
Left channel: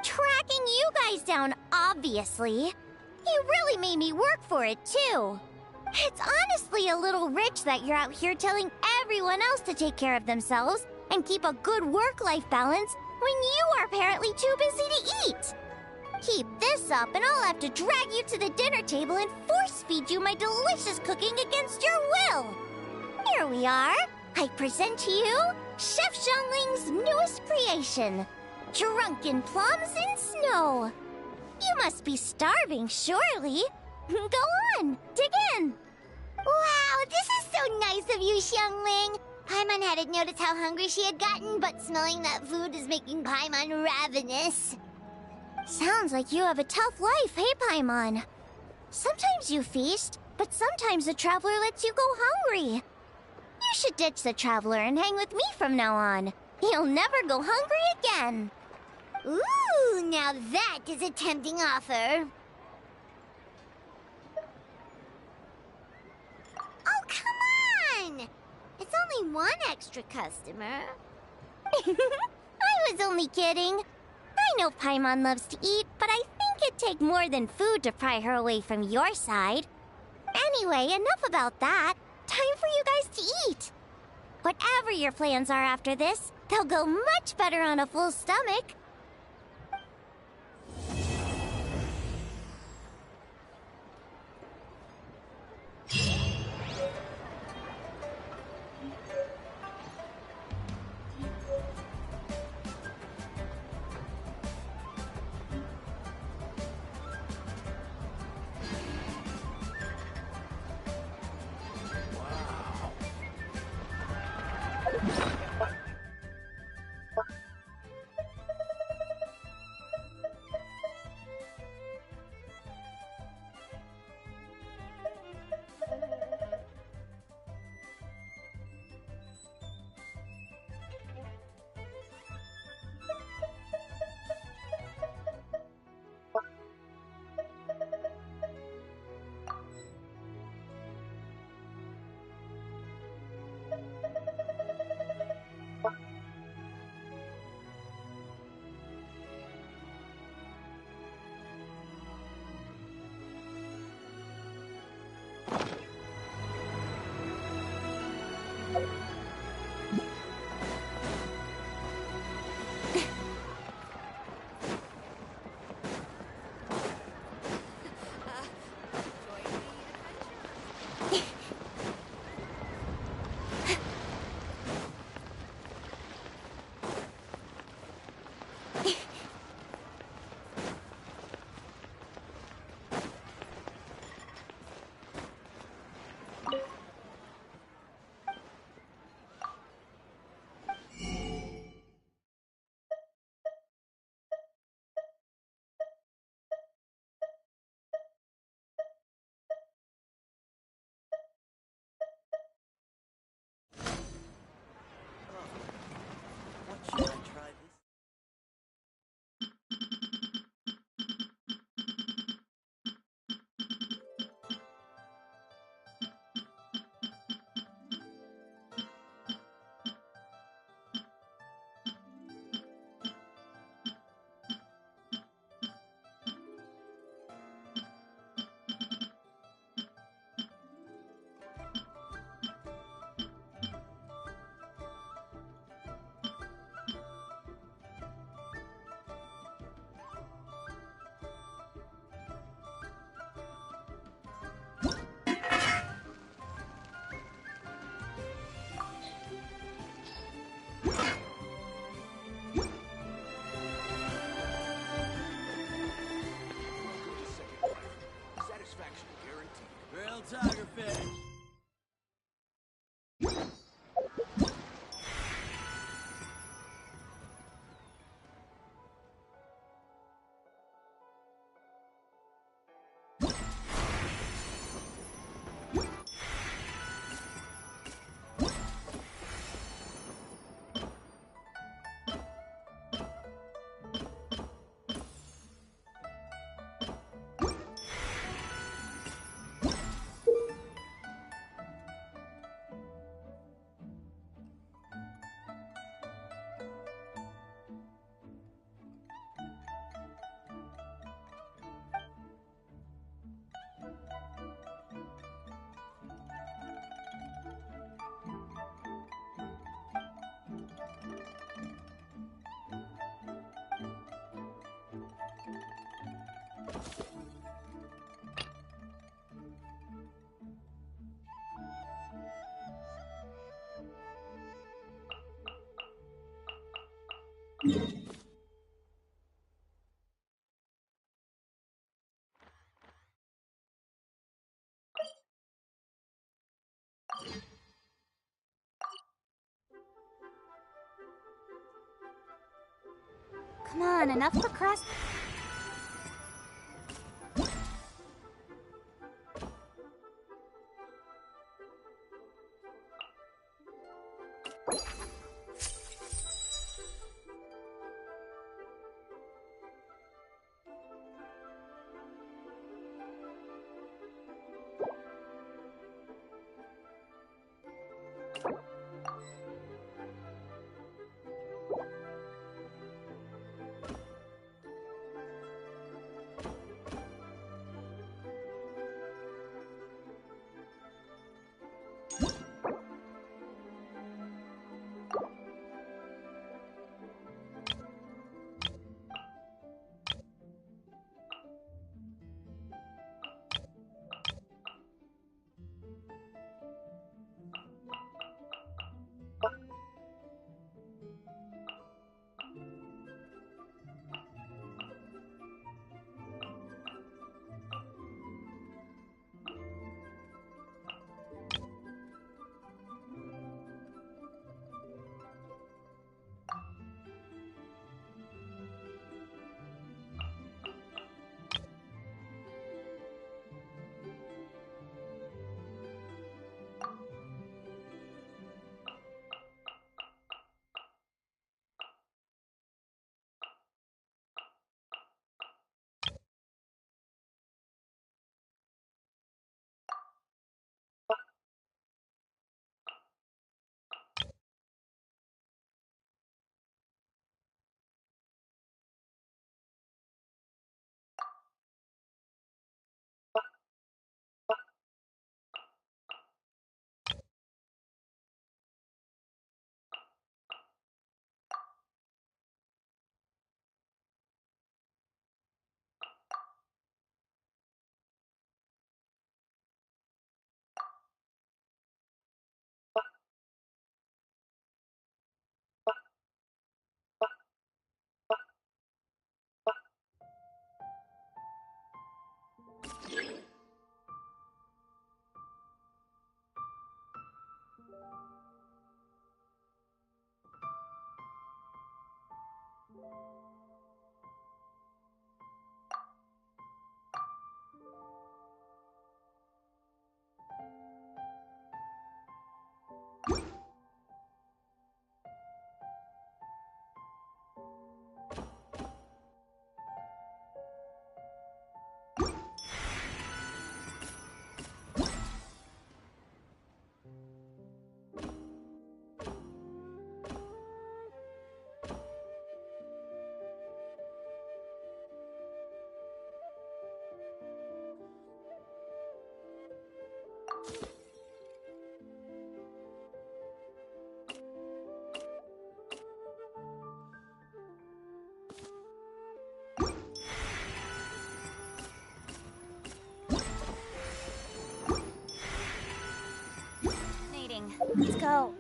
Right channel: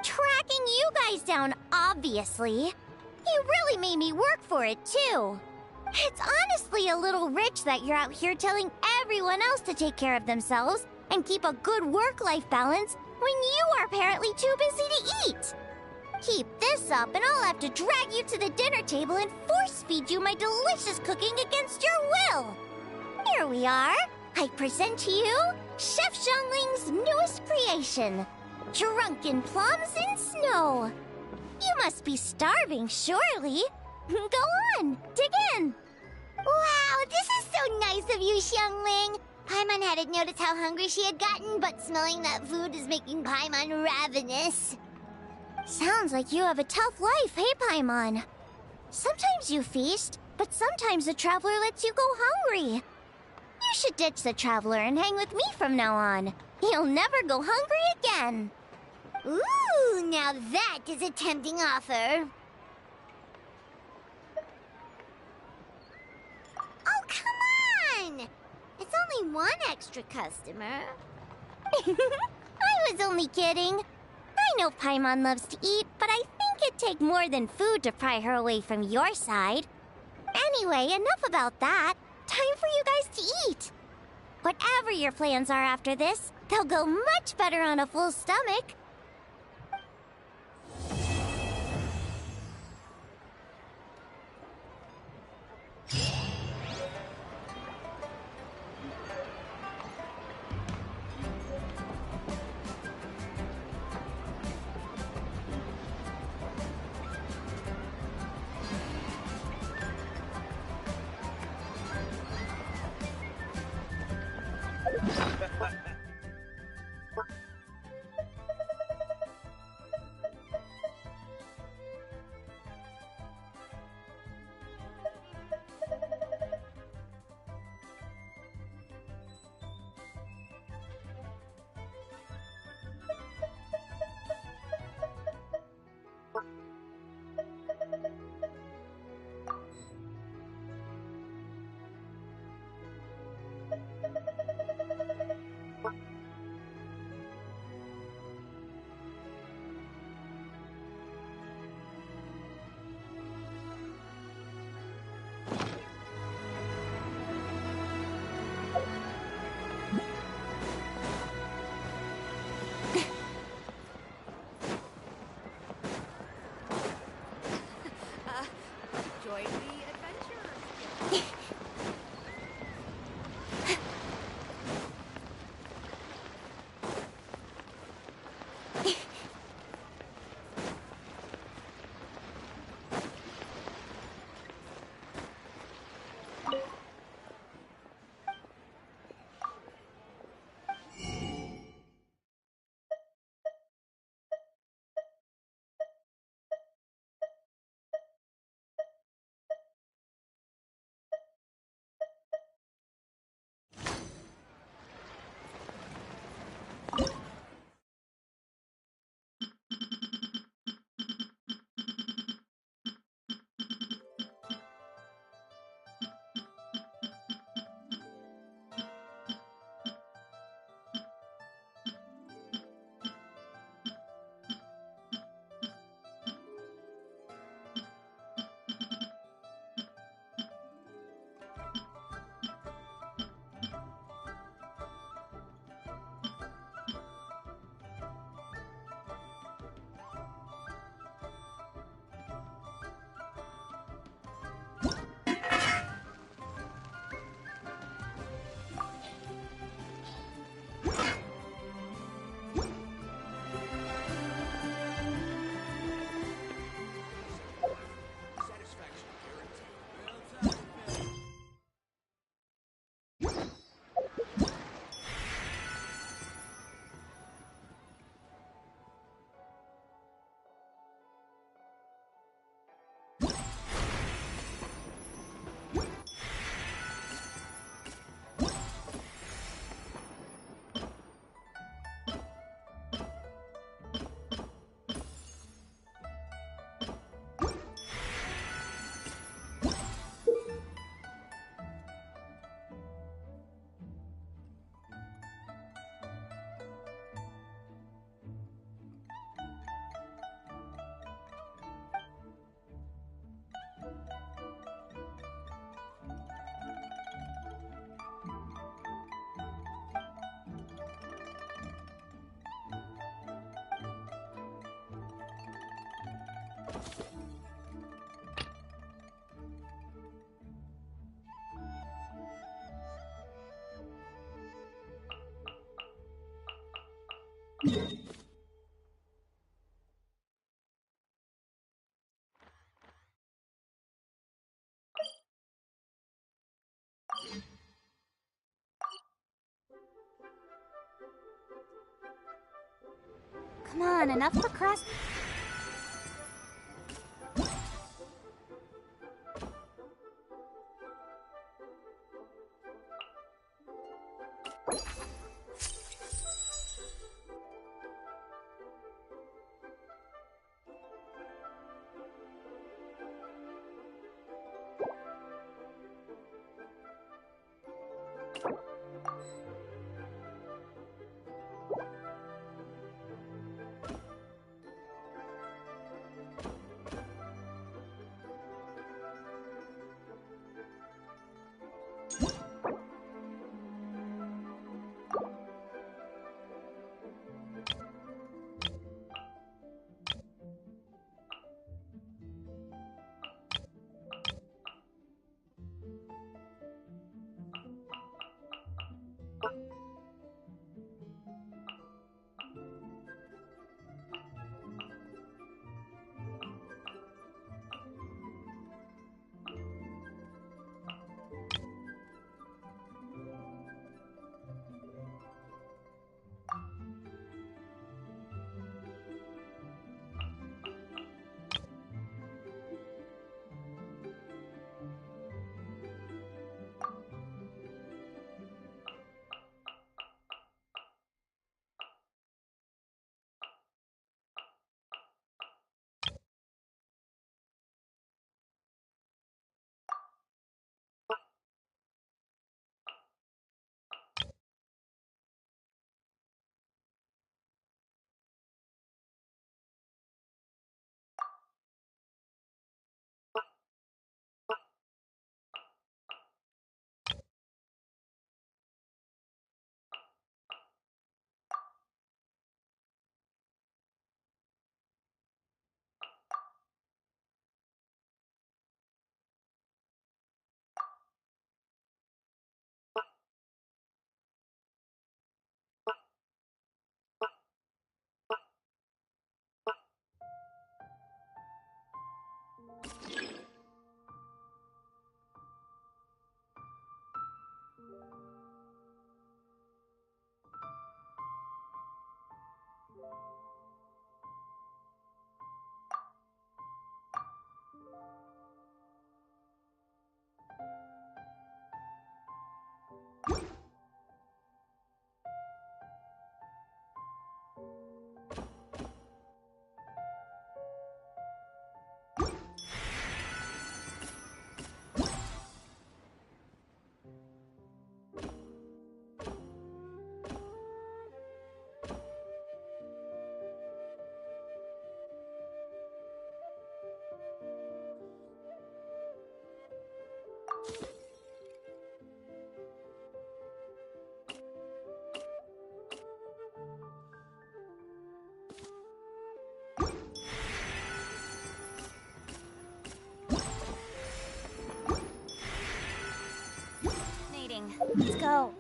Tracking you guys down, obviously. You really made me work for it, too. It's honestly a little rich that you're out here telling everyone else to take care of themselves and keep a good work-life balance when you are apparently too busy to eat. Keep this up and I'll have to drag you to the dinner table and force-feed you my delicious cooking against your will. Here we are. I present to you Chef Xiangling's newest creation, Drunken Plums in Snow. You must be starving, surely. Go on, dig in. Wow, this is so nice of you, Xiangling. Paimon hadn't noticed how hungry she had gotten, but smelling that food is making Paimon ravenous. Sounds like you have a tough life, hey, Paimon? Sometimes you feast, but sometimes the traveler lets you go hungry. You should ditch the traveler and hang with me from now on. You'll never go hungry again. Ooh, now that is a tempting offer. Oh, come on! It's only one extra customer. I was only kidding. I know Paimon loves to eat, but I think it'd take more than food to pry her away from your side. Anyway, enough about that. Time for you guys to eat. Whatever your plans are after this, they'll go much better on a full stomach. Come on, enough procrast... Let's go.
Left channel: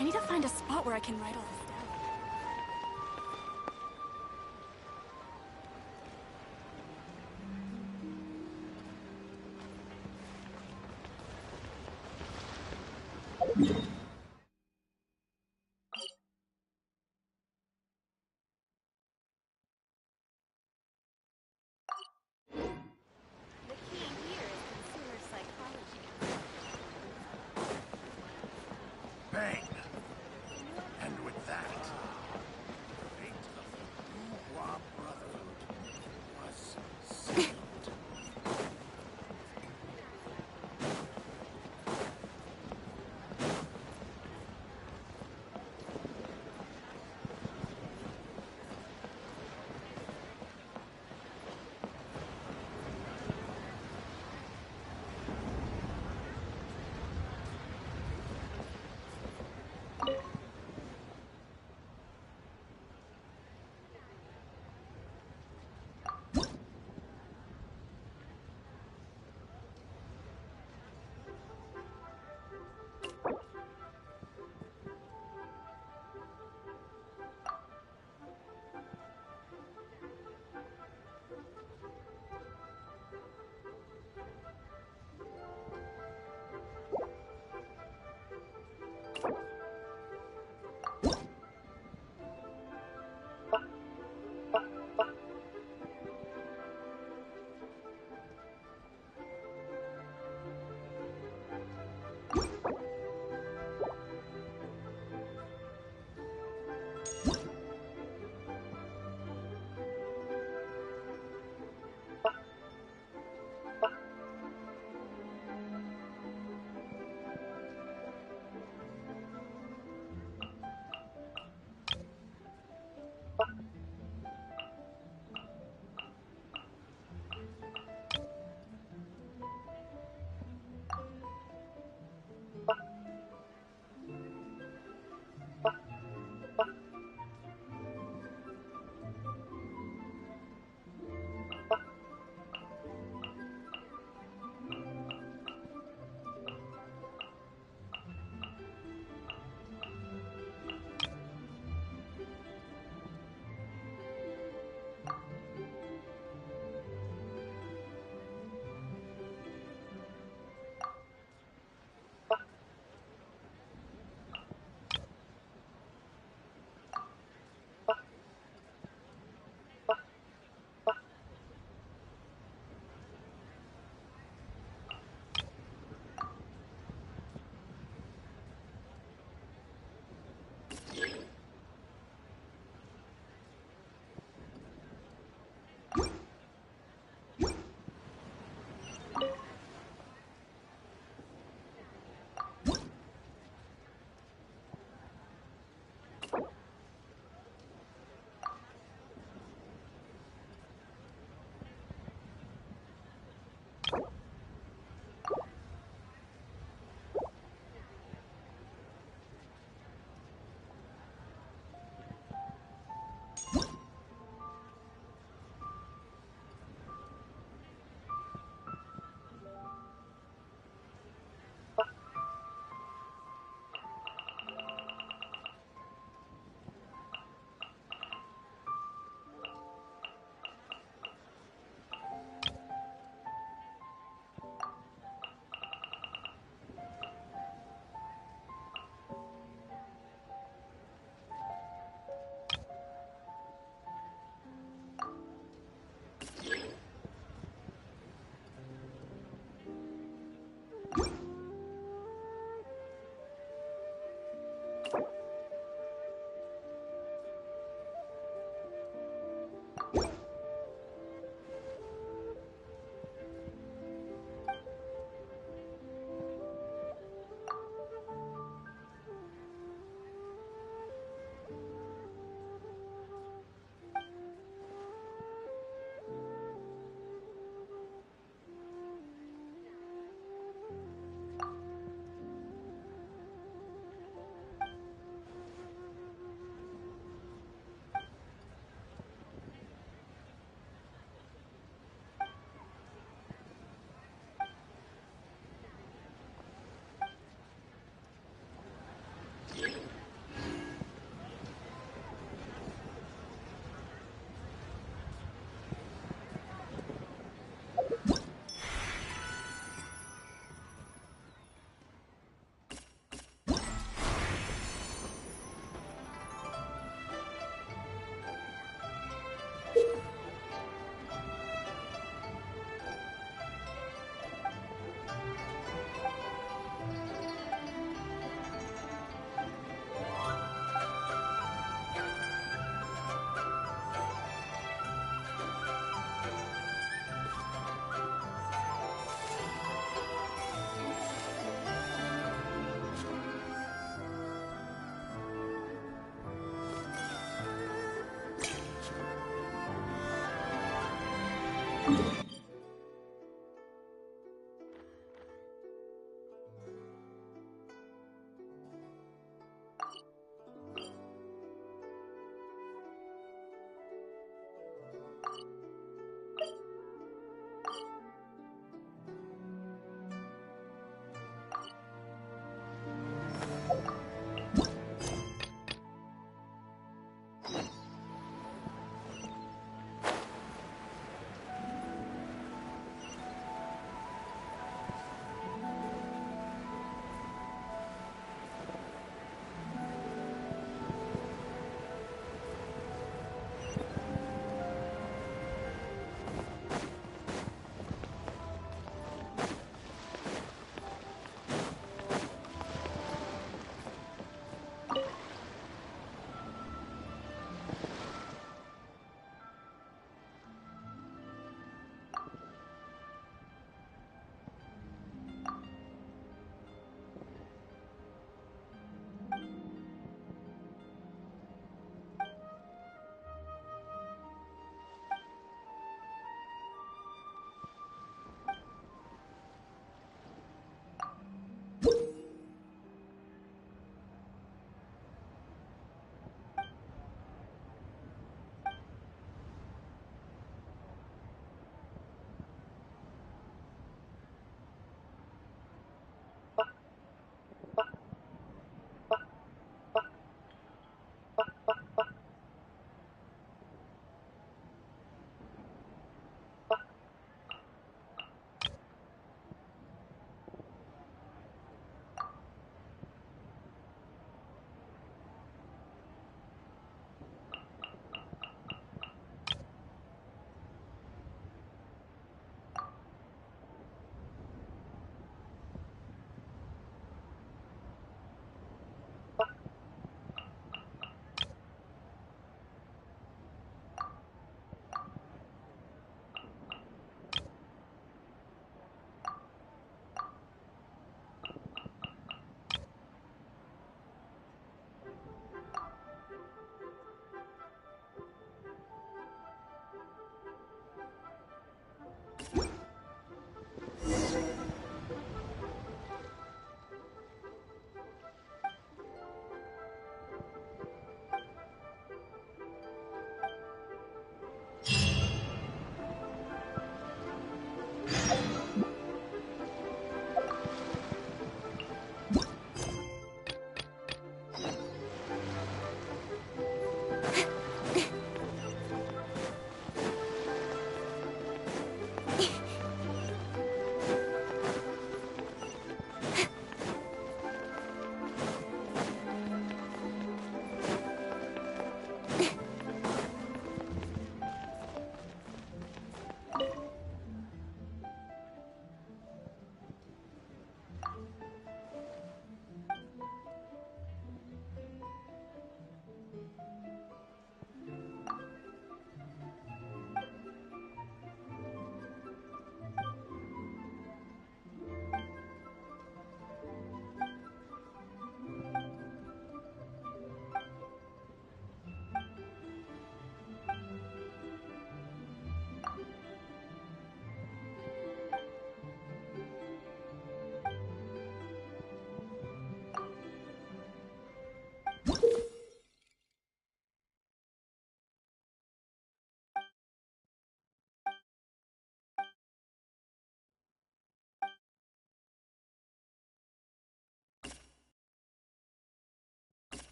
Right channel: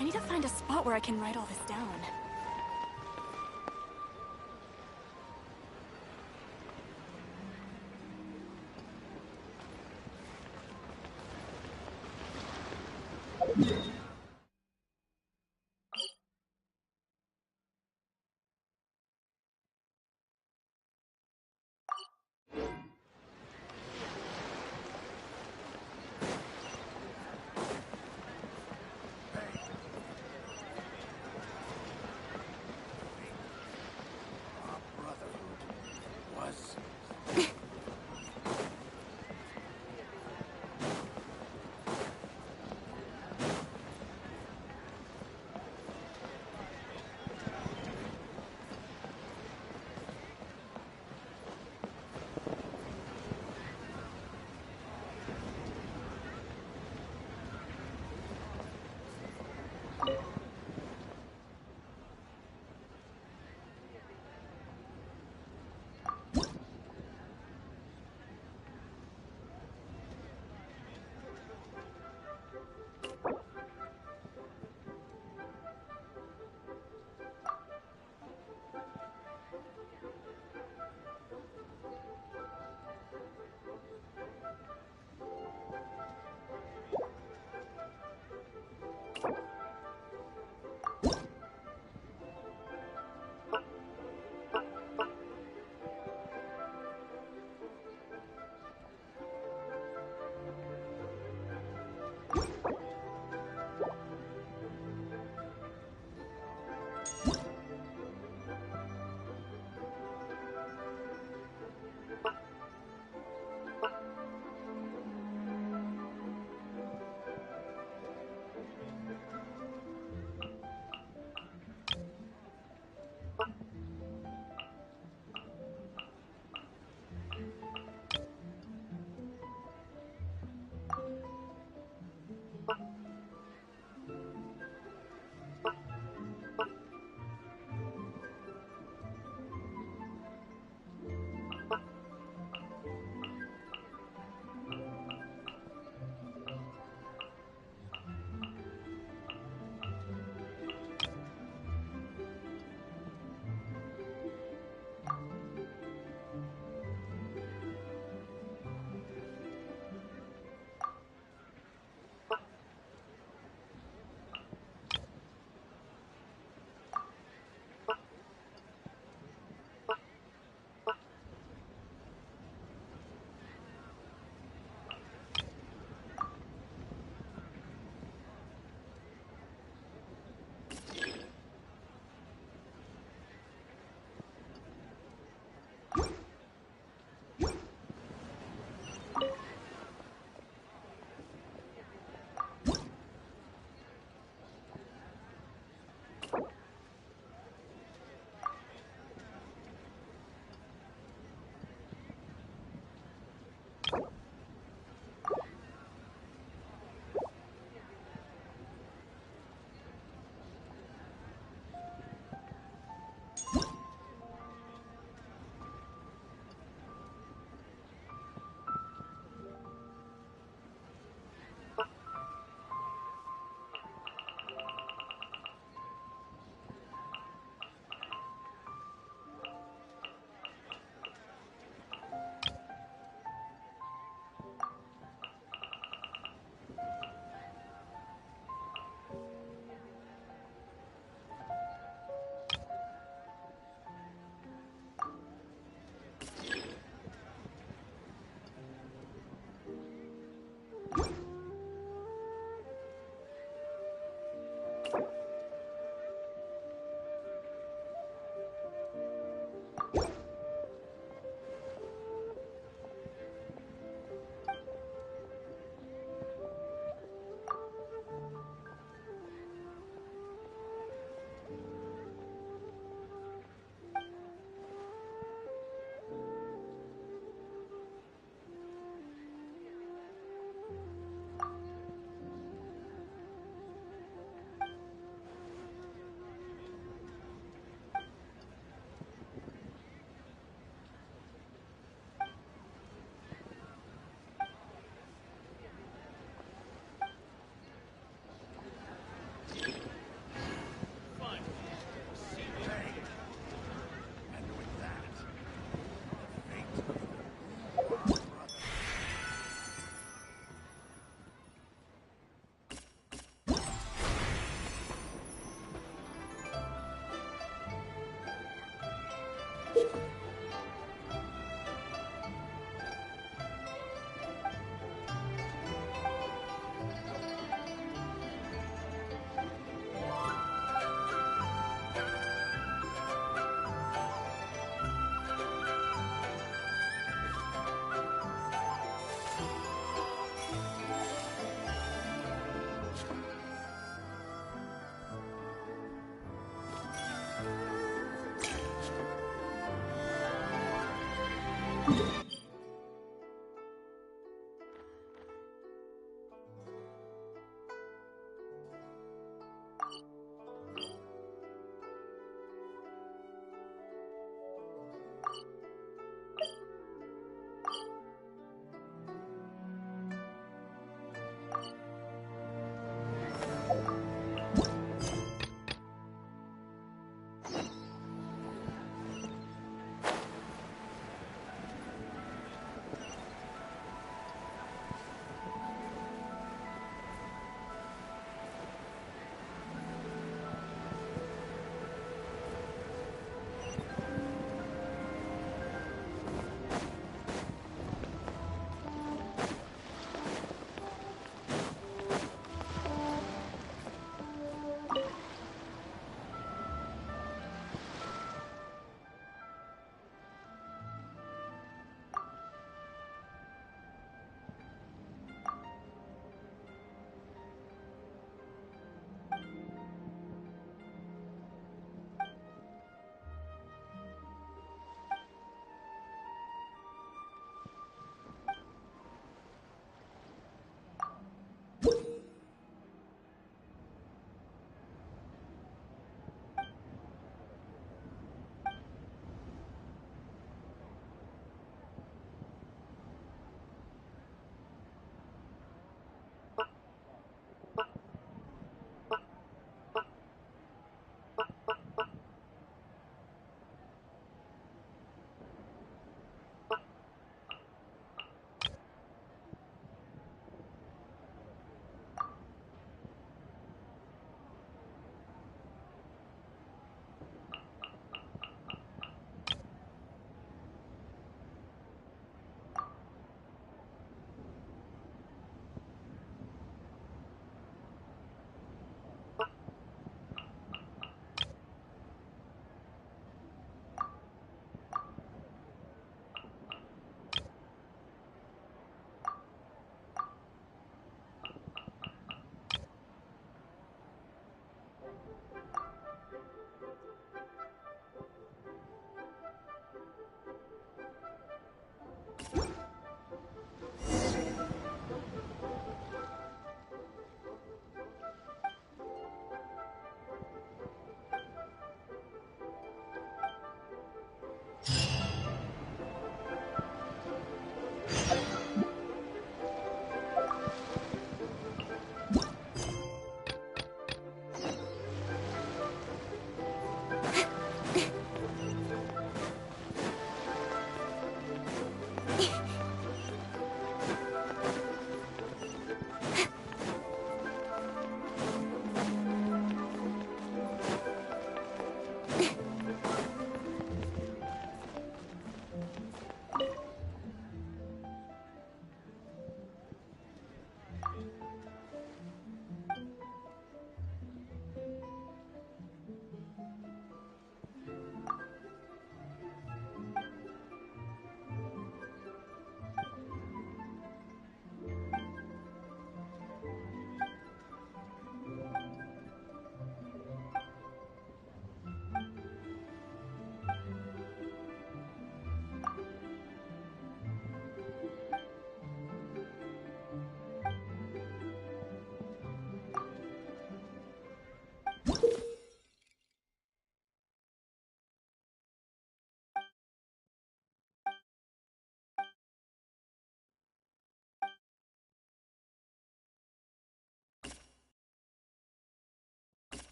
I need to find a spot where I can write all this down. Bang! And with that,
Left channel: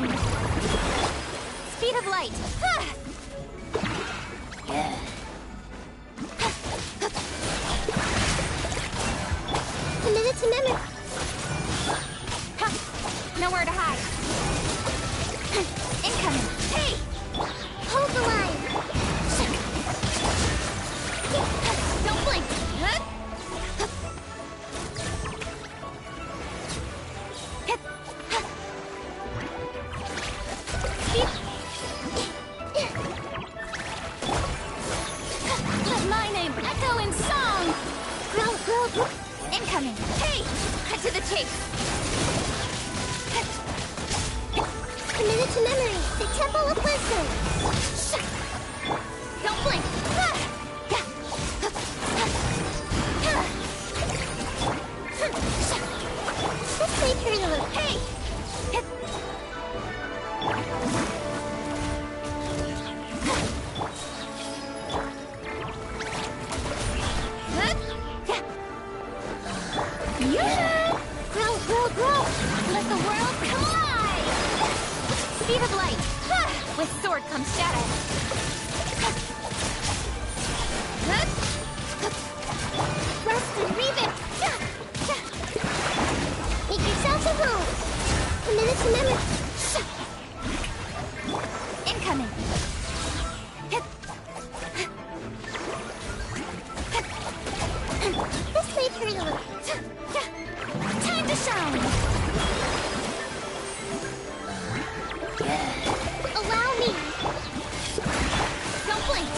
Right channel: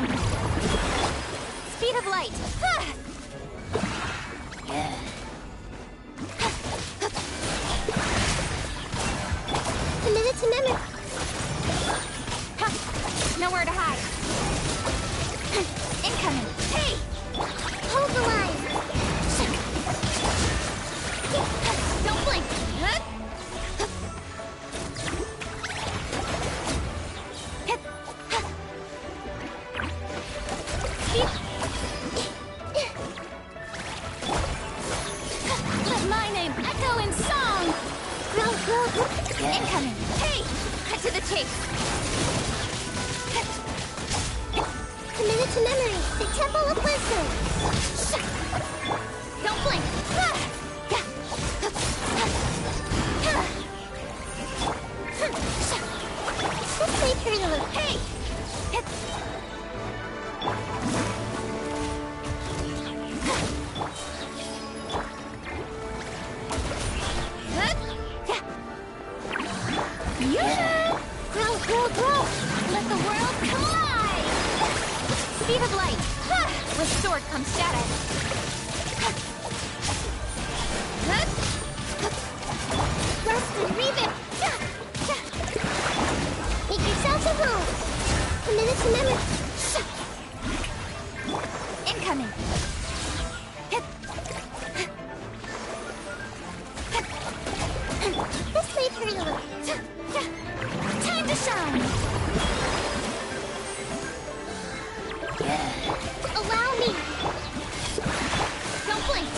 line. Speed of light. Committed to memory. Nowhere to hide. Incoming. Hey! Hold the line. Don't blink. Let my name echo in song. Incoming. Hey! Cut to the chase. Committed to memory. The Temple of Wisdom. Don't blink. This may turn a little. Hey! Grow. Let the world collide! Speed of light. With sword comes shadow. Rust and rebuild. Make yourself at home. Committed to memory. Incoming. This may turn a little. Time to shine. Allow me. Don't blink.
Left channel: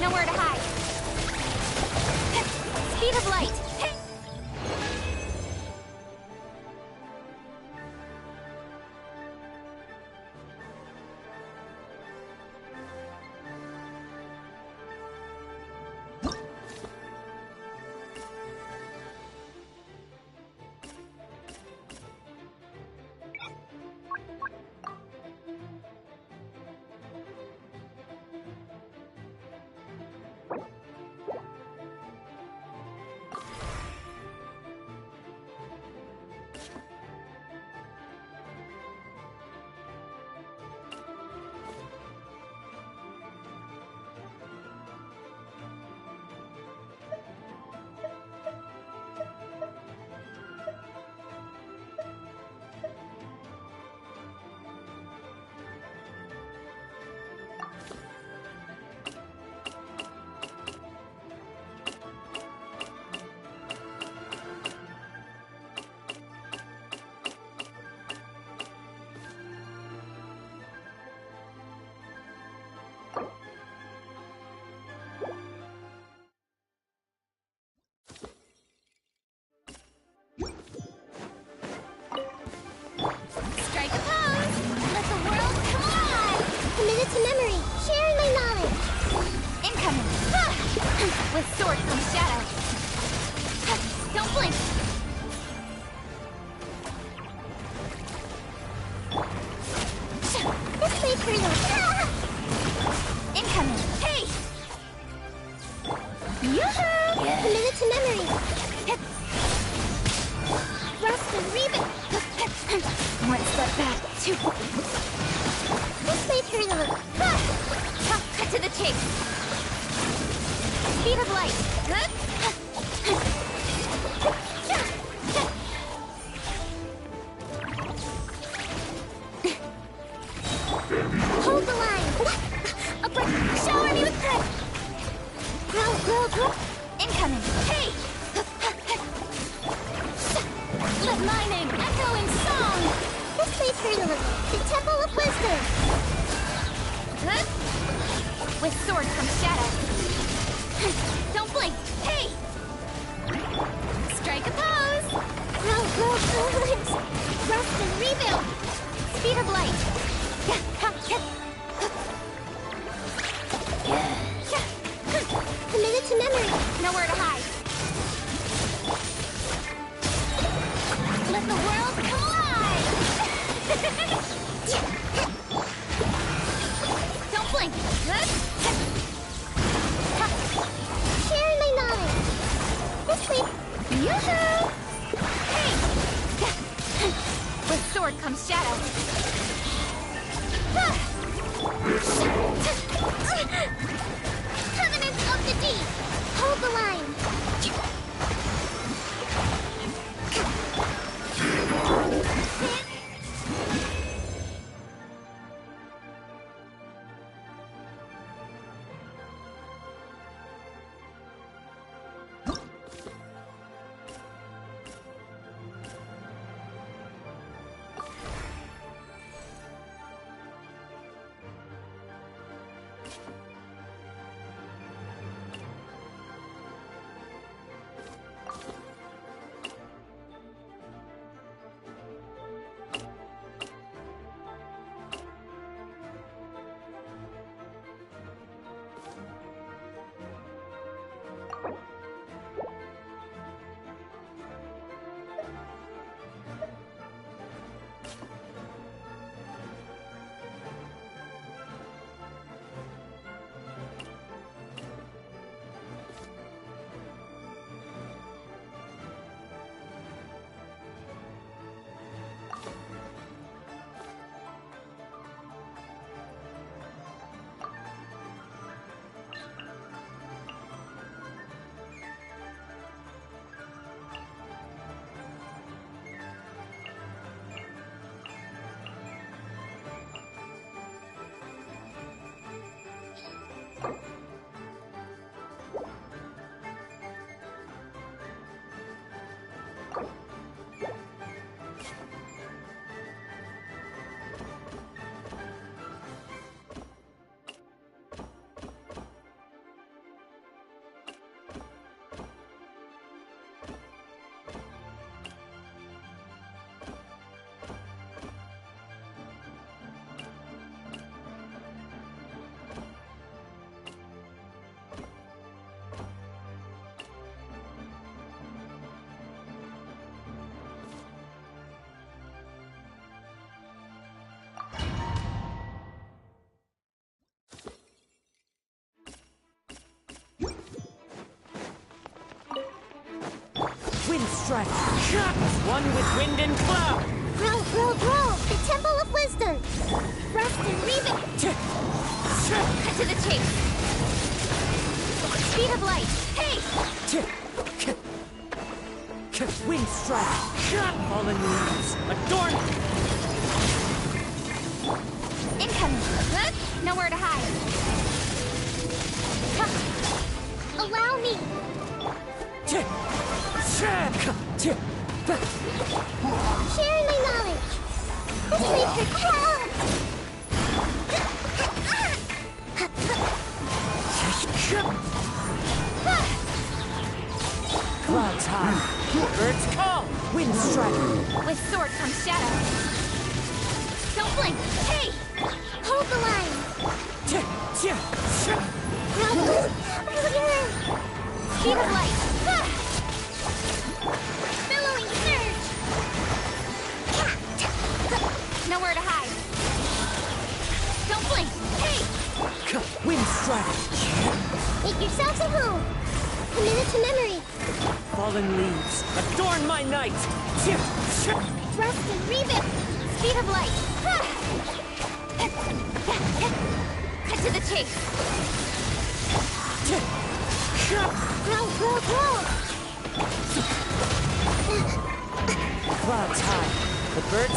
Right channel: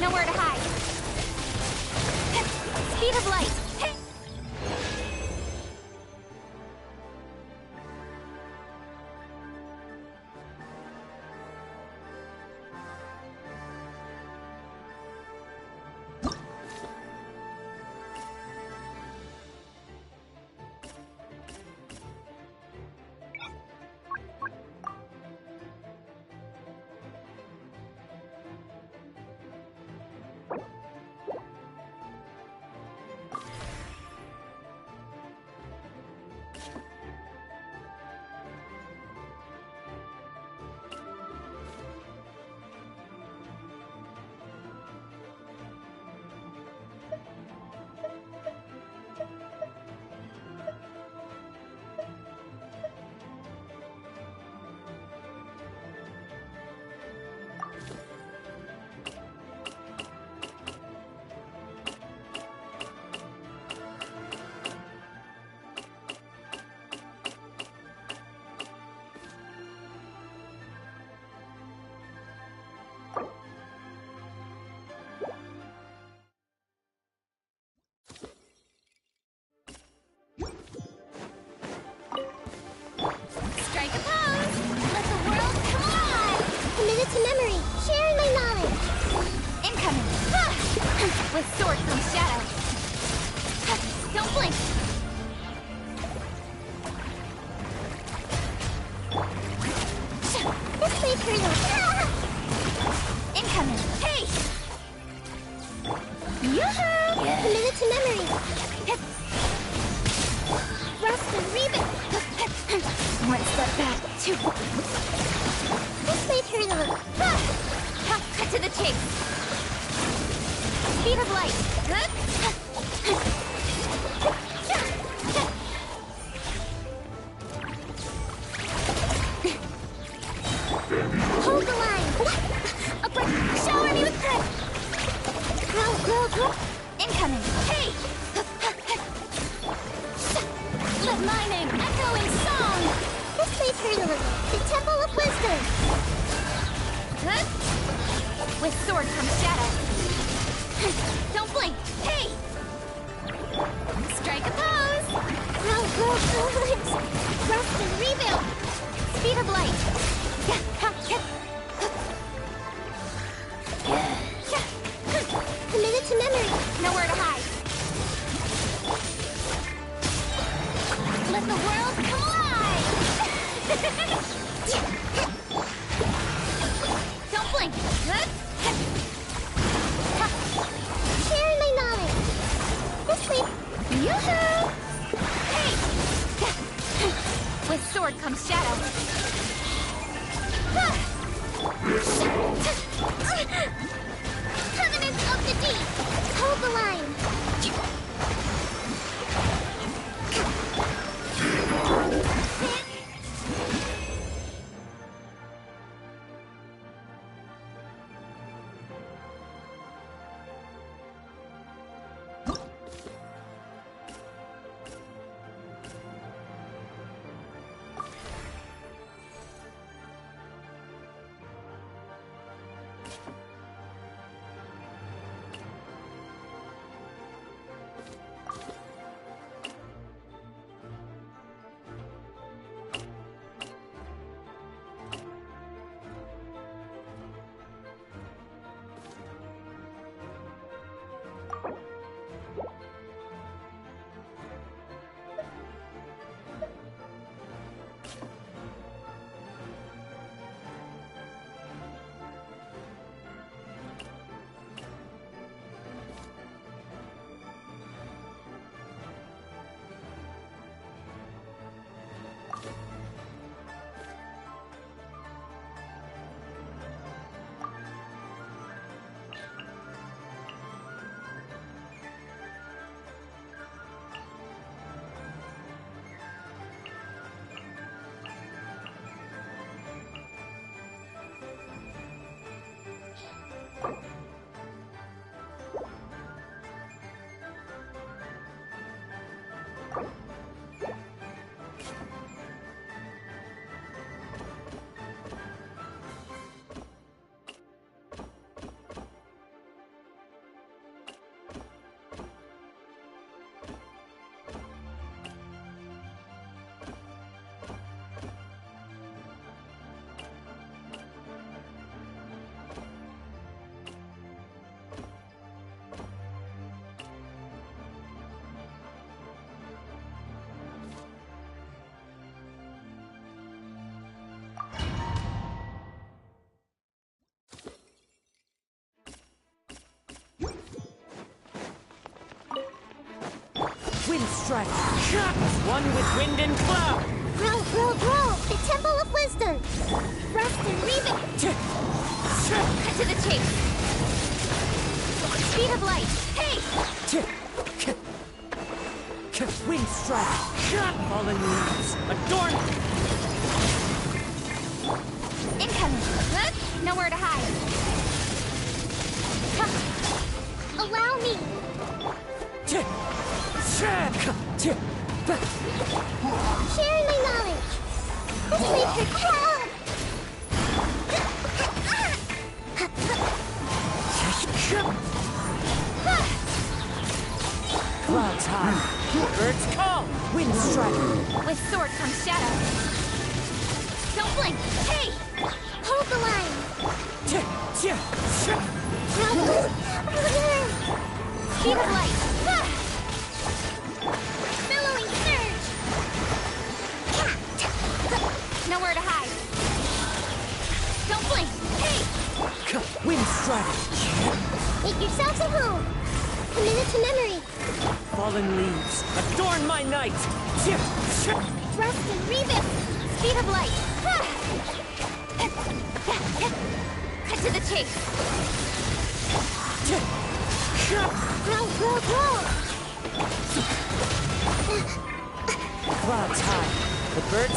Nowhere to hide. Speed of light. Strike a pose! Let the world collide! Committed to memory. Sharing my knowledge. Incoming! With sword comes shadow. Don't blink! This may turn a little. Incoming! Hey! Yoo-hoo! Committed to memory. Rust and rebuild. One step back. Two. This may turn a little. Cut to the chase. Speed of light. Hold the line. A break. Shower me with grip. Grow. Incoming. Hey! Let my name echo in song. This may turn a little. The Temple of Wisdom. With sword comes shadow. Don't blink. Hey! Strike a pose. Grow. Rust and rebuild. Speed of light. Committed to memory. Nowhere to hide. Let the world collide. Don't blink. Sharing my knowledge. This way. Yoo-hoo! Hey! With sword comes shadow. Covenant of the Deep! Hold the line! Wind strike! One with wind and cloud! Growl, growl, growl! The Temple of Wisdom! Rust and Revic! Cut to the chase! Speed of light! Hey! Wind strike! Fallen leaves! Adorn! Incoming! Nowhere to hide! Allow me! Sharing my knowledge! This makes it cloud! Clouds high! Birds call! Wind strike! With sword comes shadow! Don't blink! Hey! Hold the line! Speed of light! Billowing surge! Nowhere to hide! Don't blink! Hey! Wind strike! Make yourselves at home! Commit it to memory! Fallen leaves! Adorn my night! Rust and Revic! Speed of light! Cut to the chase! Growl, growl, growl! Clouds high! The birds...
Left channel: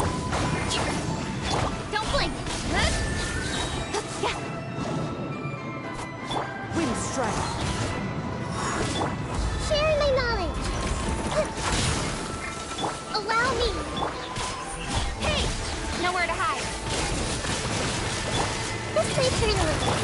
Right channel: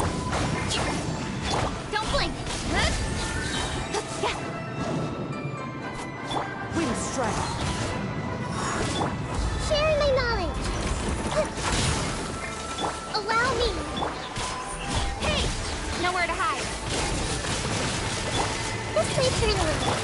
Don't blink! Wind strike! Sharing my knowledge! Allow me! Hey! Nowhere to hide! This place hurt a little.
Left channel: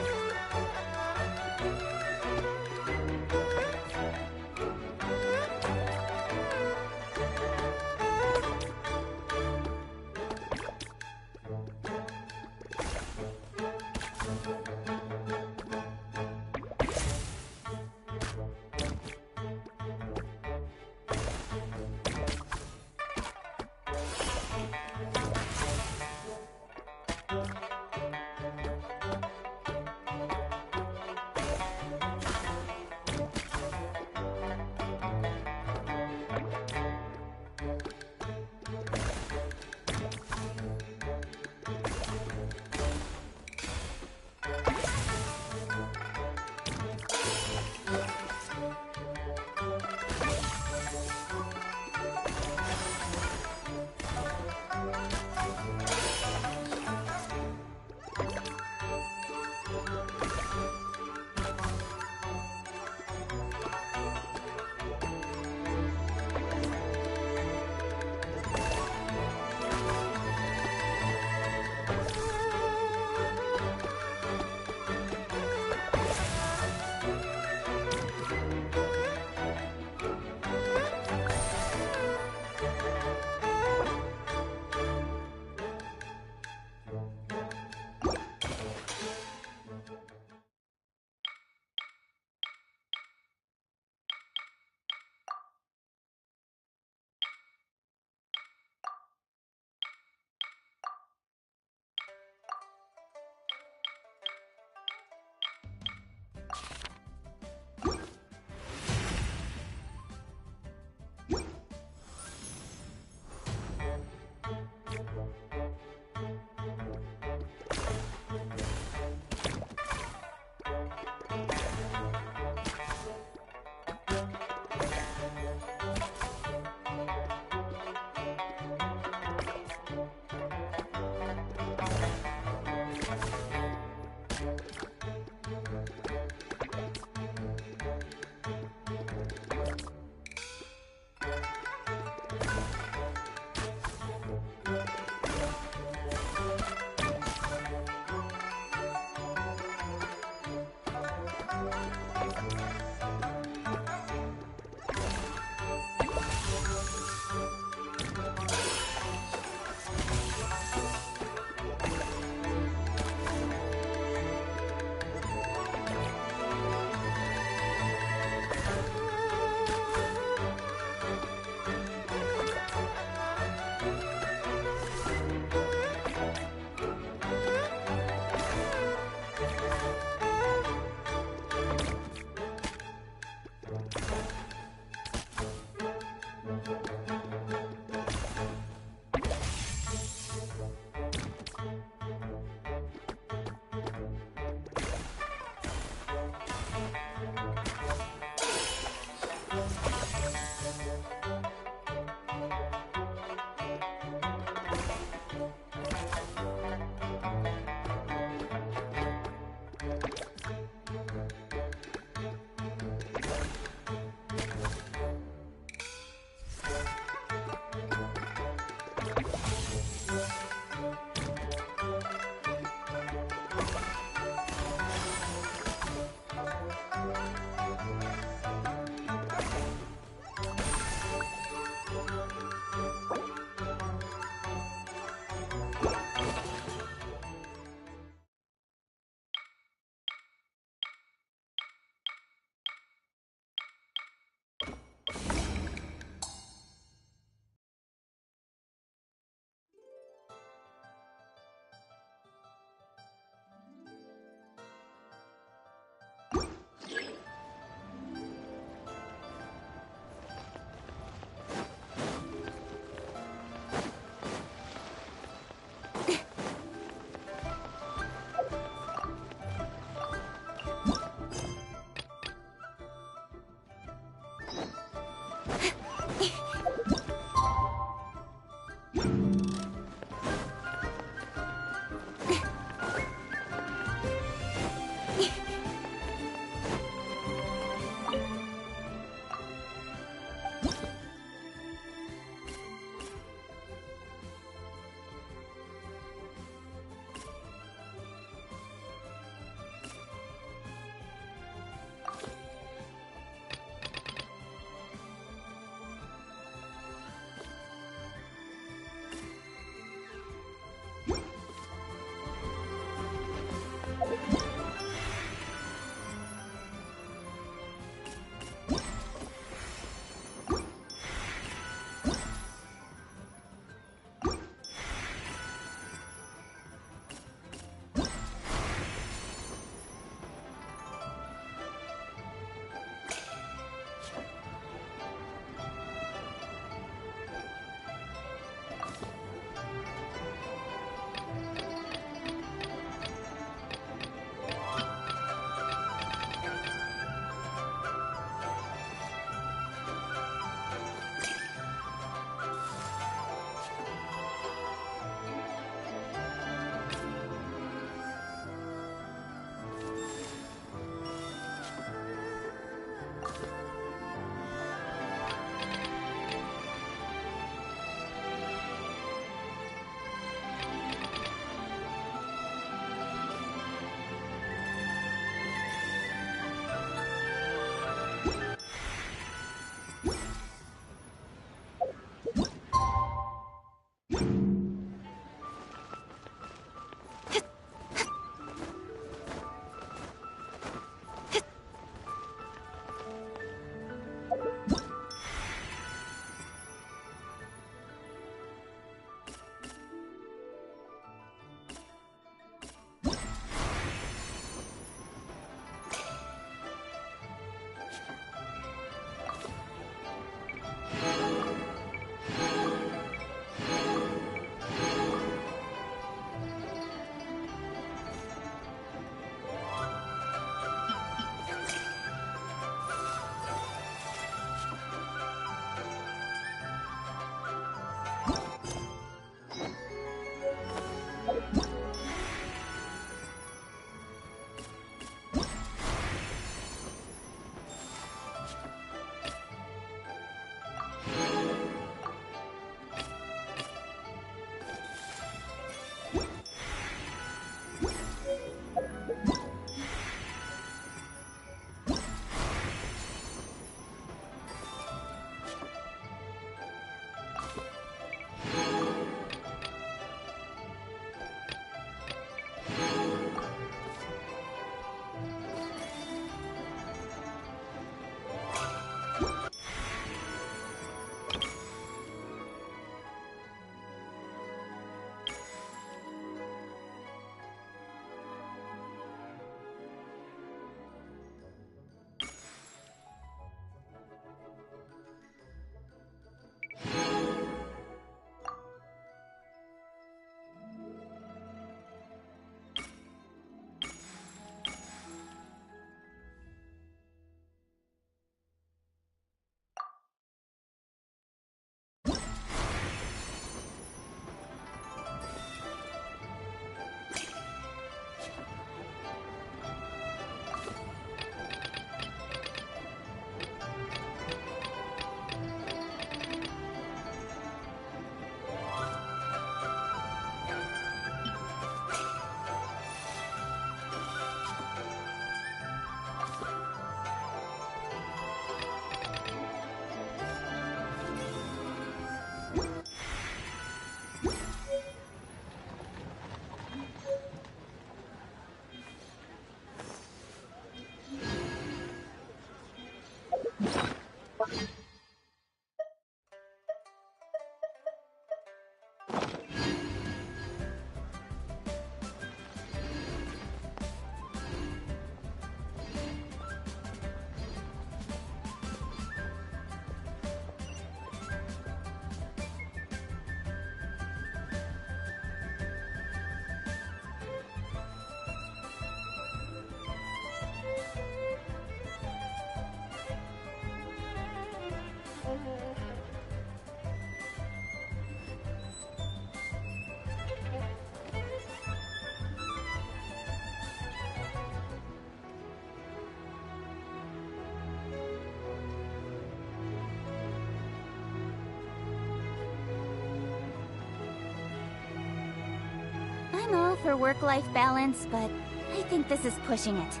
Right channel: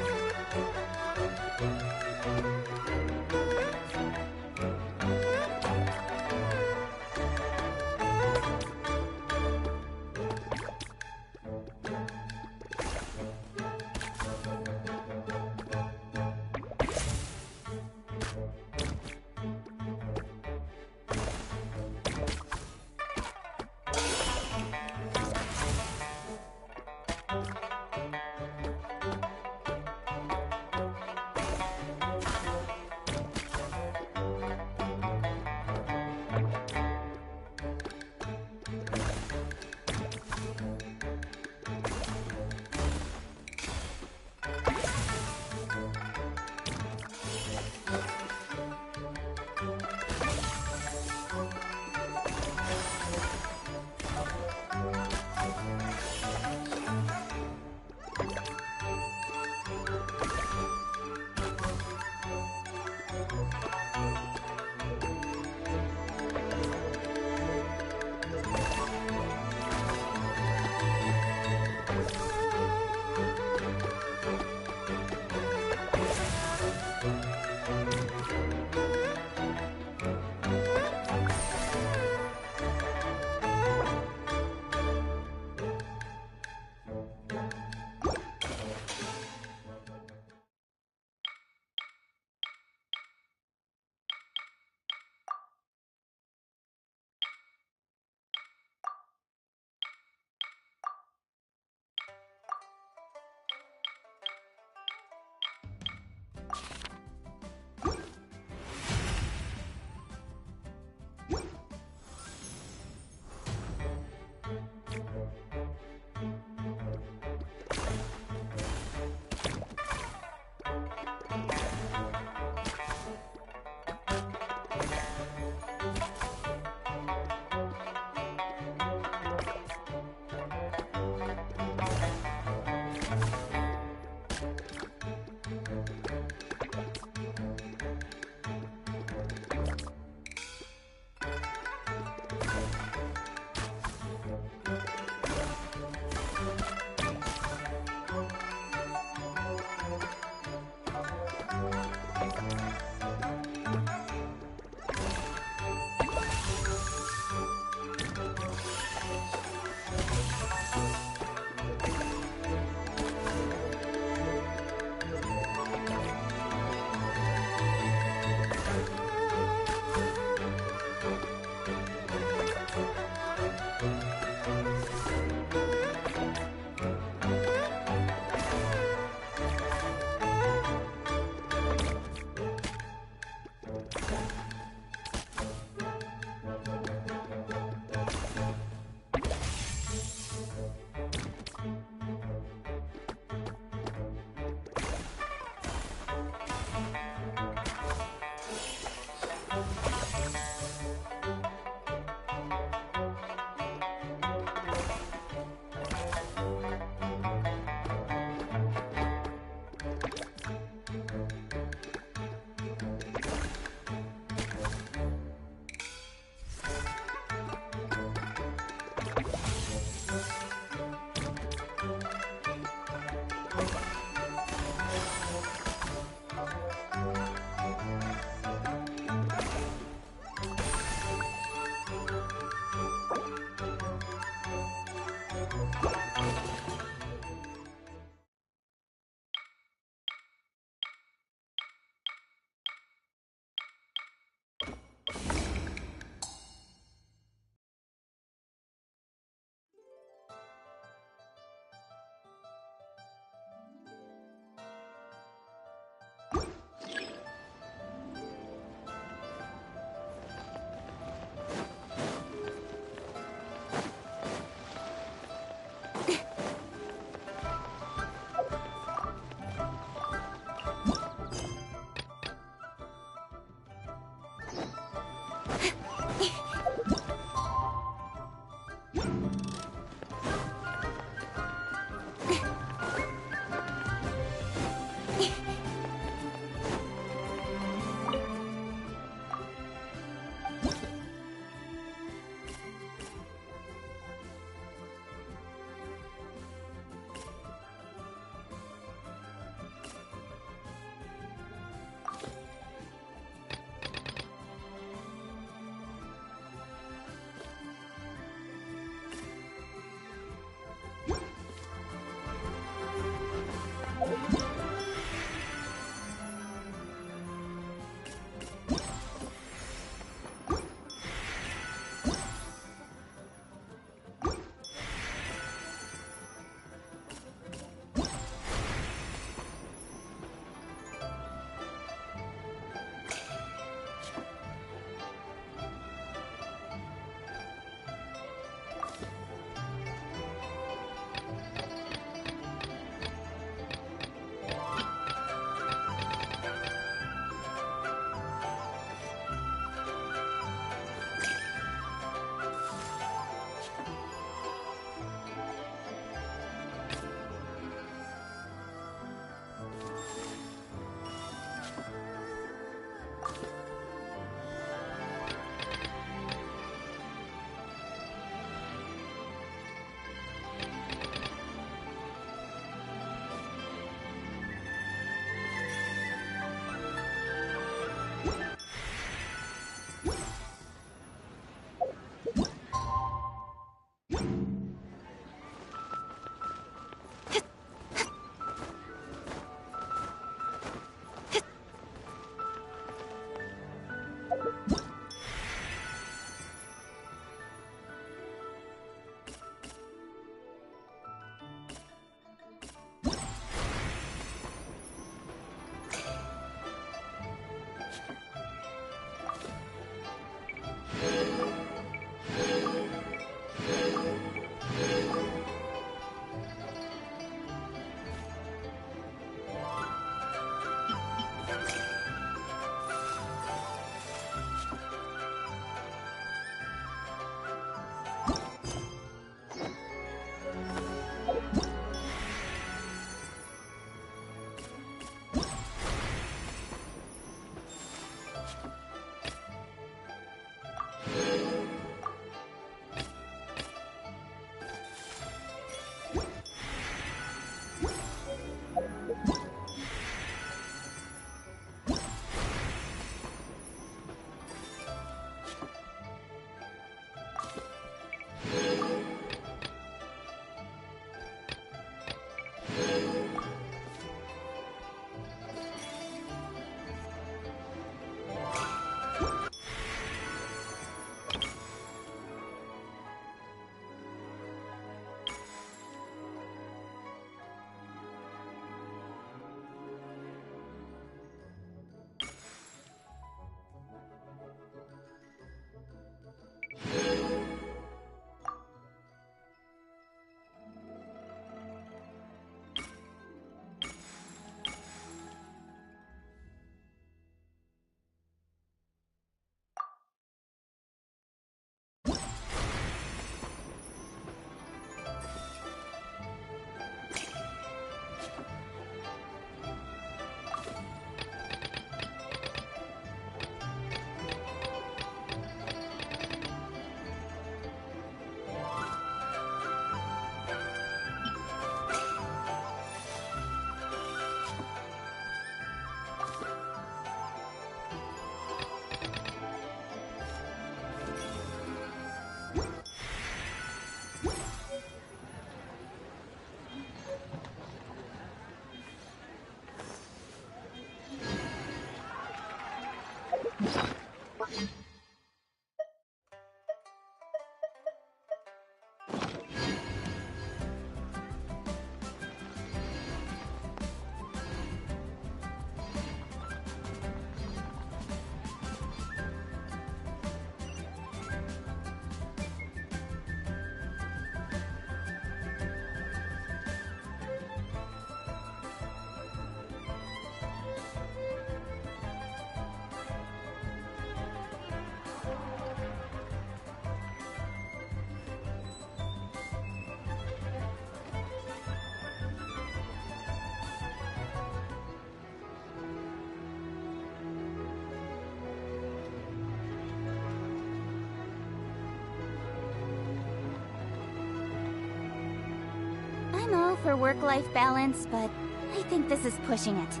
for work-life balance, but I think this is pushing it.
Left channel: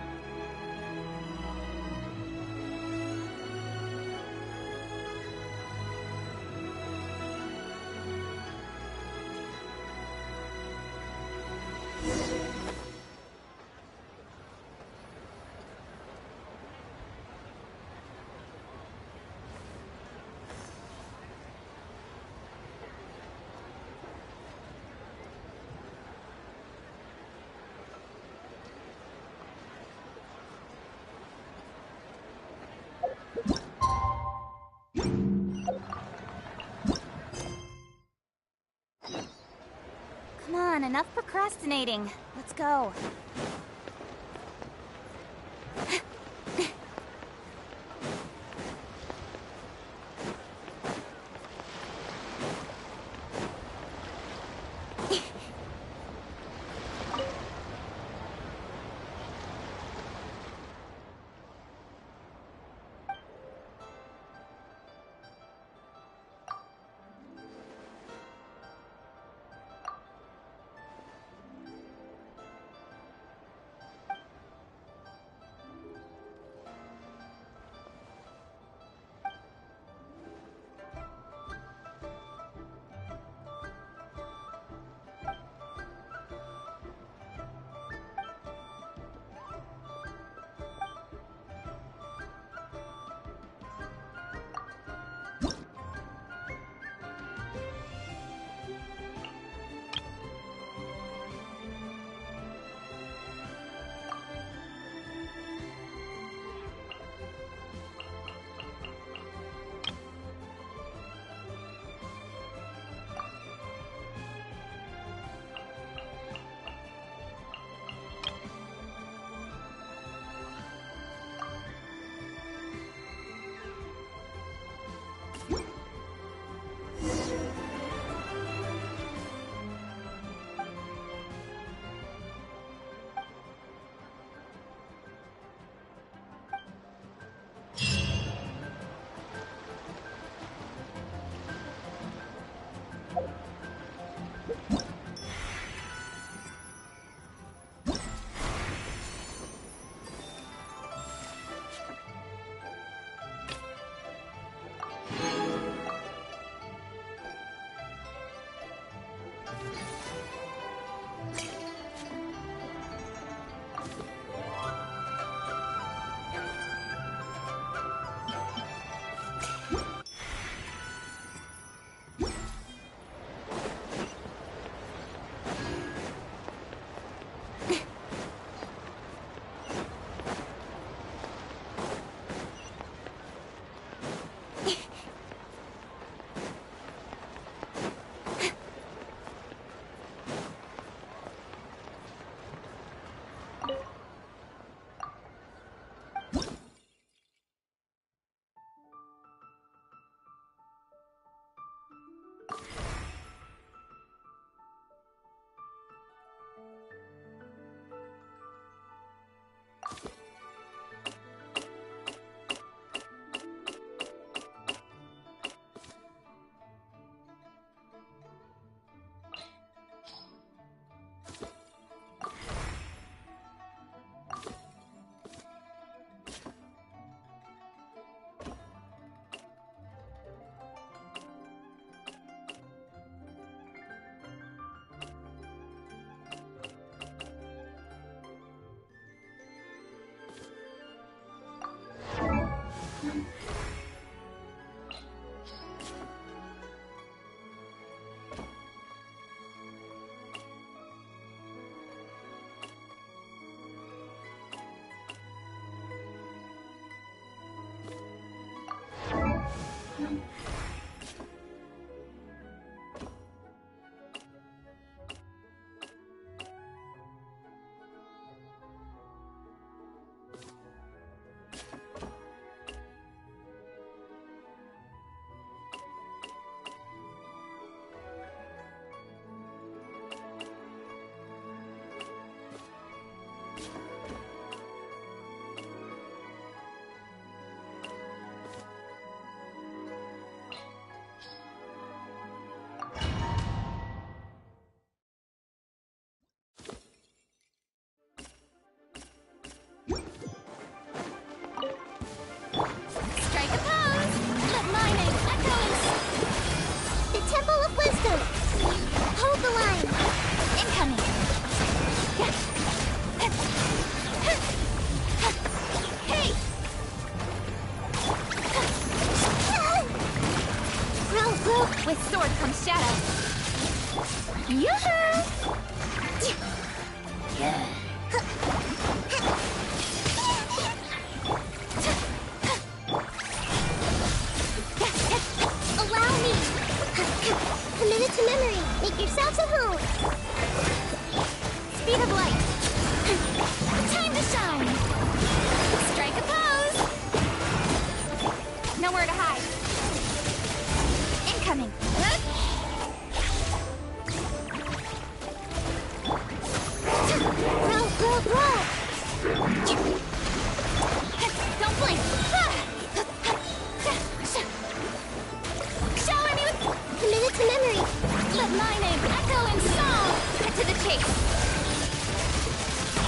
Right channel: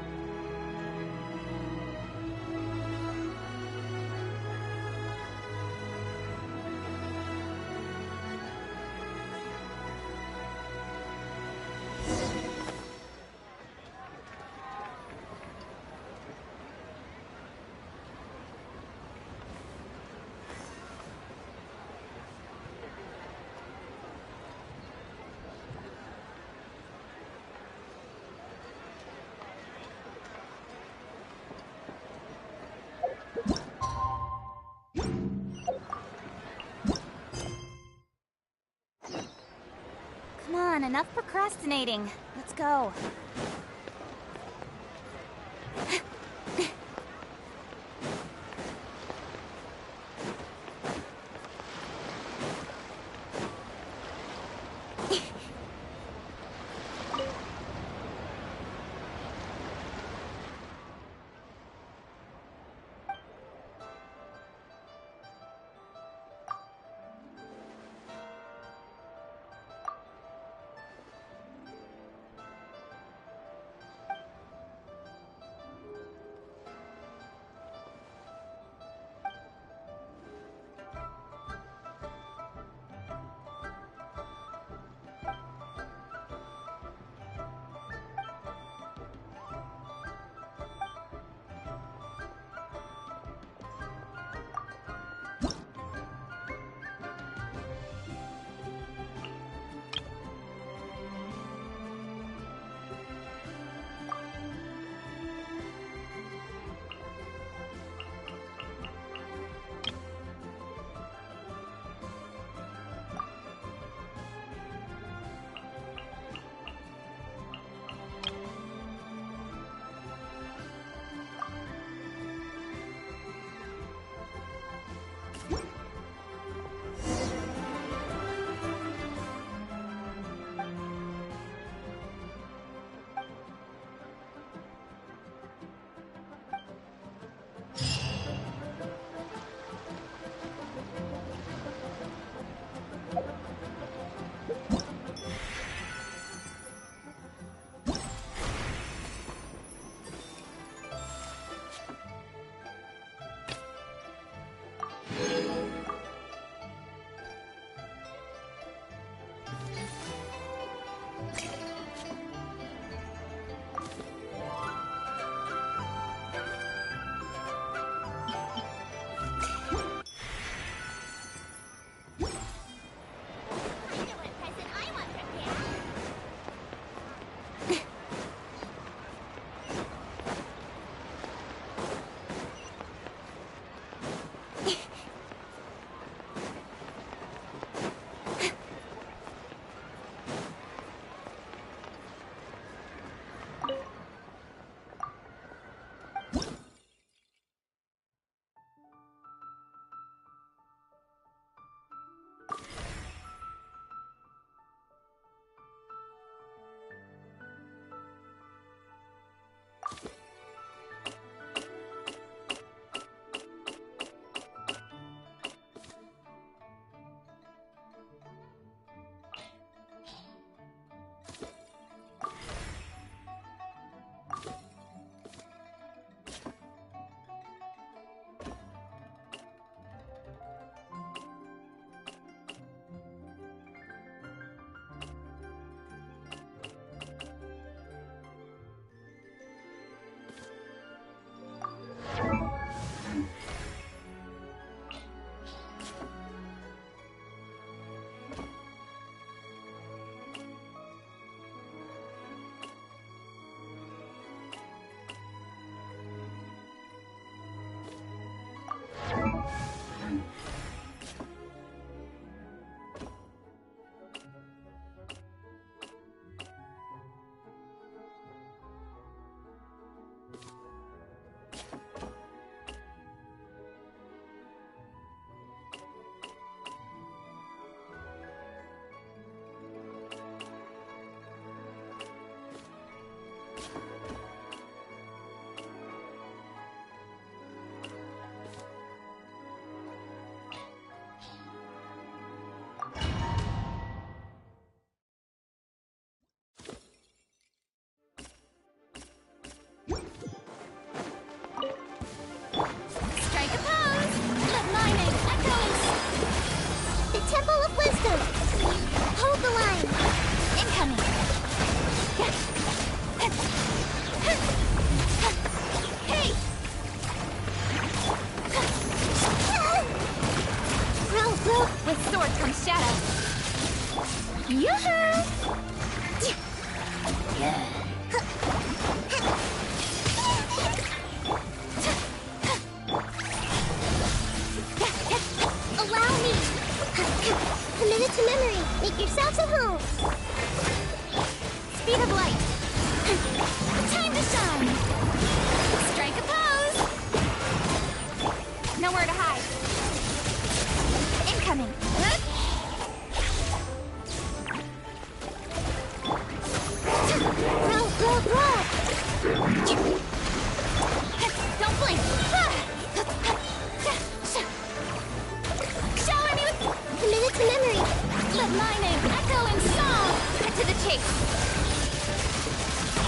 Come on, enough procrastinating. Let's go.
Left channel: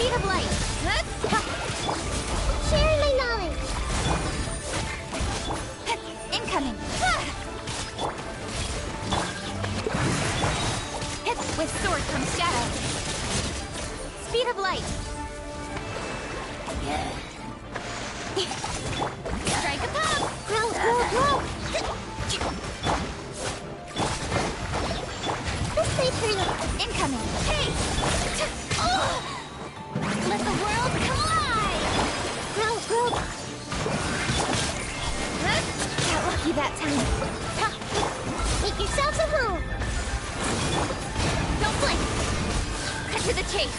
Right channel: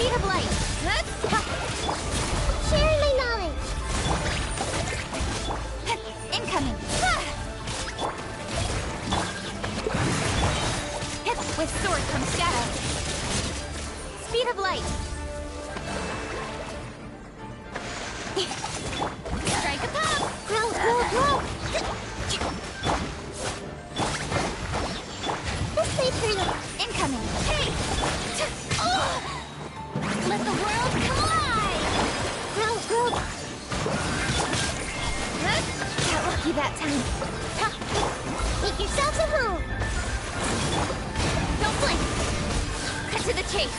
Speed of light. Sharing my knowledge. Incoming. With sword comes shadow. Speed of light. Strike a pop. Grow, grow, grow. This way through. Incoming. Hey! Let the world collide! Grow, grow. Got lucky that time. Make yourselves at home. Don't blink. Cut to the chase.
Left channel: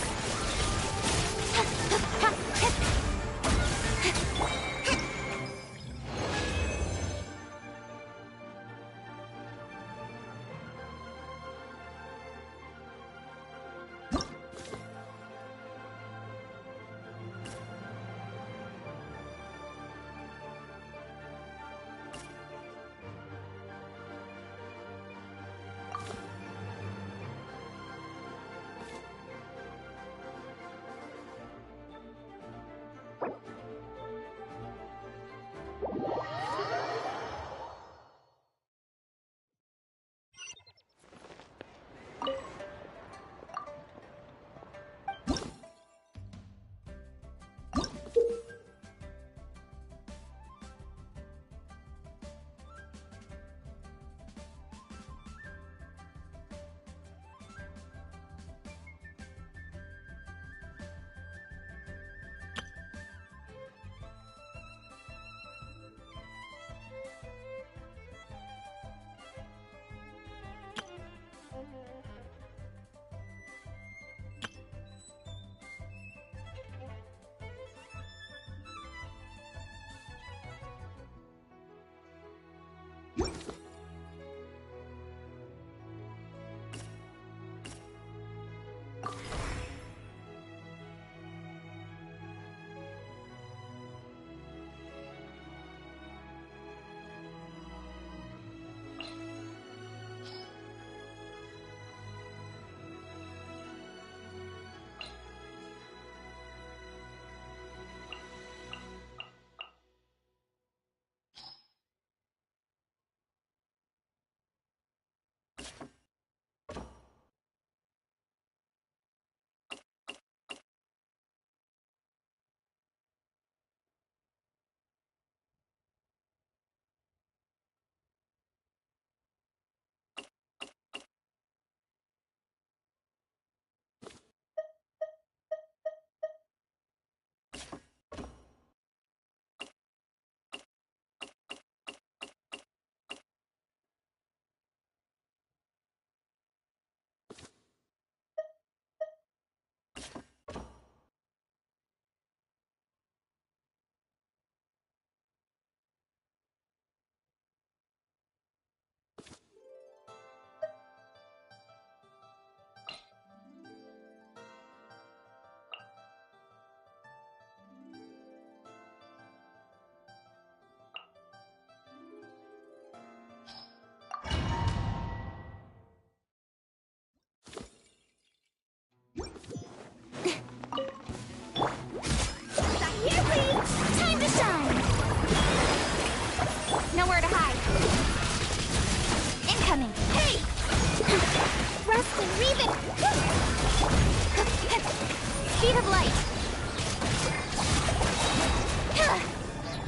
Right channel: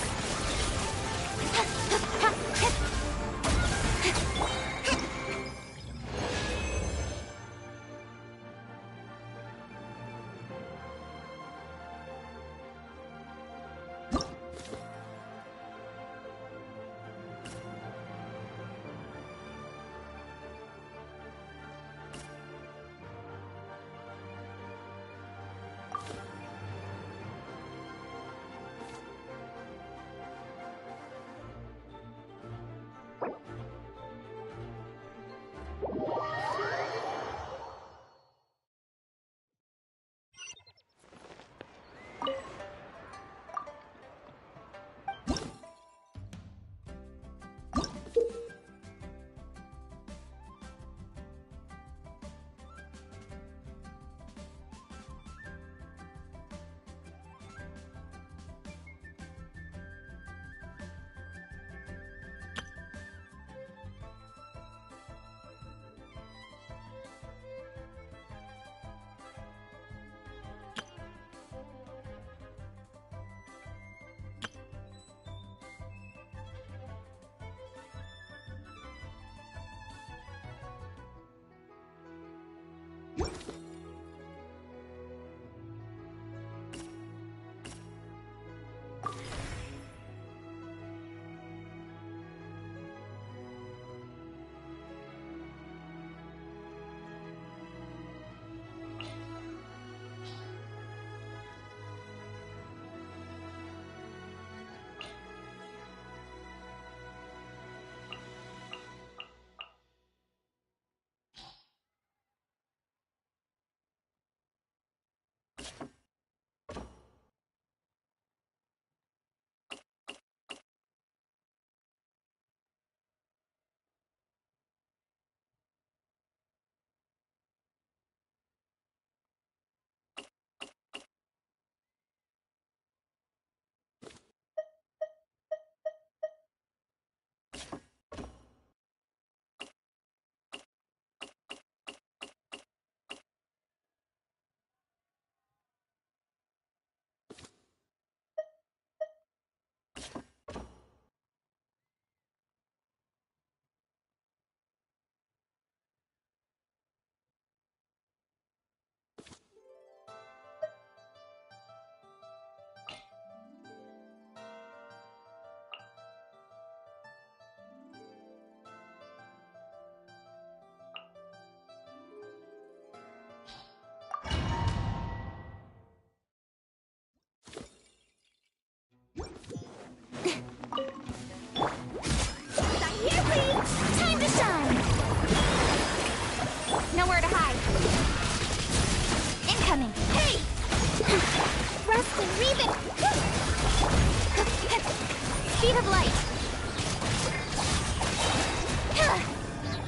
Speed of light.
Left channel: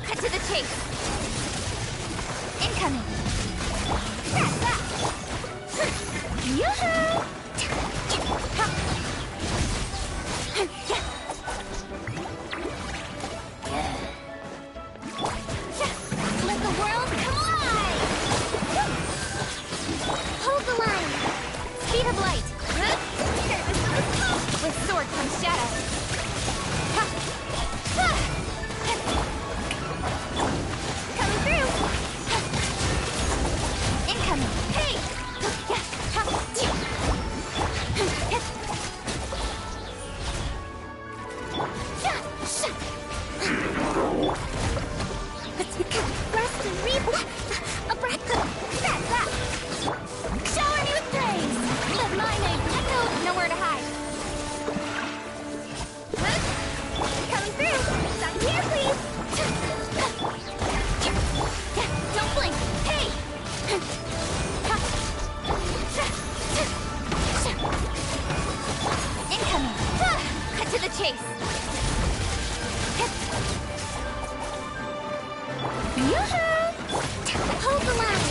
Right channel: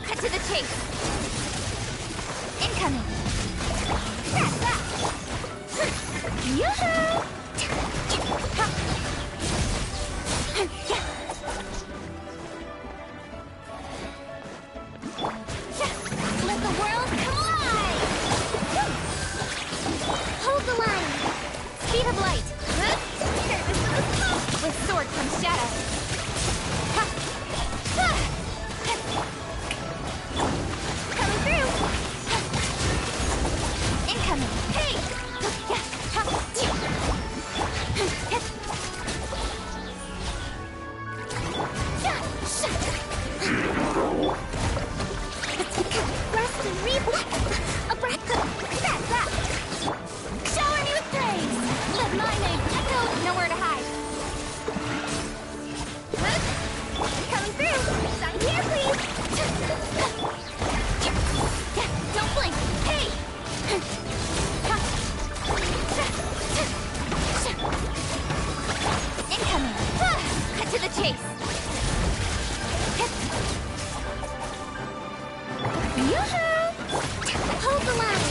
Cut to the chase. Incoming. Yoo-hoo! Let the world collide! Hold the line! Speed of light! With sword comes shadow. chase. Yoo-hoo! Hold the line!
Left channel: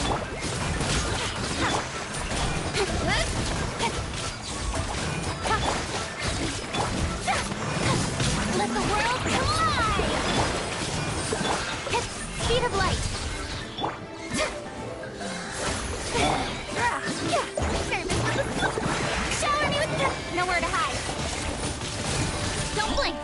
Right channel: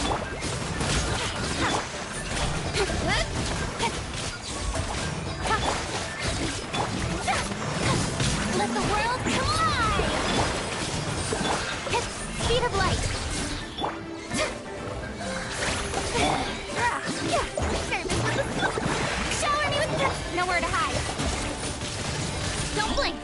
Let the world collide! Speed of light. Shower me with nowhere to hide. Don't blink.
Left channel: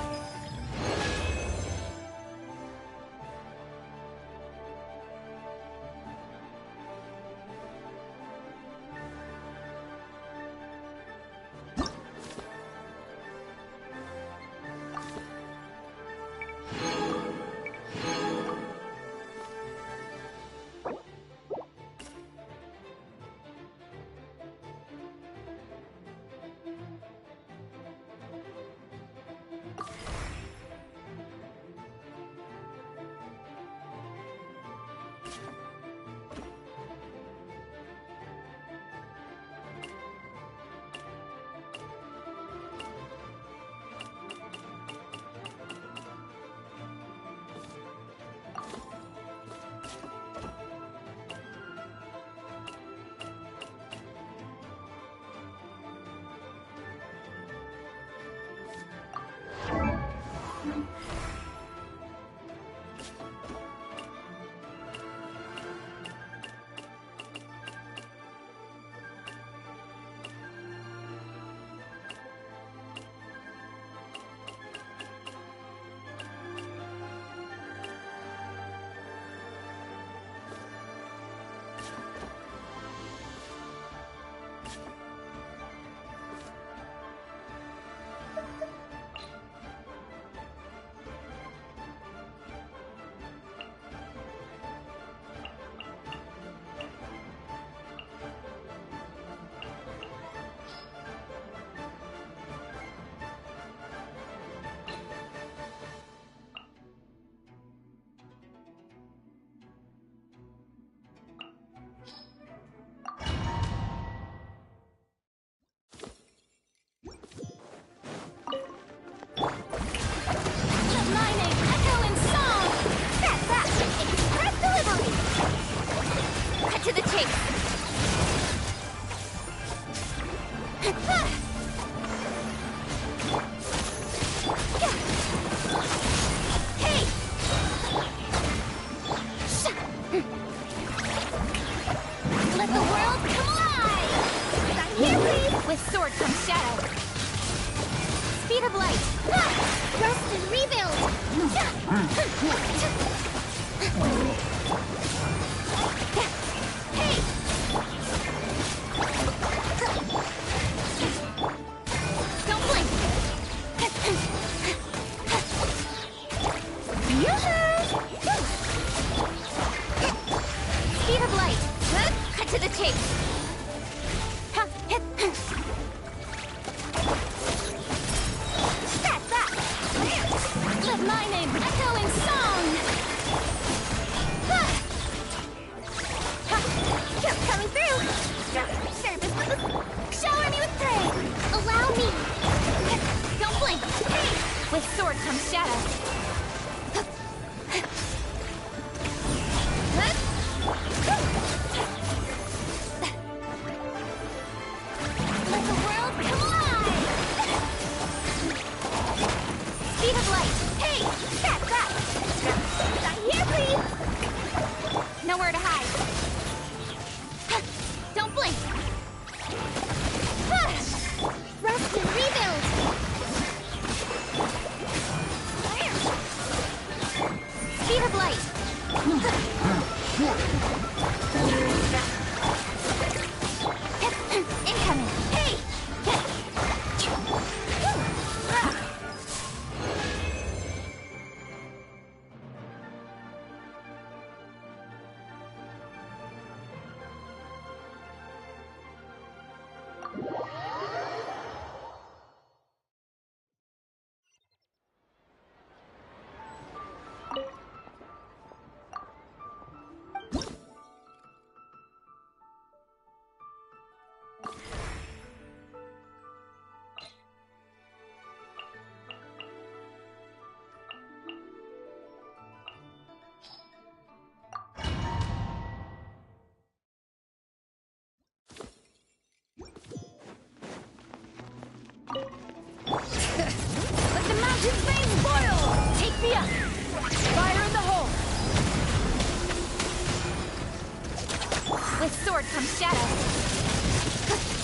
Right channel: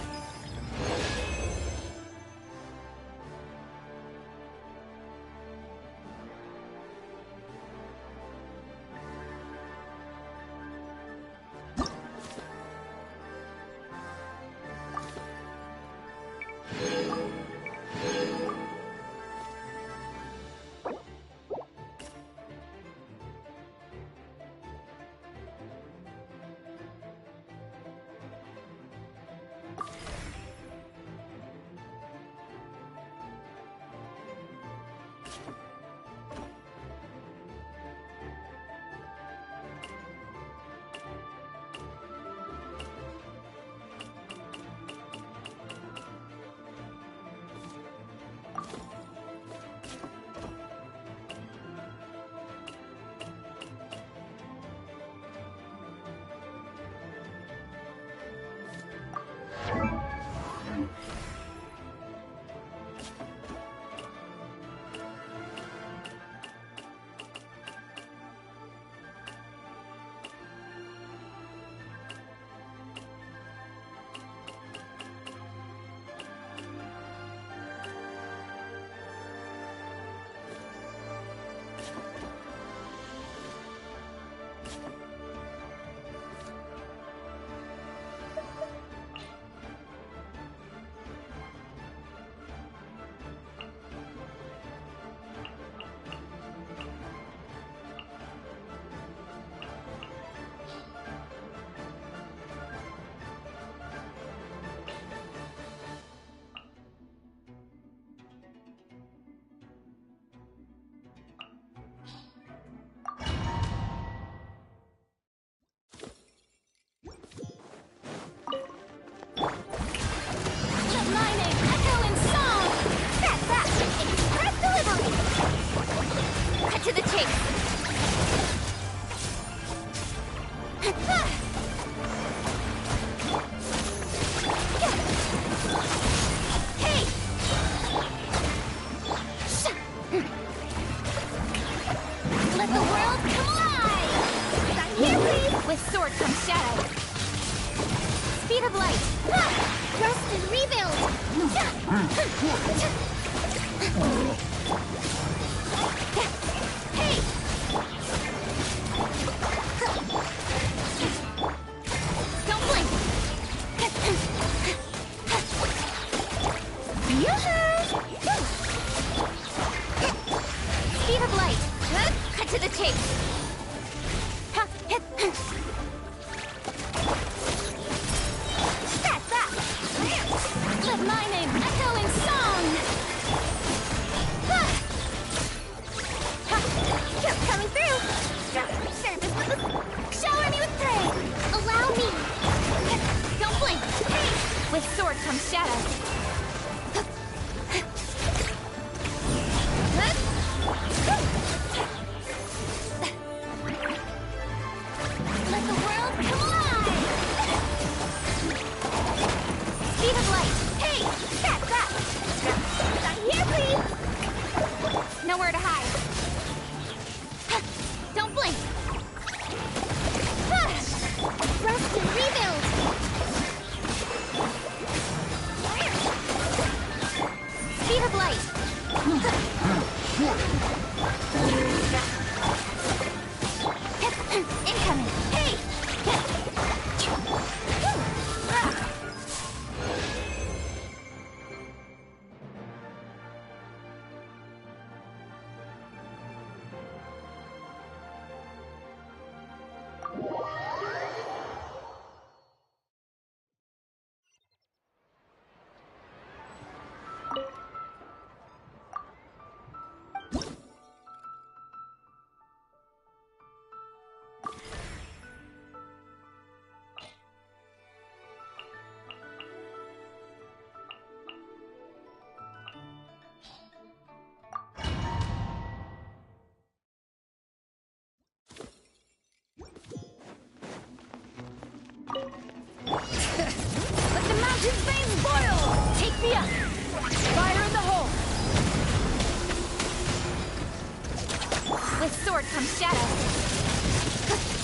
sword comes shadow.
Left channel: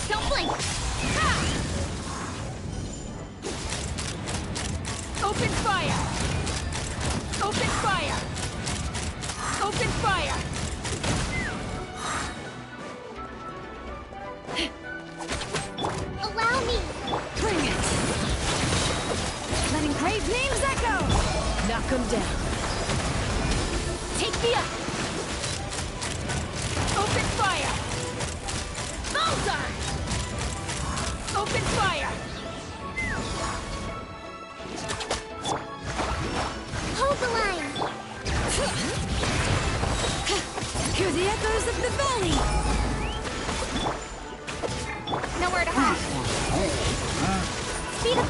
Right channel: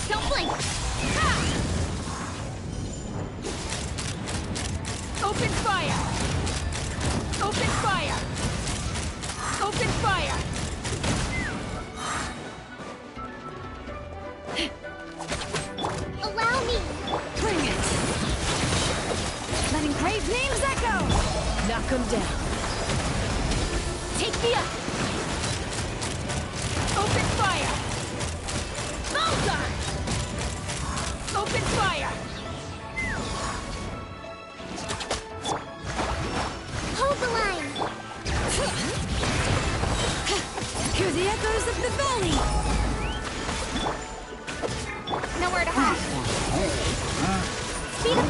Don't blink! Ha! Open fire! Open fire! Open fire! Allow me! Bring it! Letting grave names echo! Knock them down. Take me up! Open fire! Bullseye! Open fire! Hold the line! Hear the echoes of the valley! Nowhere to hide. Speed up!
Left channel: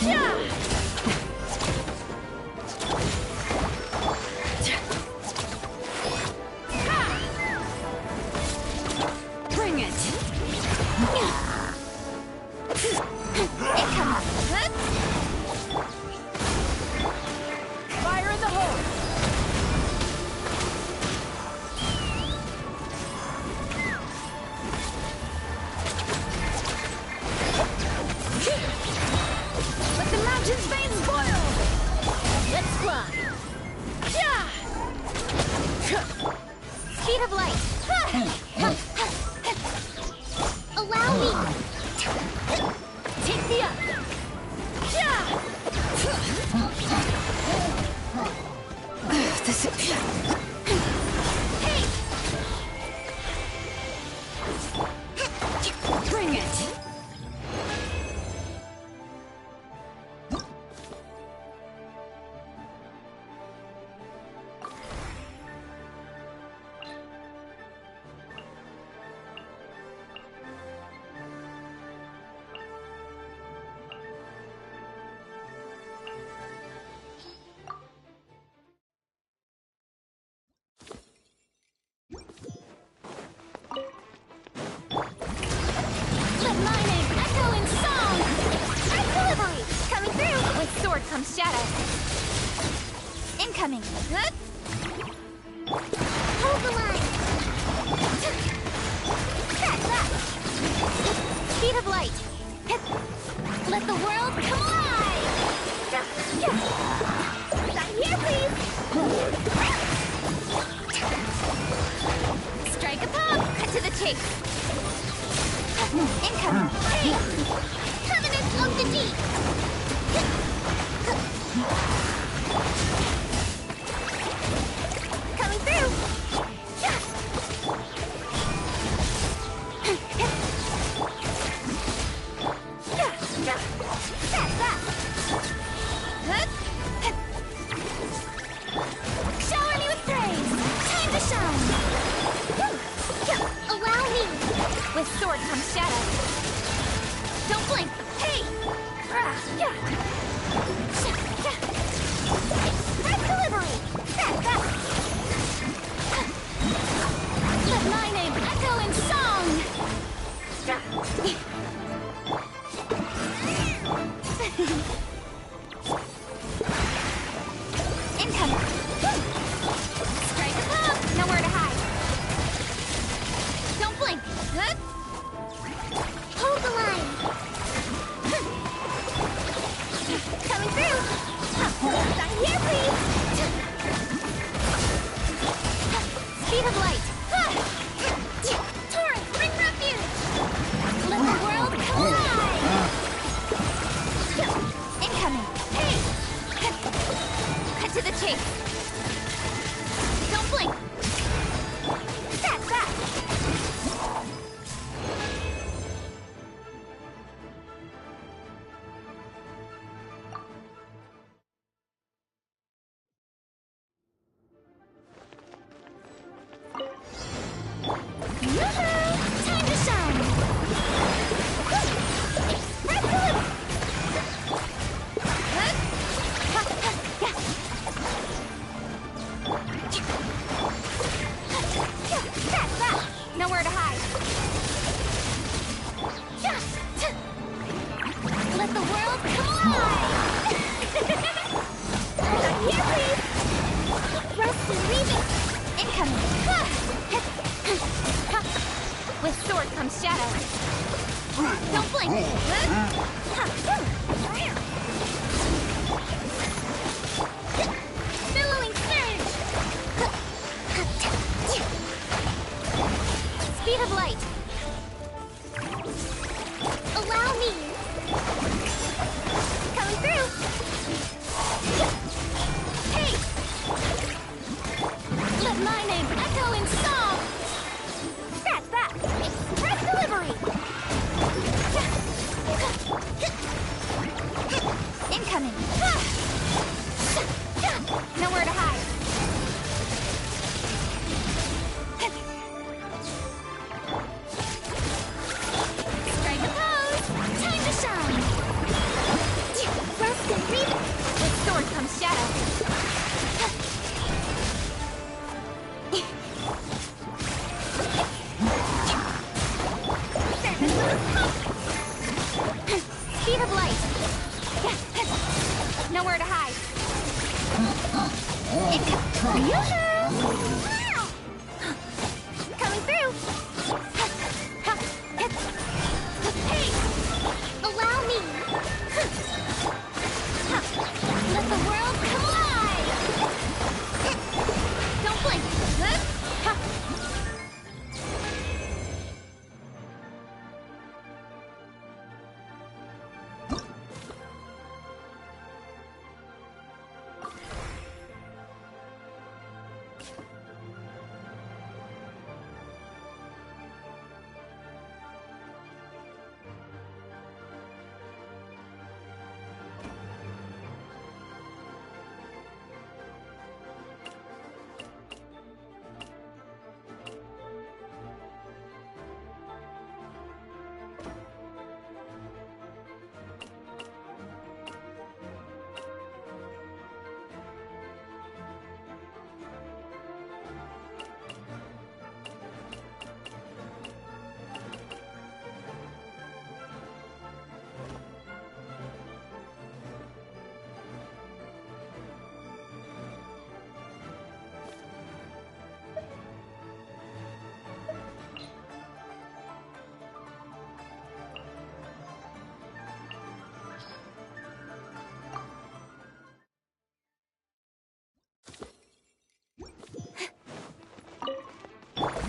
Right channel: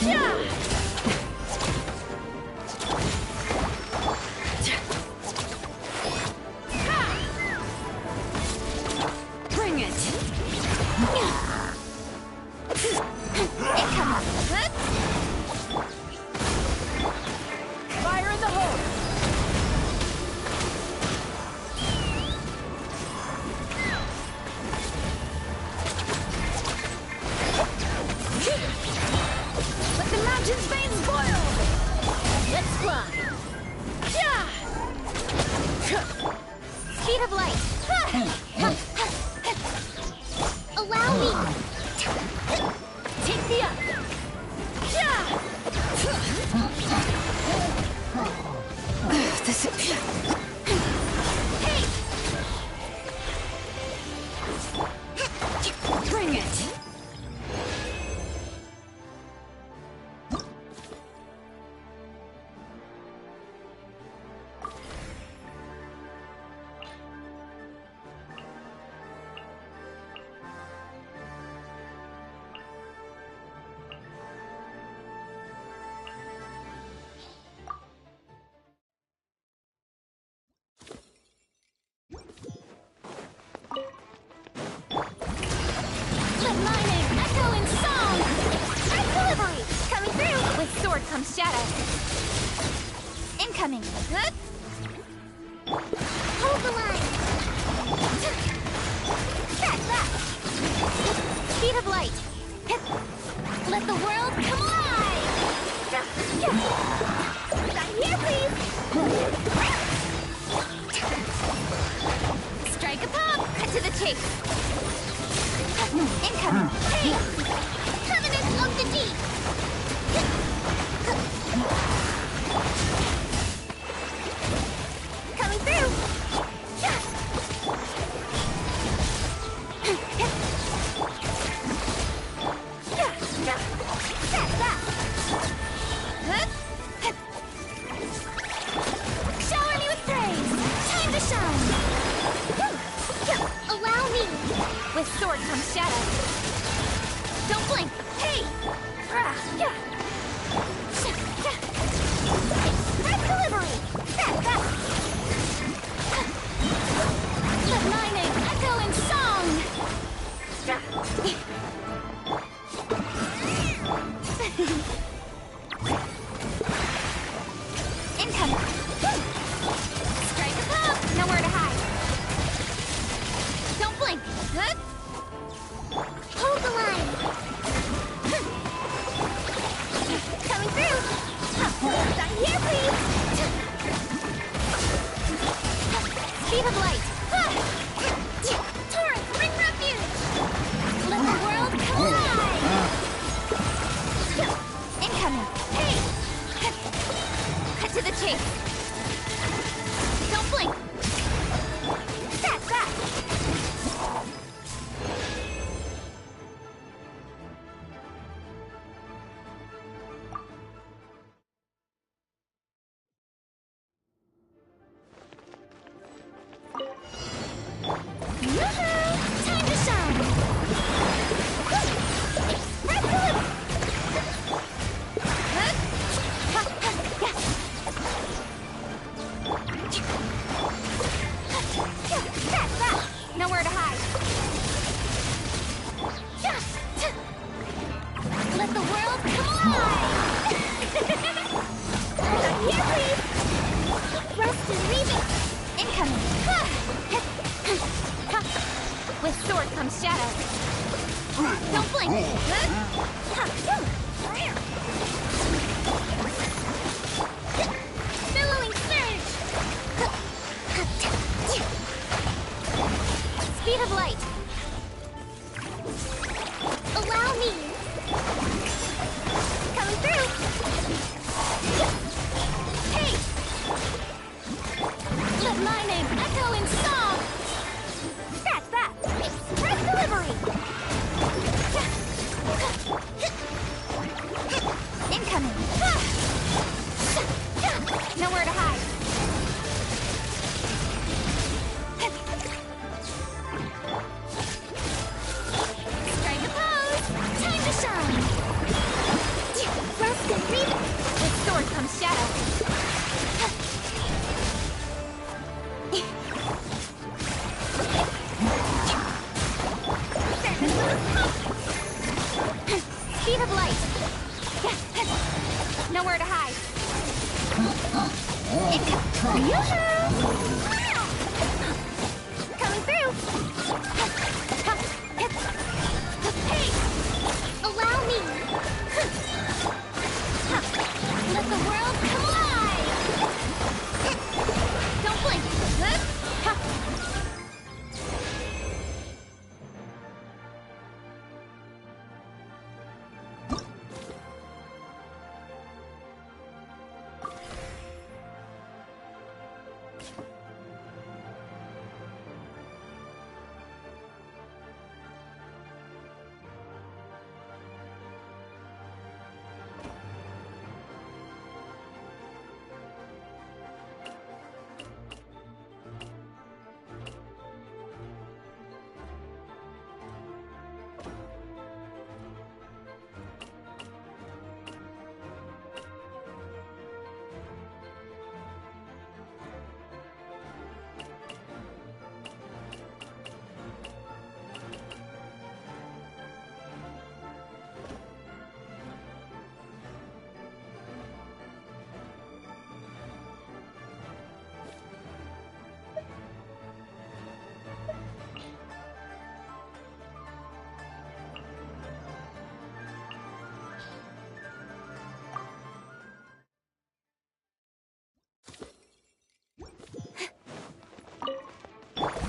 Yeah! Bring it! Fire in the hole! Let the mountain's veins boil! Let's fly! Yeah! Speed of light! Allow me! Take me up! Yeah! This is... Hey! Bring it! Let my name echo in song! Red delivery! Coming through! With sword comes shadow. Incoming! Huh? Hold the line! That! Speed of light! Let the world come alive! Not here, please! Strike a pop! Cut to the chase! Incoming! Hey! Covenant of the Deep! Coming through! Shower me with praise! Time to shine! Allow me! With sword comes shadow. Don't blink! Hey! Red delivery! Let my name echo in song! Incoming! Strike a pop! Nowhere to hide! Don't blink! Hold the line! Coming through! Not here, please! Speed of light! Torrent, bring refuge! Let the world comes shadow. Don't blink! Billowing surge! Speed of light! Allow me! Coming through! Hey! Let my name echo in song! Scratch that! Express delivery! Incoming! Nowhere to hide! Strike a pose! Time to shine! Rest and breathe! With sword comes shadow! Speed of light! Nowhere to hide! Coming through! Hey! Allow me! Let the world come alive! Don't blink!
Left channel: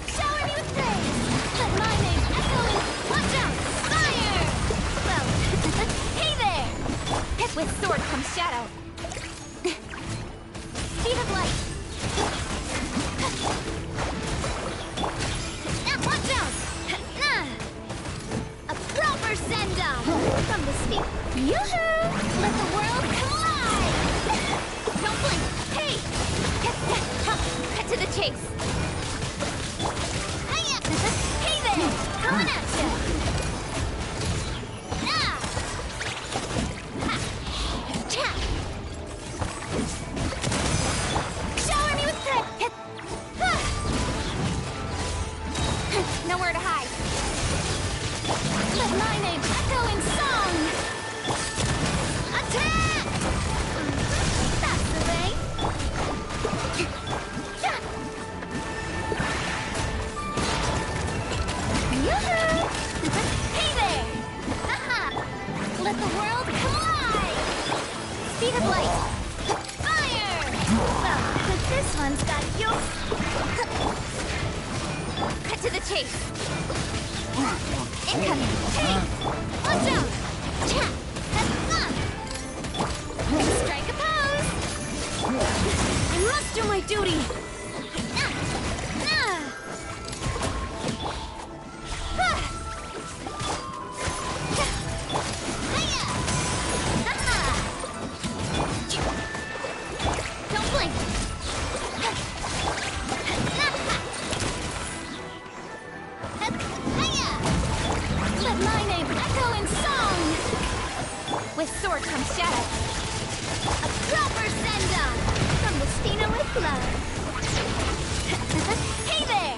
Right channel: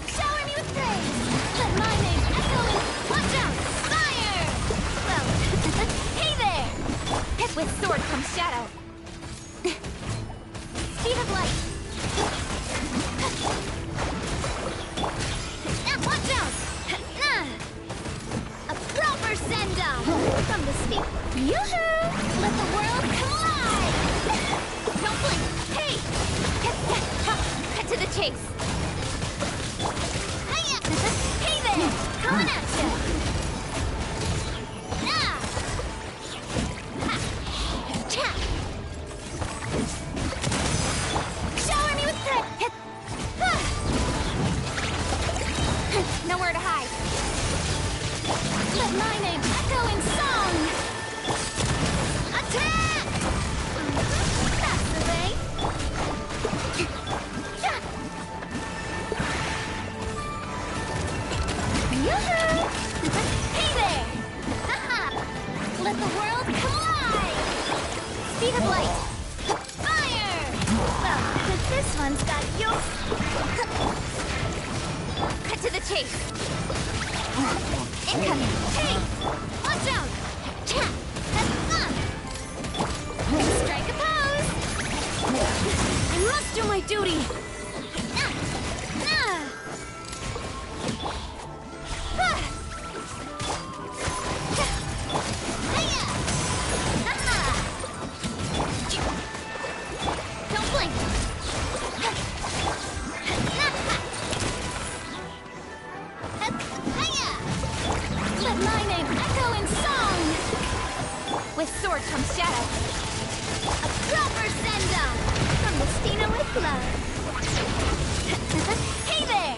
Shower me with praise! Let my name echo in... Watch out! Fire! Well, hey there! With sword comes shadow. Speed of light! Watch out! A proper send-off! From the speed... Yoo-hoo! Let the world come alive! Don't blink! Hey! Cut to the chase! Hey there! Coming at ya! Shower me with praise! Nowhere to hide. Let my name echo in song! Attack! That's the way! Yoo-hoo! Hey there! Haha! Let the world come alive! Speed of light! Fire! Well, this one's got you. Cut to the chase! Incoming! Hey! Watch out! Strike a pose! I must do my duty! Don't blink! Let my name echo in song! With sword comes shadow. A proper send-off! From Mestina with love. Hey there!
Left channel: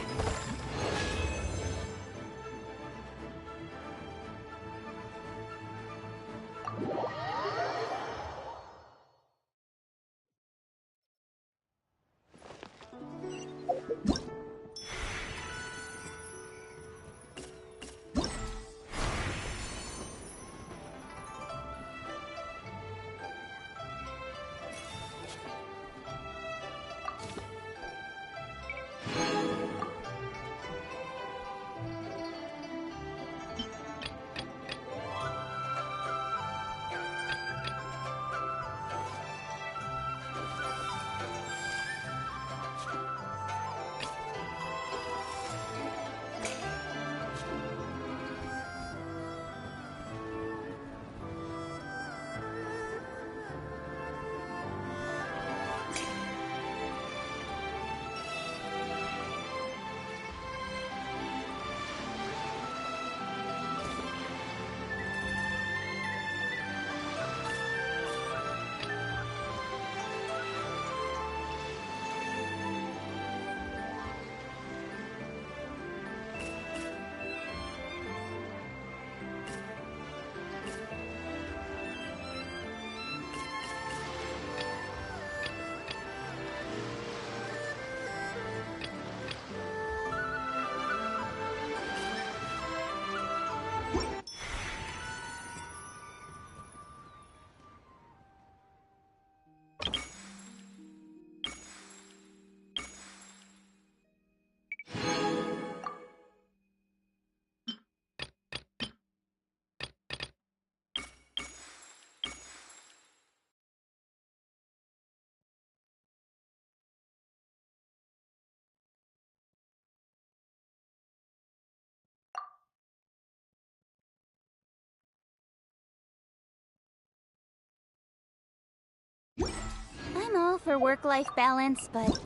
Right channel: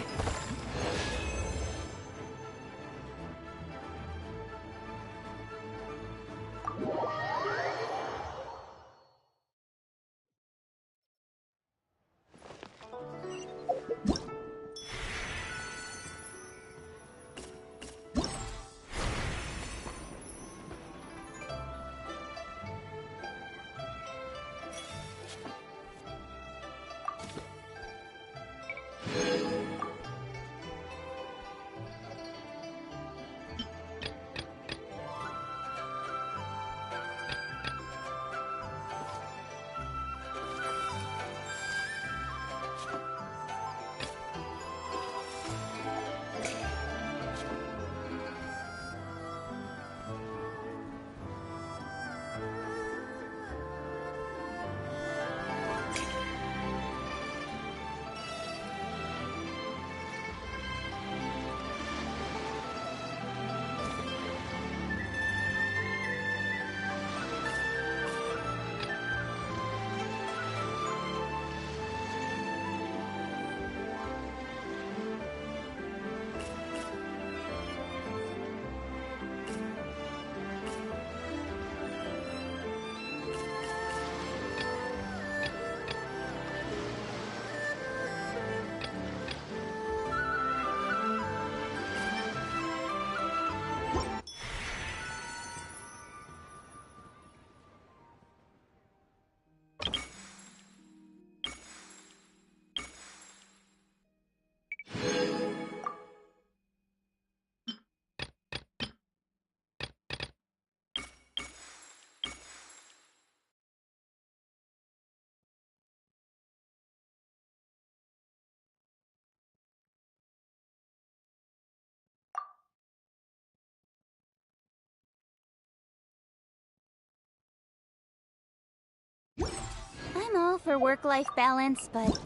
for work-life balance, but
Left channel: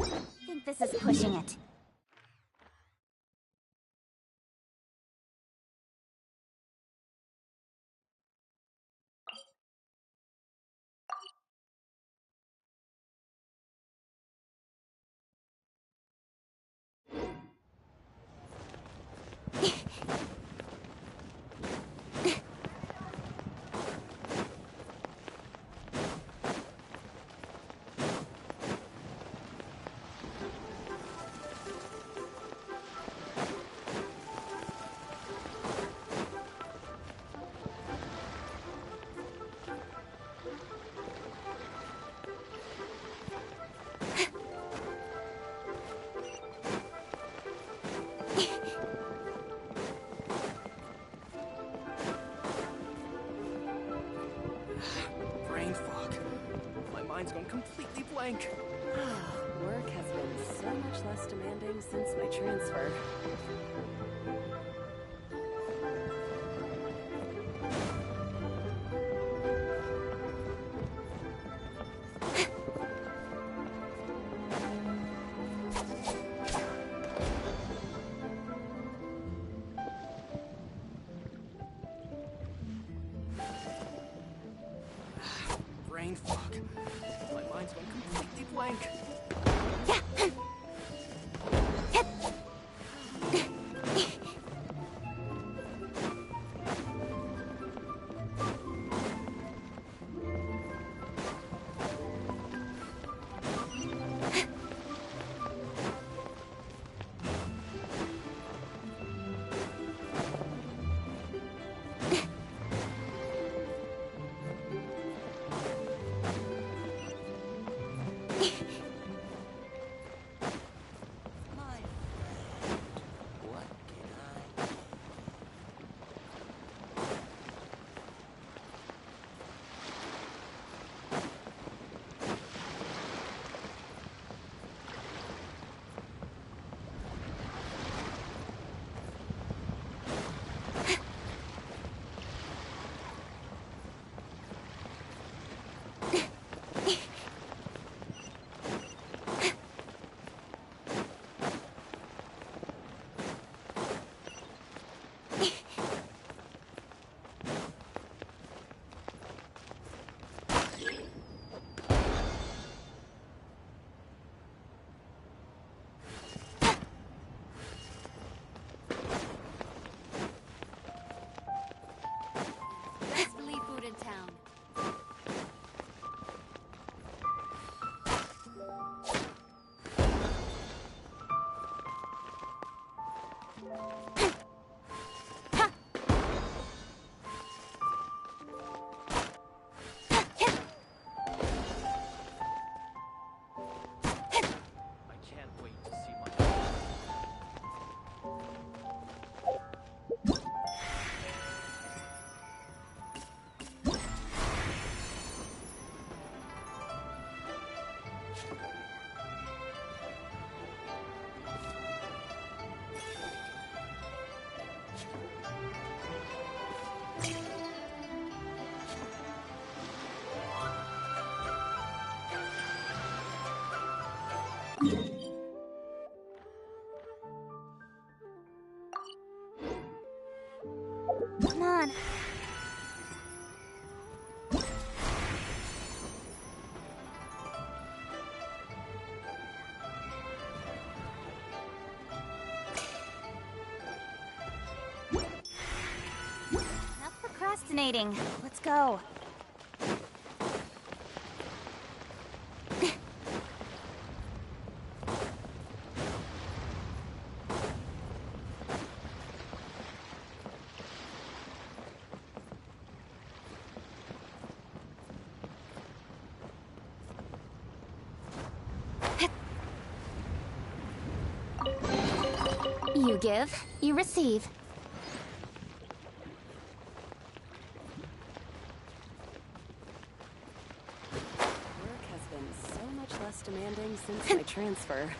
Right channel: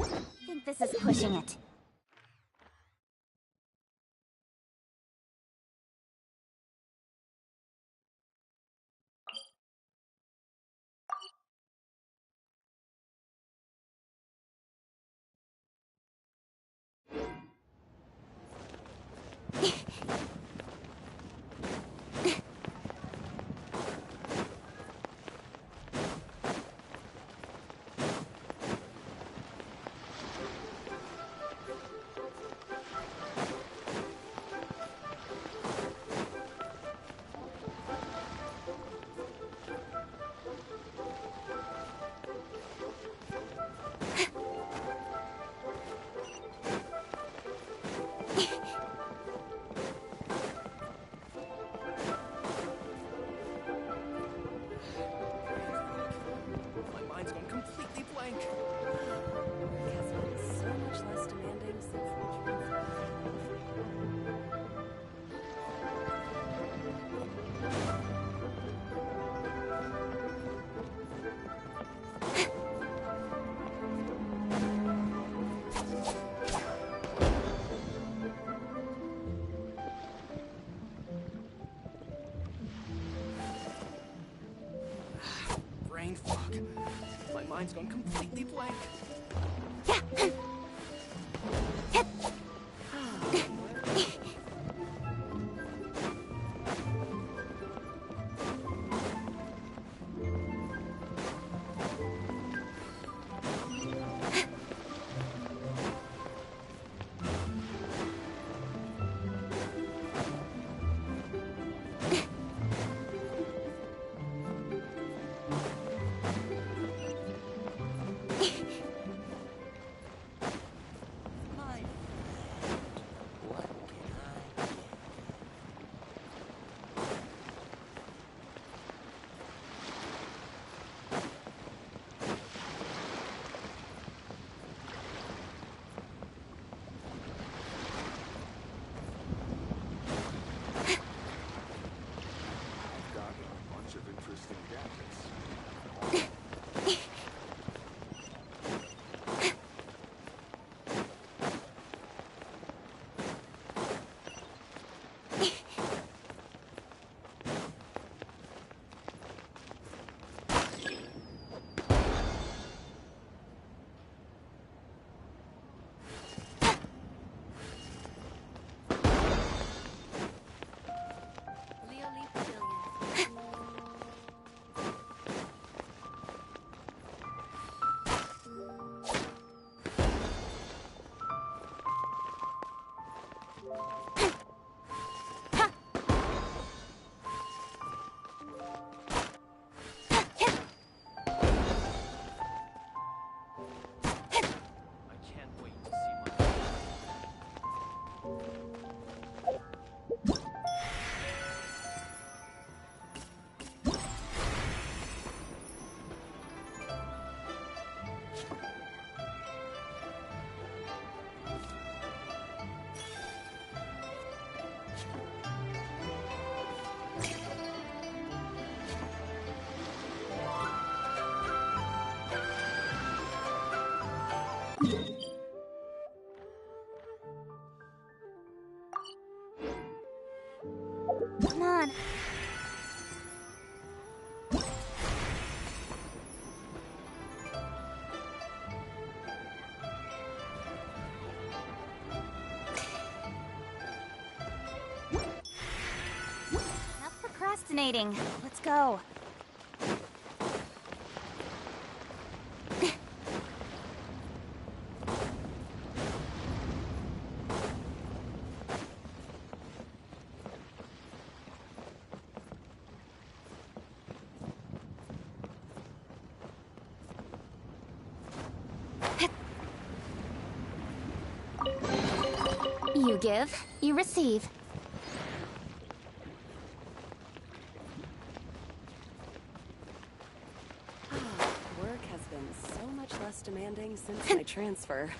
I think this is pushing it. Brain fog. My mind's gone completely blank. Work has been so much less demanding since my transfer. Brain fog. My mind's gone completely blank. Come on. Enough procrastinating. Let's go. You give, you receive. Work has been so much less demanding since my transfer.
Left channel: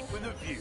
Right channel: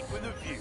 seat with a view.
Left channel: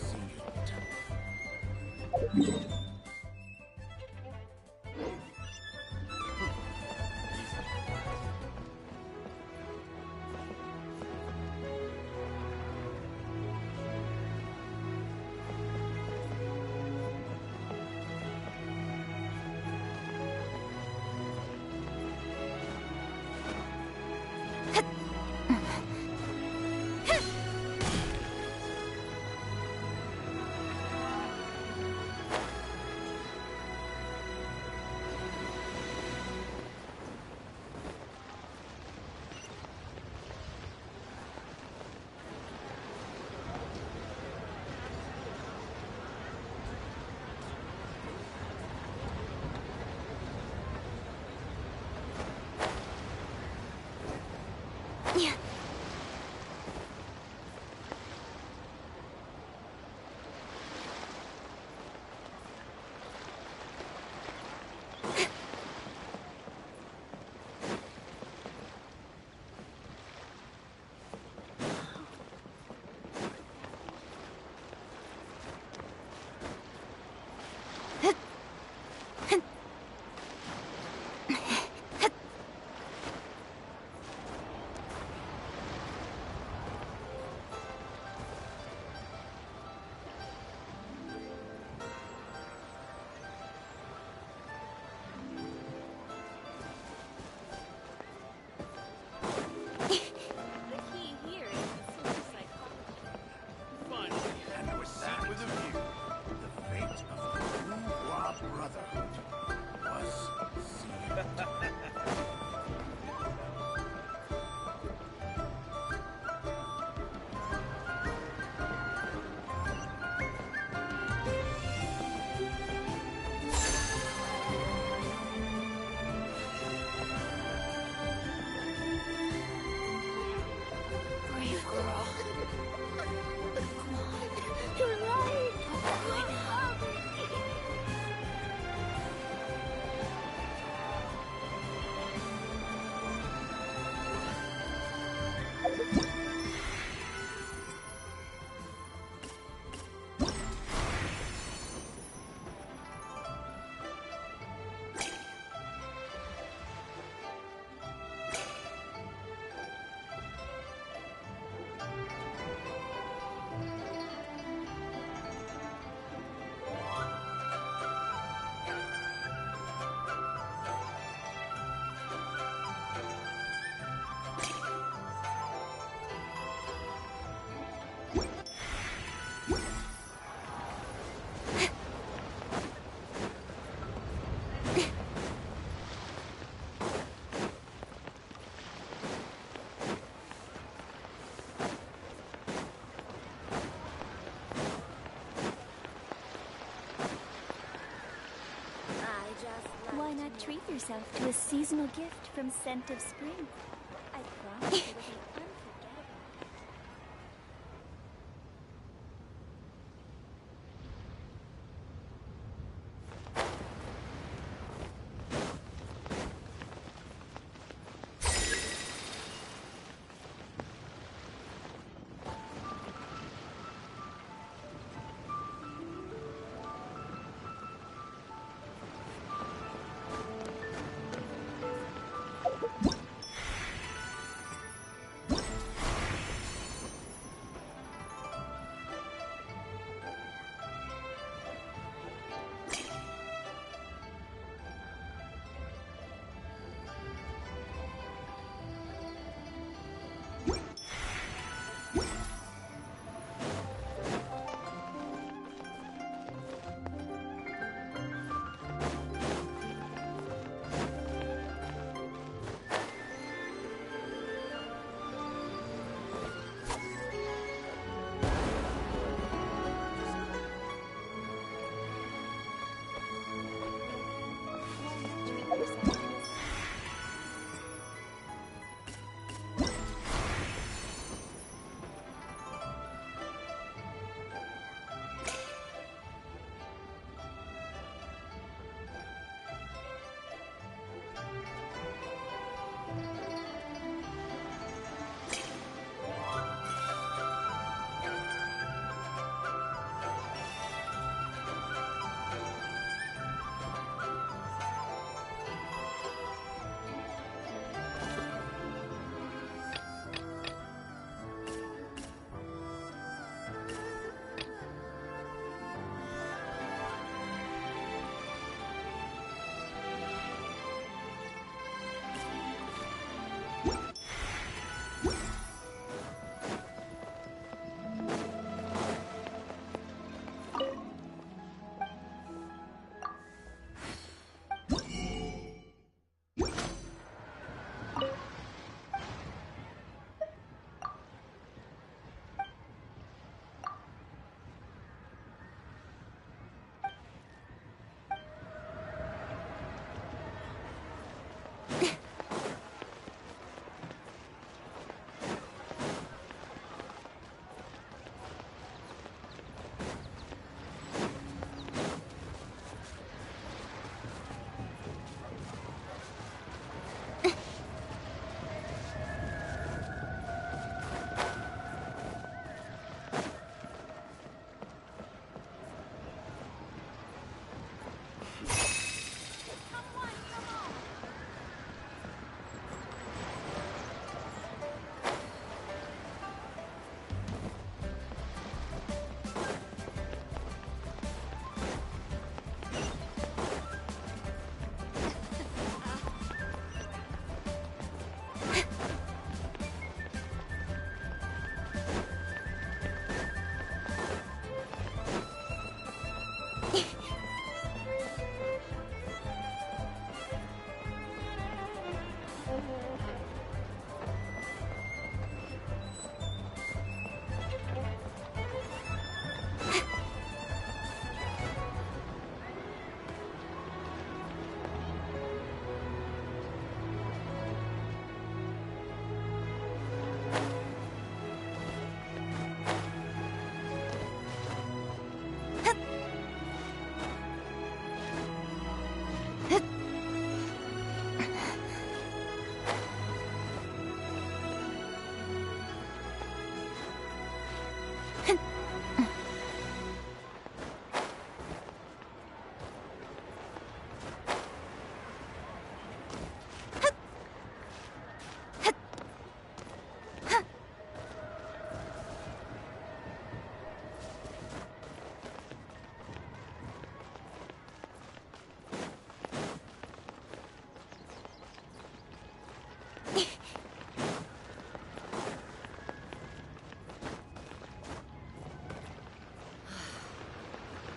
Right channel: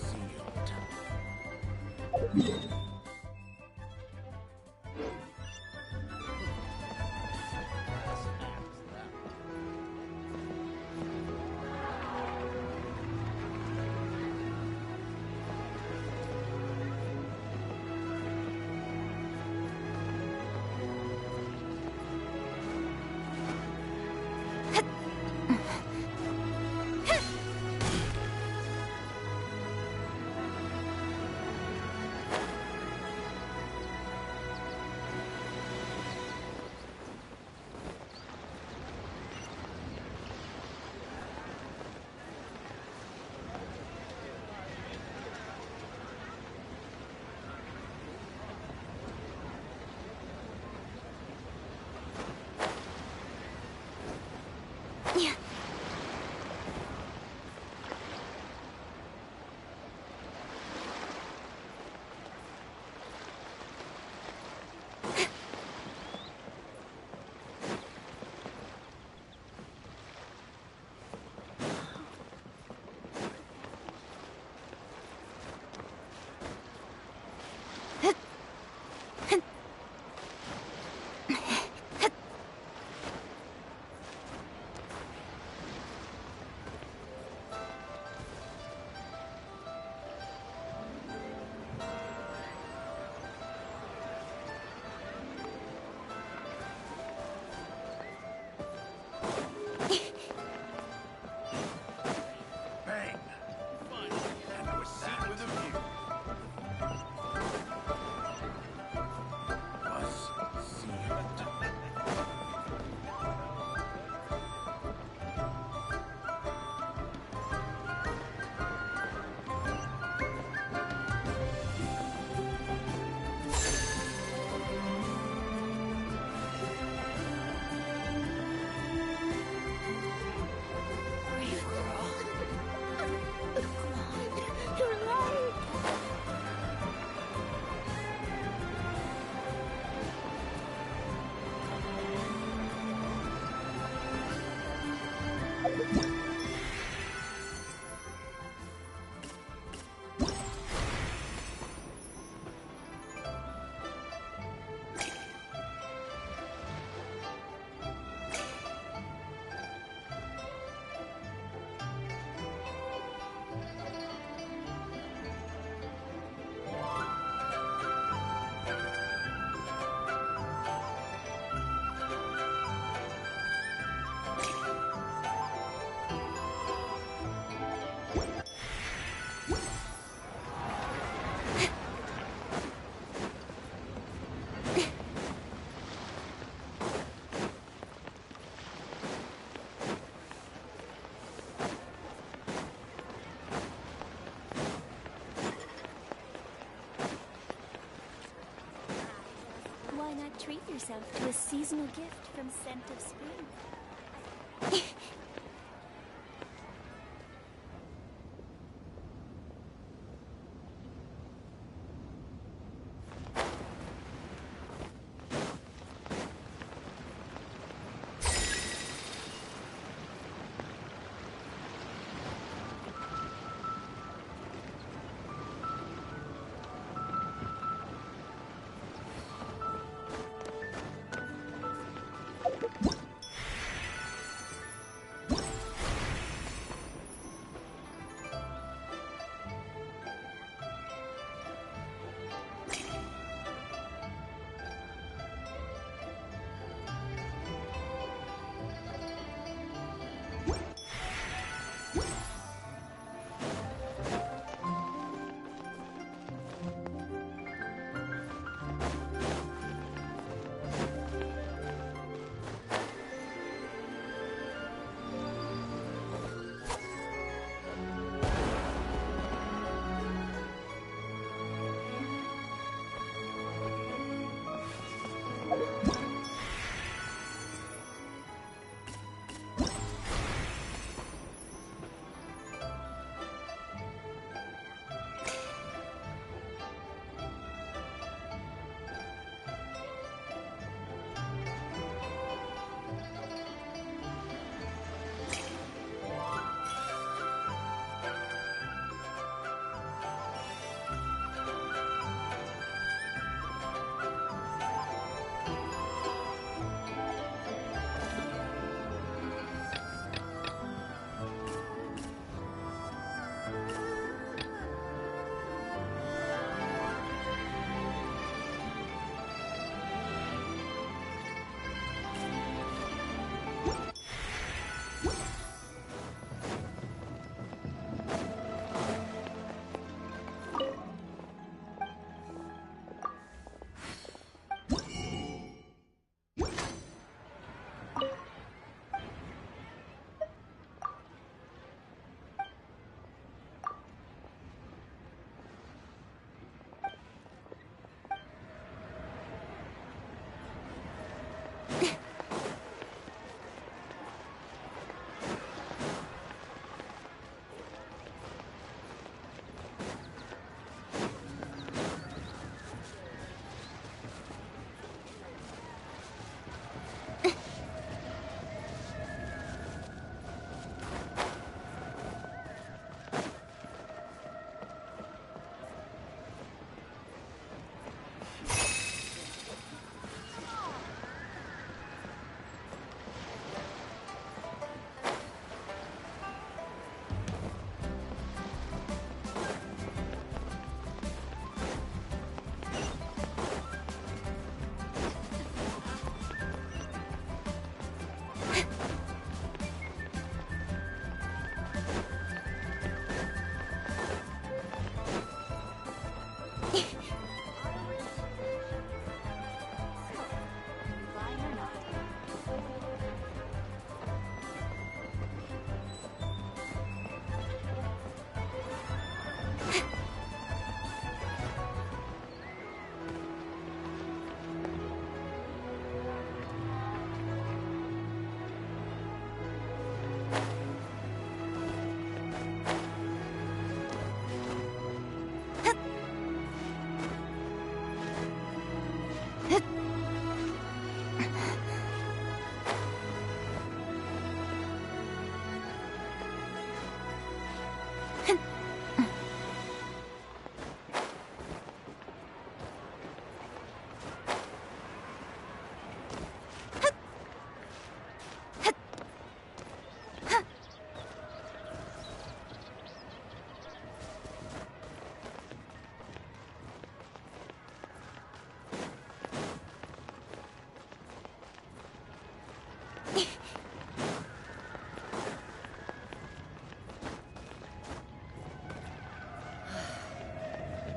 Why not treat yourself to a seasonal gift from Scent of Spring?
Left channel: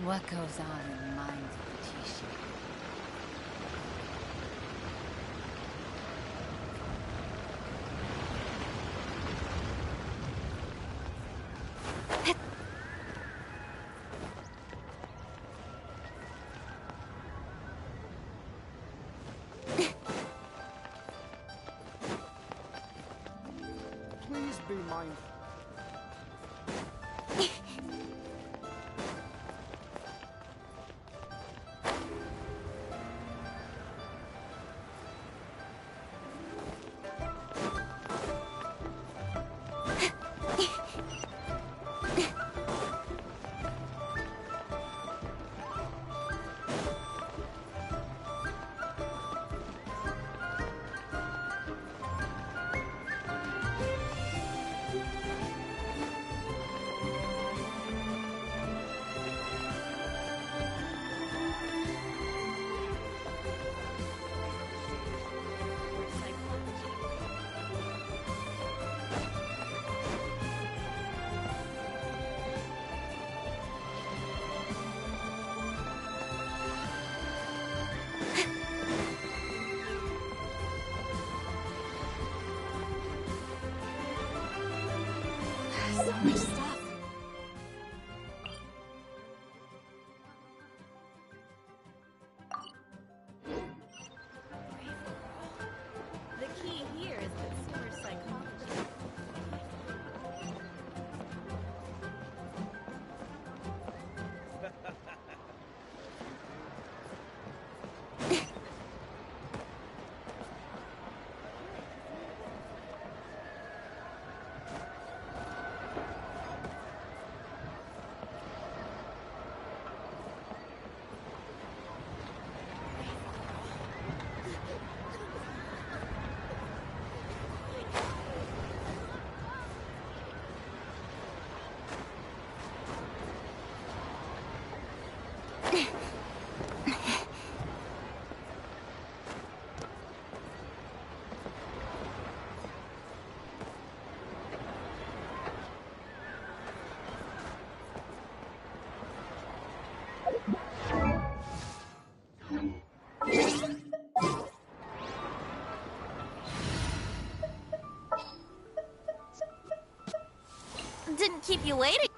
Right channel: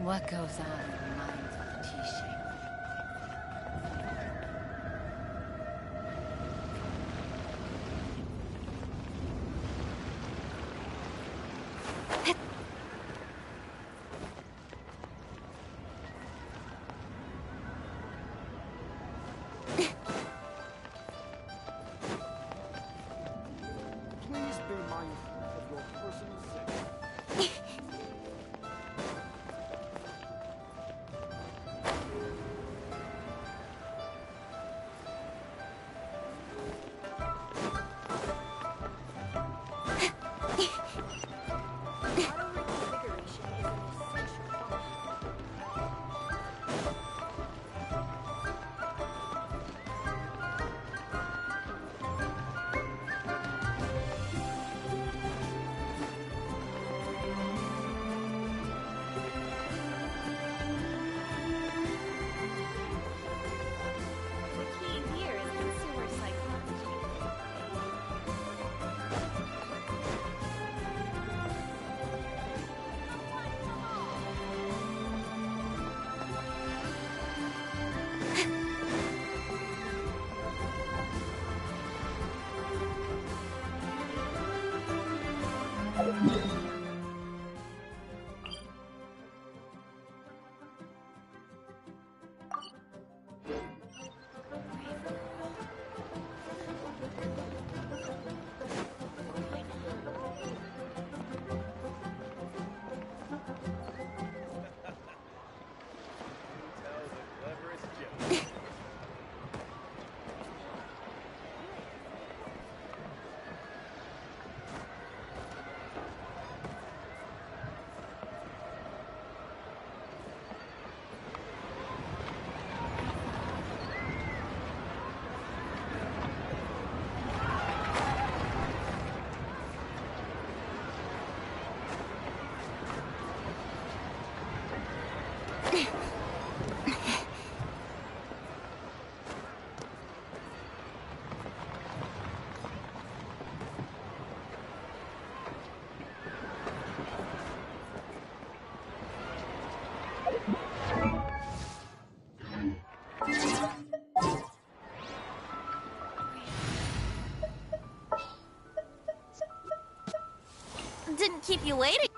What goes on in the minds of the T-shape? Please be mindful of your persons. Didn't keep you waiting.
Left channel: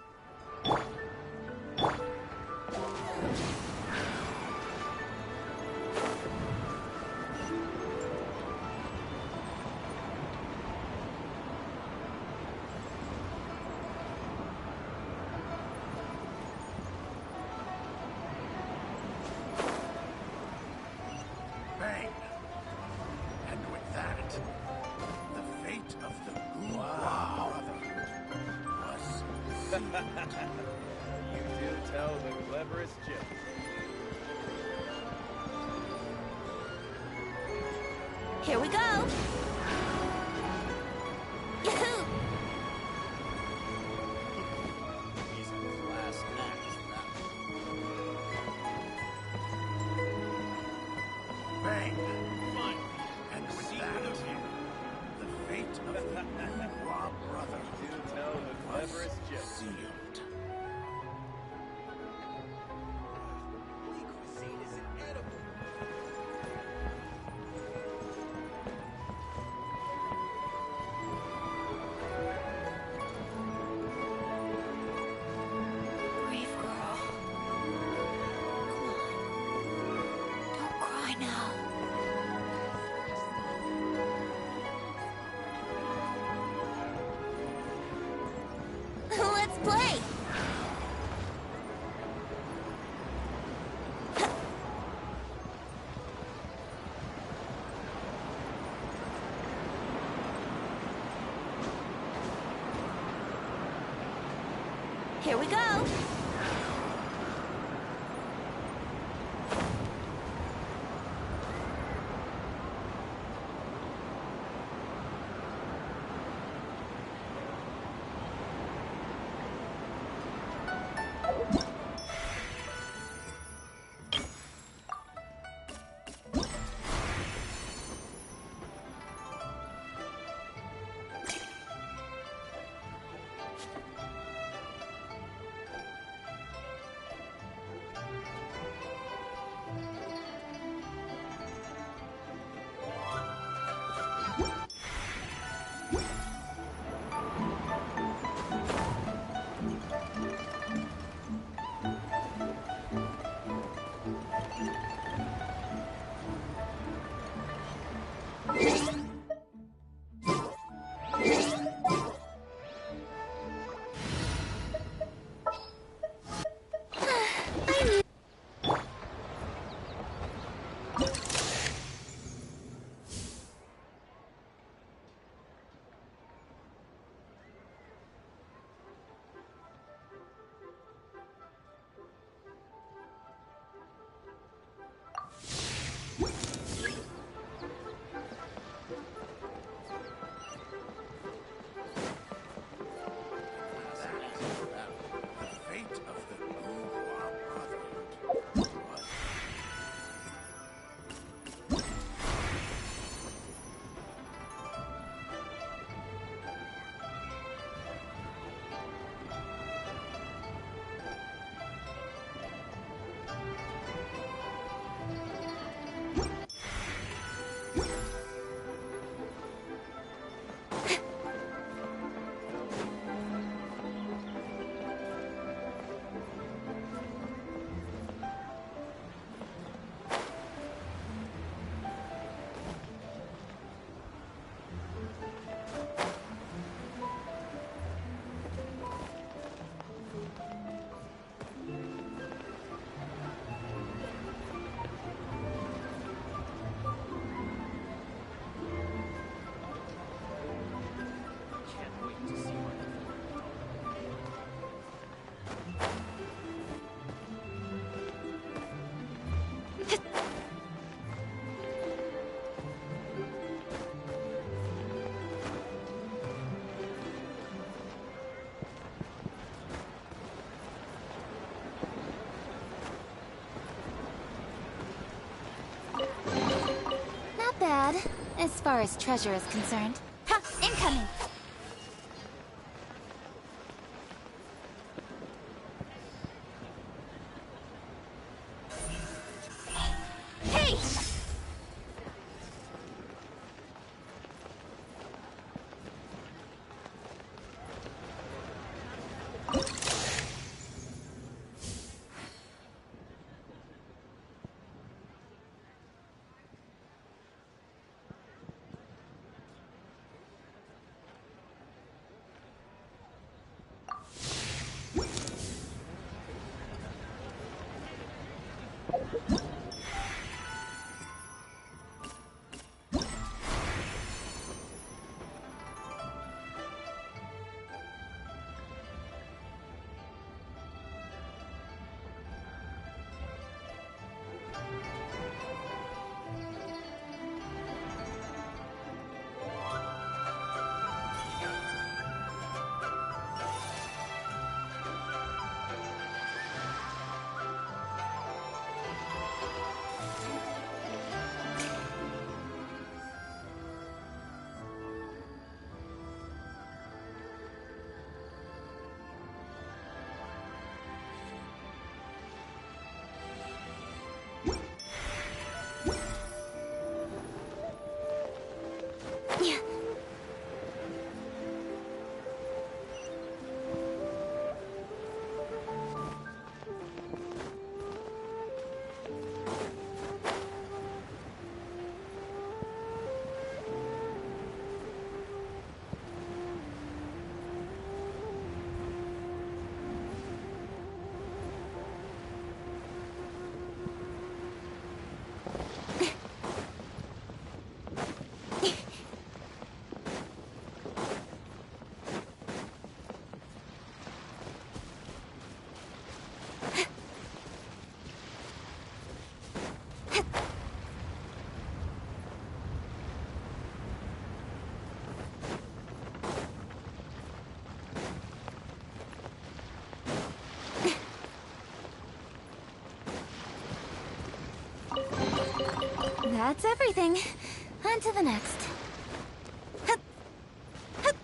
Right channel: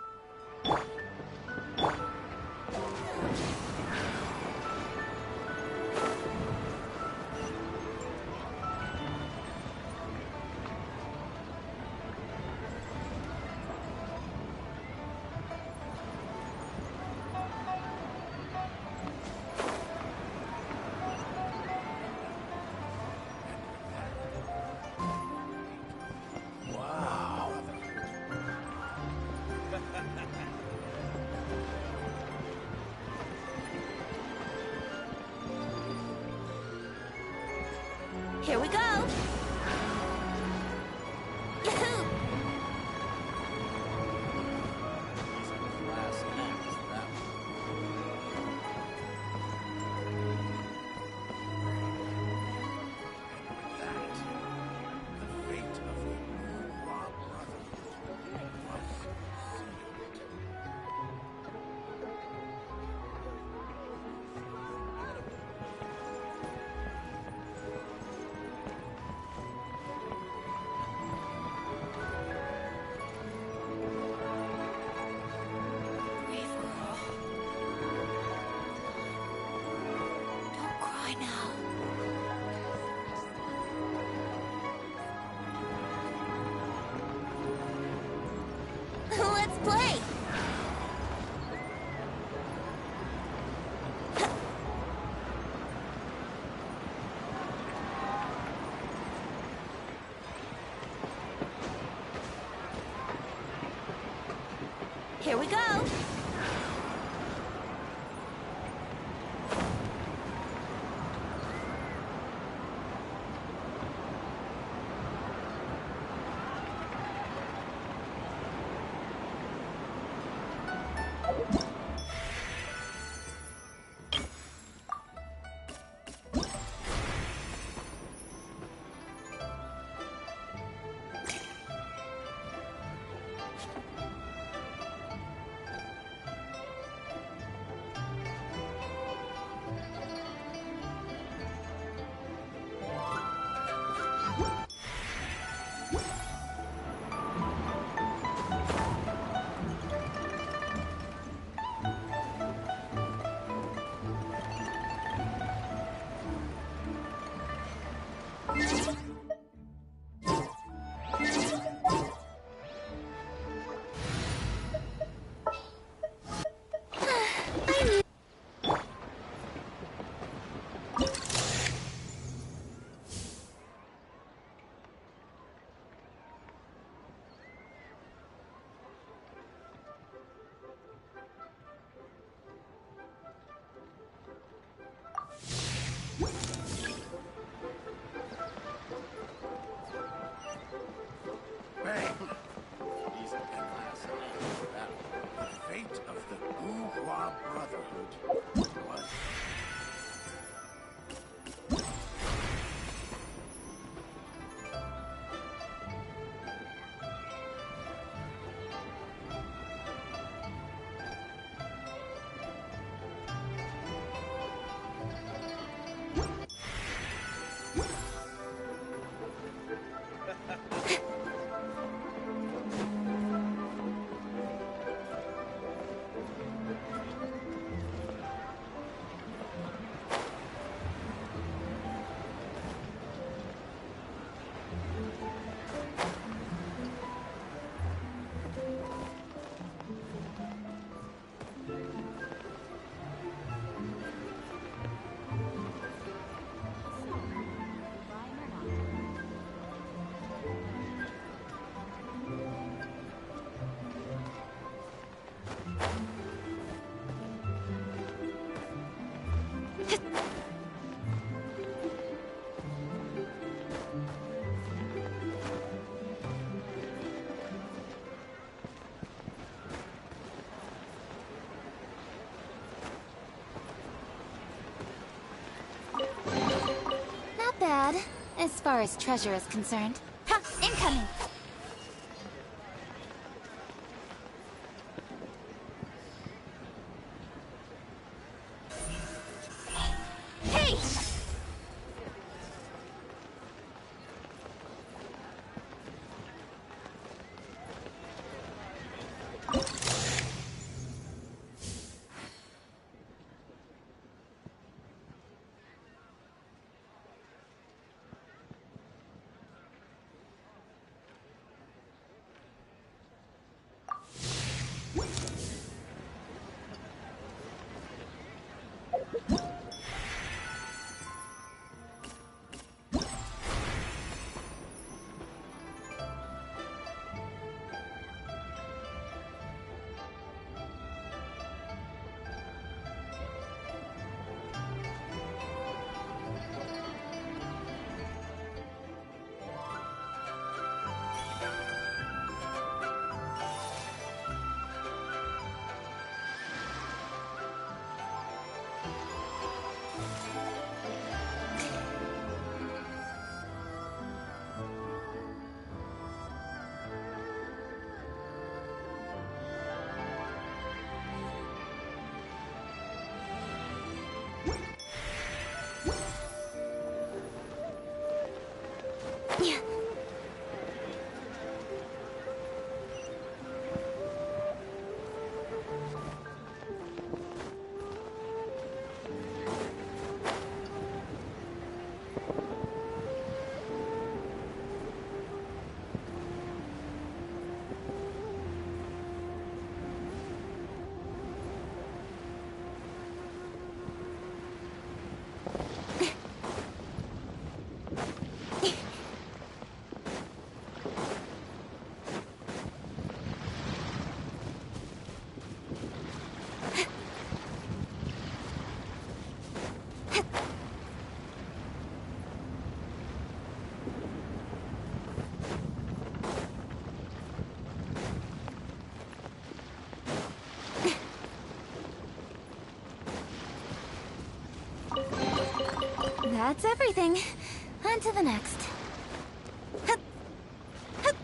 Here we go. Yahoo! He's a class act, that Bang! And with that, the fate of the Raw Brotherhood was sealed. Brave girl. Don't cry now. Let's play. Here we go. The fate of the Guhua Brotherhood was... Not bad, as far as treasure is concerned. Ha! Incoming! Hey! That's everything. On to the next. Hup. Hup.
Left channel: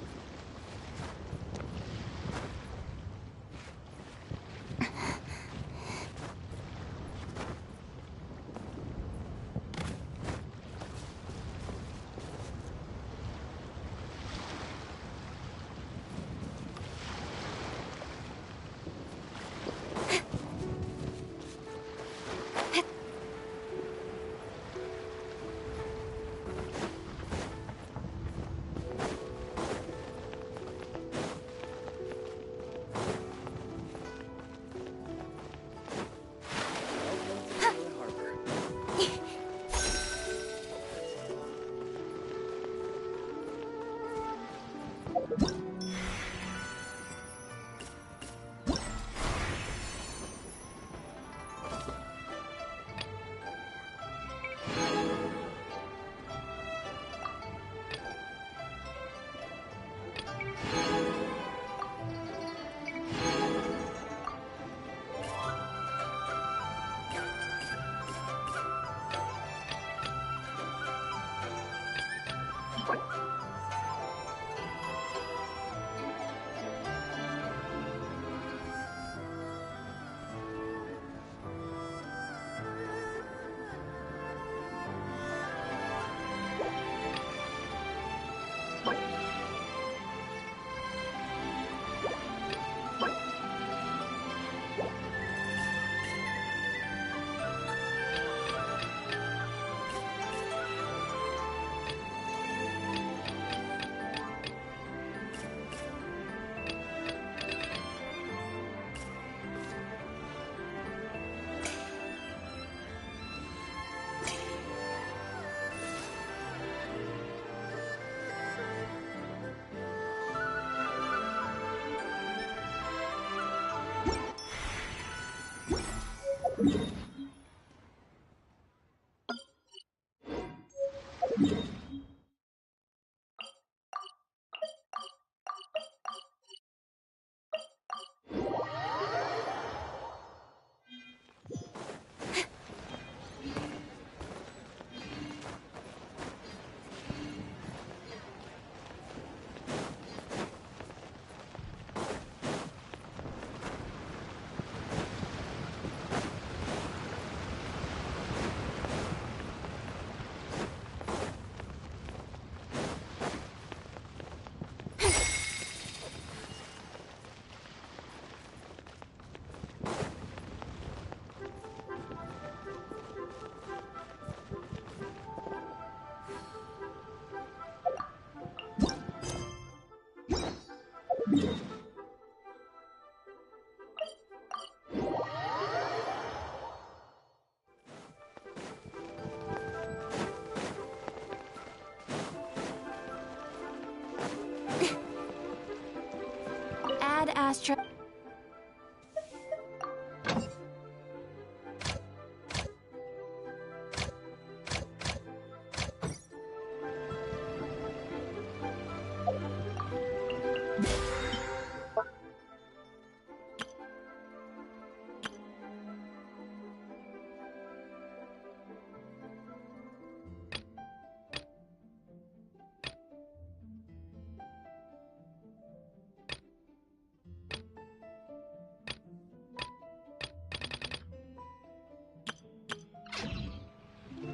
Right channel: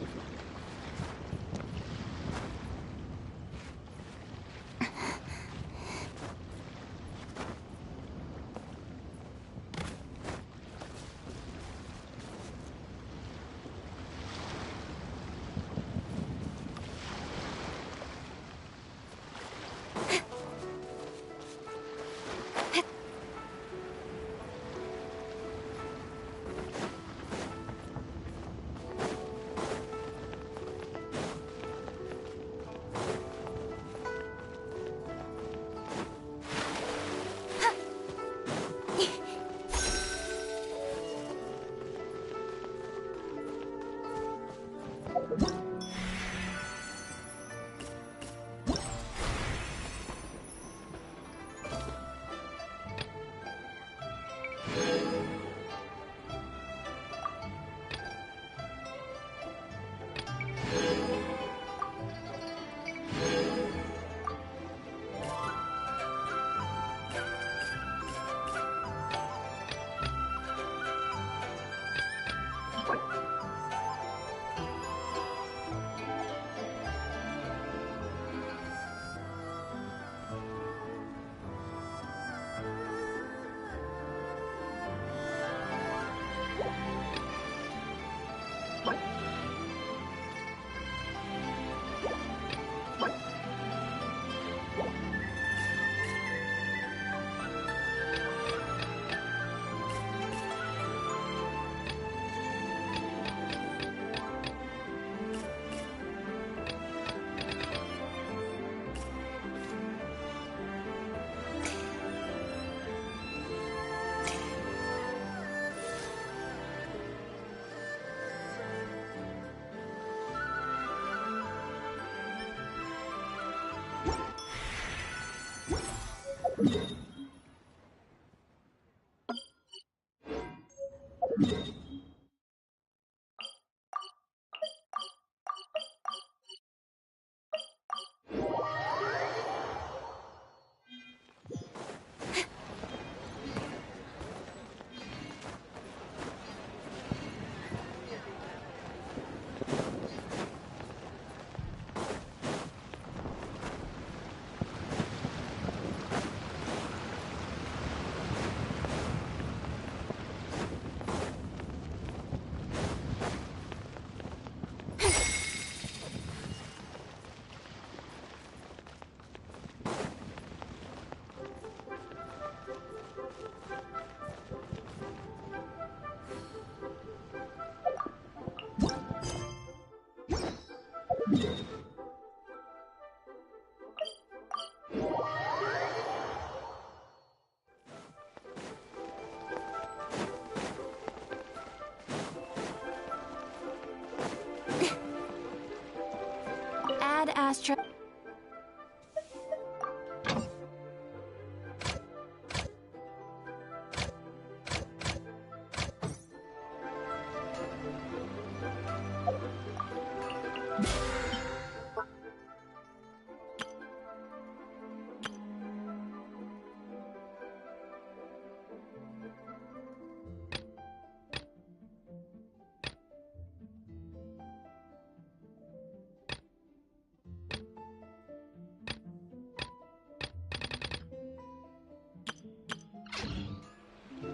Ad Astra.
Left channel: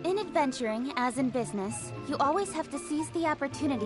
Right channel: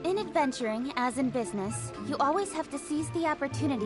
In adventuring, as in business, you always have to seize the opportunity